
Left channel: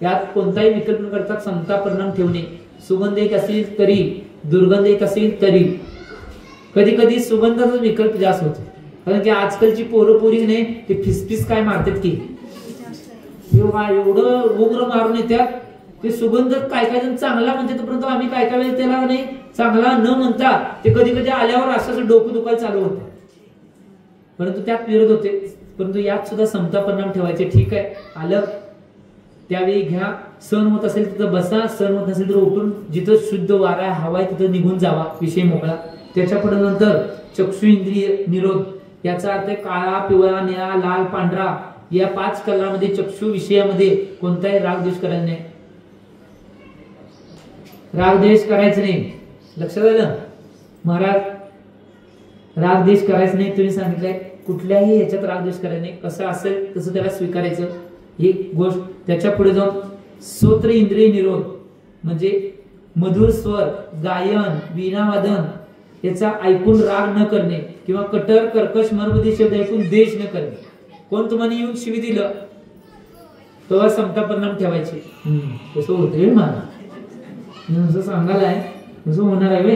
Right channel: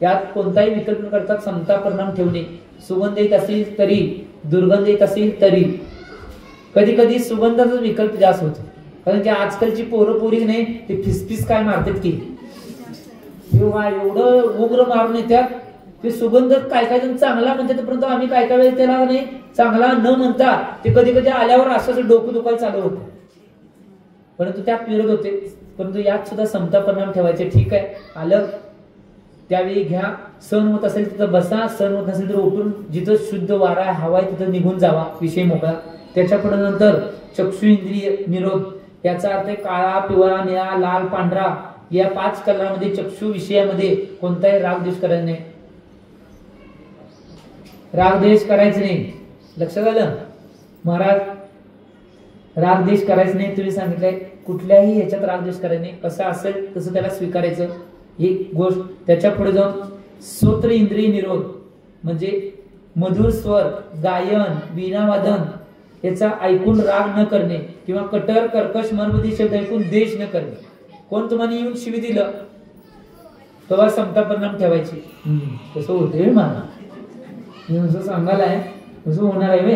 यात कोणताही विकल्प न करता समता परिणाम ठेवणे. सुगंध येत असेल तरी, दुर्गंध येत असेल तरी, कधी कधी सुगंधाचा विकल्प जास्त होतो, कारण की आजकालची पोरं पोरी नाही ते फिसफिस काय मारतात की एवढं उग्र मारून येतात. ते सुगंध काय काय जण चांगला म्हणतात, परंतु आम्ही काय काय वेळेस त्याला नाही चांगला न म्हणता ते कधी कधी आल्यावर असं डोकं दुखायला चालू होतं, परंतु त्यात विरोध होते. परंतु यात सुद्धा समता परिणाम ठेवायचे. ठीक आहे, आलं त्यावेळी घ्या, सहन होत असेल तिथं बसा, सहन होत असेल तर उठून जिथं शुद्ध वारा आहे हवा आहे तिथं निघून जावा, विषय मोकळा. त्याच्या पुढे नंतर चक्षु इंद्रिय निरोध, याचा अर्थ काळा, पिवळा, निळा, लाल, पांढरा या 5 कलामध्ये चक्षु विषयामध्ये कोणताही राग द्वेष करायचा नाही. राग द्वेष करायचं नाही, लक्षात आलं महाराज, राग द्वेष करायचं नाही. तुम्ही सांगितलंय कुठल्याही ह्याच्यात राग द्वेष करायचं नाही, कसं असेल तसं त्याला स्वीकारायचं. ही गोष्ट त्याच्या पुढे जाऊन श्रोत्र इंद्रिय निरोध म्हणजे मधुर स्वर, गायन, वीणावादन याचा ऐकून राग न करणे किंवा कटर कर्कश मर्मदी शब्द ऐकून द्वेष न करणे. कोण तुम्हाला येऊन शिवी दिलं तेव्हा समता परिणाम ठेवायचे. कसं होते मला नुसतं सांगायला आहे, कसं होणार आहे.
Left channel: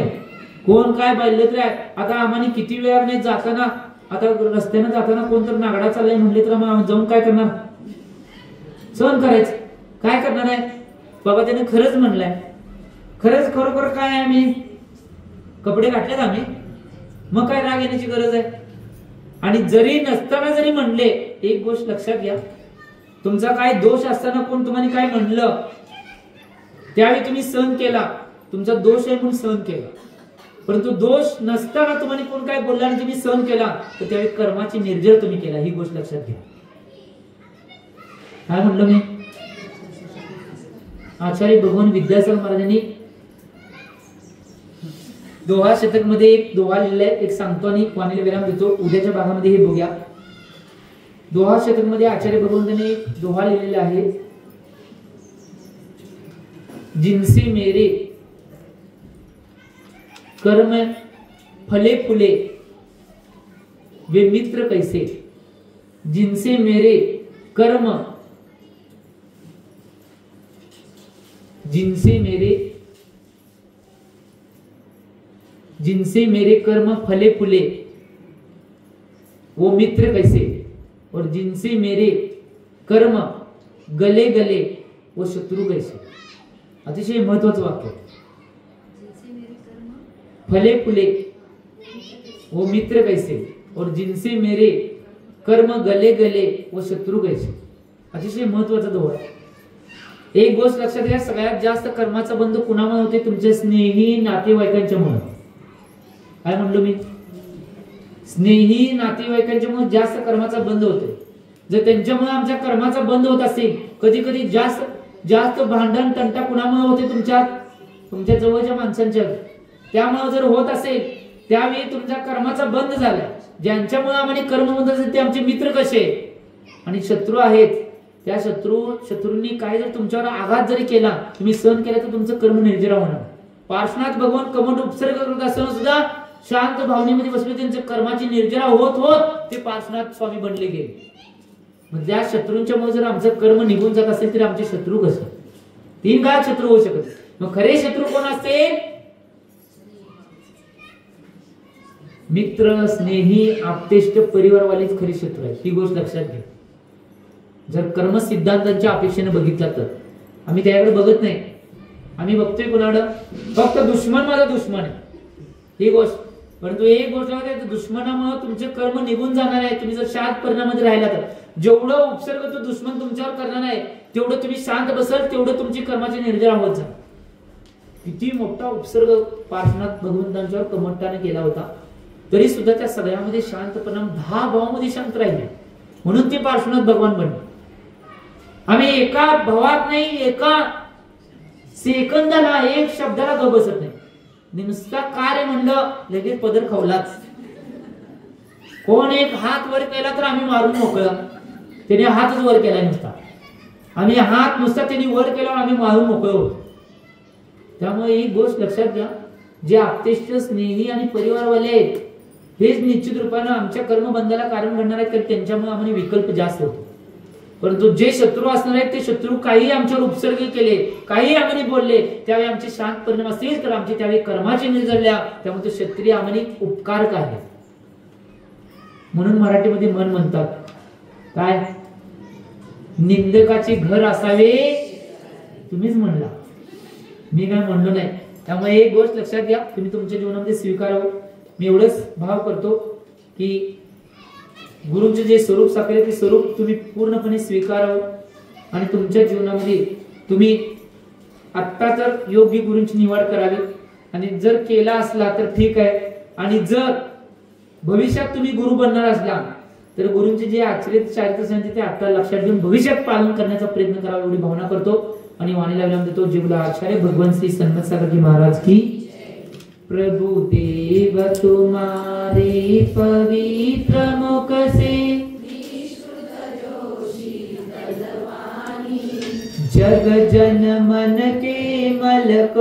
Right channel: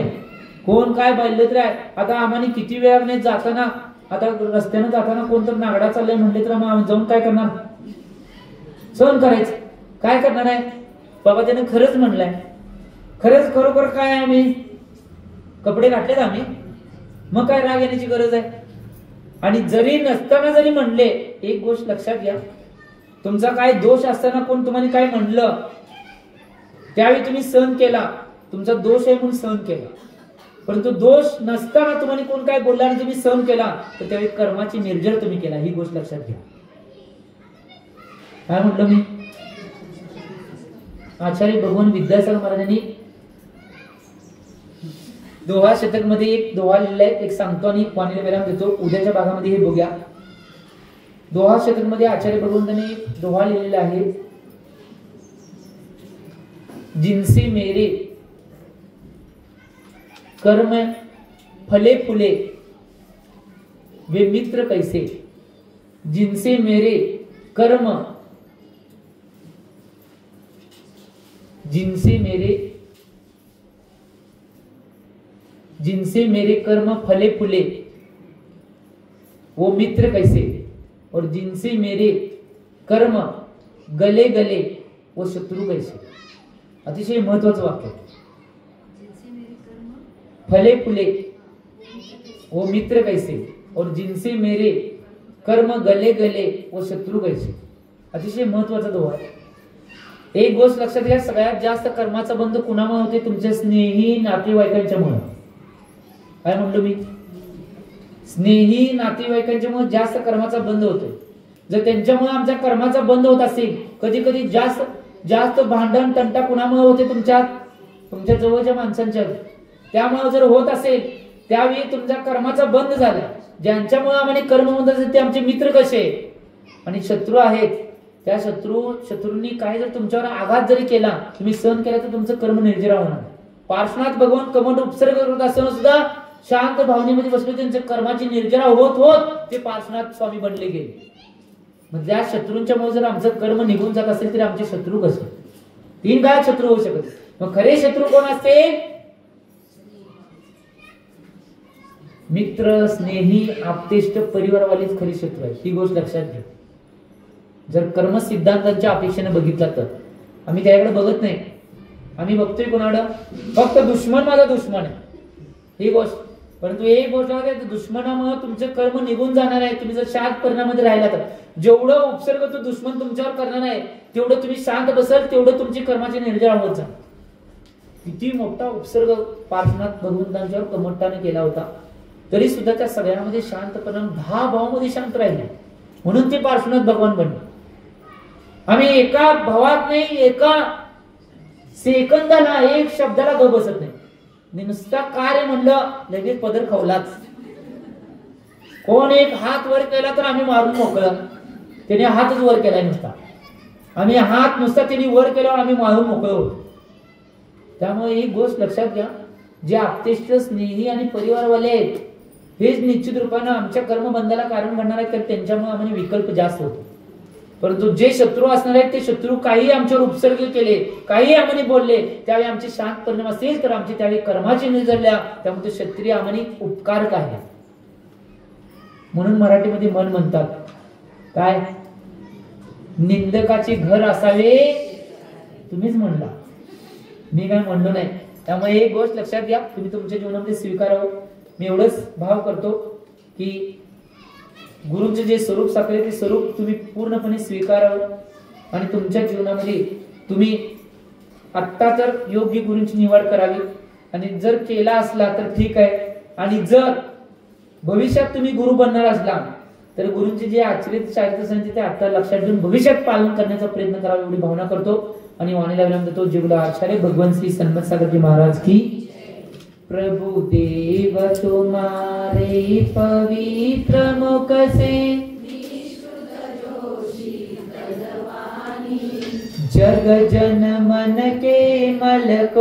कोण काय पाहिलं तर आता आम्हाला किती वेळा नाही जाताना, आता रस्त्यानं जाताना कोणतर नागडा चाललाय म्हणले तर आम्ही जाऊन काय करणार, सहन करायचं. काय करणार आहे बाबा, त्याने खरंच म्हणलंय, खरंच खरोखर काय आहे, मी कपडे घातलेत आम्ही, मग काय राग येण्याची गरज आहे. आणि जरी नसताना जरी म्हणले, एक गोष्ट लक्षात घ्या, तुमचा काय दोष असताना कोण तुम्हाला काय म्हणलं त्यावेळी तुम्ही सहन केला, तुमचा दोष आहे म्हणून सहन केला. परंतु दोष नसताना तुम्हाला कोण काय बोलला आणि तुम्ही सहन केला, तर त्यावेळी कर्माची निर्जर तुम्ही केला. ही गोष्ट लक्षात घ्या. काय म्हटलं मी, आचार्य भगवान विद्यासागर महाराजांनी दोहा शतक मध्ये एक दोहा लिहिलाय, एक सांगतो आणि वाणीला विराम देतो. उद्याच्या भागामध्ये हे बघूया. दोहा शतक मध्ये आचार्य भगवंतांनी एक दोहा लिहिलेला आहे, जिनसे मेरे कर्म फले फुले वे मित्र कैसे, जिनसे मेरे कर्म, जिनसे मेरे कर्म फले फुले वो मित्र कैसे, और जिनसे मेरे कर्म गले गले वो शत्रु कैसे. अतिशय महत्वाचं वाक्य. फले फुले वो मित्र कैसे, और जिनसे मेरे कर्म गले गले वो शत्रु कैसे. अतिशय महत्वाचा दोहा. एक गोष्ट लक्षात घ्या, सगळ्यात जास्त कर्माचा बंध कुणामुळे होते, तुमच्या स्नेही नातेवाईकांच्या मुळे. काय म्हणलो मी, स्नेही नातेवाईकांच्या मुळे जास्त कर्माचा बंद होतो. जर त्यांच्यामुळे आमच्या कर्माचा बंद होत असेल, कधी कधी जास्त भांडण तंटा कुणामुळे होते, तुमच्या जवळच्या माणसांच्या. त्यामुळे जर होत असेल त्यावेळी तुमच्या कर्माचा बंद झाला. ज्यांच्यामुळे आम्हाला कर्म बंद असेल ते आमचे मित्र कसे, आणि शत्रू आहेत. त्या शत्रूंनी काय जर तुमच्यावर आघात जरी केला, तुम्ही सहन केला, तर तुमचं कर्म निर्जरा होणार. पार्श्वनाथ भगवान कमंड उपसर्ग करत असताना सुद्धा शांत भावनेमध्ये बसले, त्यांच्या कर्माची निर्जरा होत होत ते पार्श्वनाथ स्वामी बनले गेले. म्हणजे त्या शत्रूंच्या मुळे जर आमचं कर्म निघून जात असेल तर आमचे शत्रू कसे, 3 काळ शत्रू होऊ शकत. मग खरे शत्रू कोण असते, मित्र, स्नेही, आप्तेष्ट, परिवारवालेच खरे शत्रू आहेत. ही गोष्ट लक्षात घ्या. जर कर्म सिद्धांतांच्या अपेक्षेने बघितला तर आम्ही त्याकडे बघत नाही. आम्ही बघतोय कोणाकडे, फक्त दुश्मन माझा दुश्मन आहे ही गोष्ट. परंतु एक गोष्ट आहे, दुश्मनामुळे तुमचे कर्म निघून जाणार आहे. तुम्ही जर शांत परिणामामध्ये राहिला तर जेवढं उपसर्ग तो दुश्मन तुमच्यावर करणार आहे, तेवढं तुम्ही शांत बसाल, तेवढं तुमची कर्माची निर्जरा होत जा. किती मोठा उपसर्ग पार्श्वनाथ भगवंतांच्यावर कमठ्ठाने केला होता, तरी सुद्धा त्या सगळ्यामध्ये शांतपणा 10 भावामध्ये शांत राहिले, म्हणून ते पार्श्वनाथ भगवान बनले. आम्ही एका भावात नाही, एका सेकंदाला, एक शब्दाला ग बसत नाही. नुसता कार्य म्हणलं लगेच पदर खावलाच. कोण एक हात वर केला तर आम्ही मारून मोकळं, त्याने हातच वर केलाय नुसता, आम्ही हात नुसता त्यांनी वर केल्यावर आम्ही मारून मोकळं. त्यामुळे एक गोष्ट लक्षात घ्या, जे आप्तेष्ट, स्नेही आणि परिवारवाले आहेत हेच निश्चित रूपाने आमच्या कर्मबंधाला कारण बनणार आहेत, कारण त्यांच्यामुळे आम्हाला विकल्प जास्त होतो. परंतु जे शत्रू असणार आहेत ते शत्रू काही आमच्यावर उपसर्ग केले, काही आम्हाला बोलले, त्यावेळी आमचे शांत परिणाम असेल तर आमचे त्यावेळी कर्माचे निजळल्या, त्यामुळे तो क्षत्रिय आम्हाला उपकारक आहे. म्हणून मराठीमध्ये मन म्हणतात काय, निंदकाचे घर असावे, तुम्हीच म्हणला, मी काय म्हणलो नाही. त्यामुळे एक गोष्ट लक्षात घ्या, तुम्ही तुमच्या जीवनामध्ये स्वीकारावं. मी एवढंच भाव करतो की गुरुचे जे स्वरूप साकारले ते स्वरूप तुम्ही पूर्णपणे स्वीकारावं आणि तुमच्या जीवनामध्ये तुम्ही आत्ता तर योग्य गुरूंची निवड करावी. आणि जर केला असला तर ठीक आहे, आणि जर भविष्यात तुम्ही गुरु बनणार असला तर गुरूंचे जे आचरित चारित्र सांगितले ते आता लक्षात घेऊन भविष्यात पालन करण्याचा प्रयत्न करावा, एवढी भावना करतो. आणि वाणीला विराम देतो. जीवला आचार्य भगवान श्री सन्मत सागरजी महाराज की. प्रभु देव तुम्हारे पवित्र मुख से जग जन मन के मल को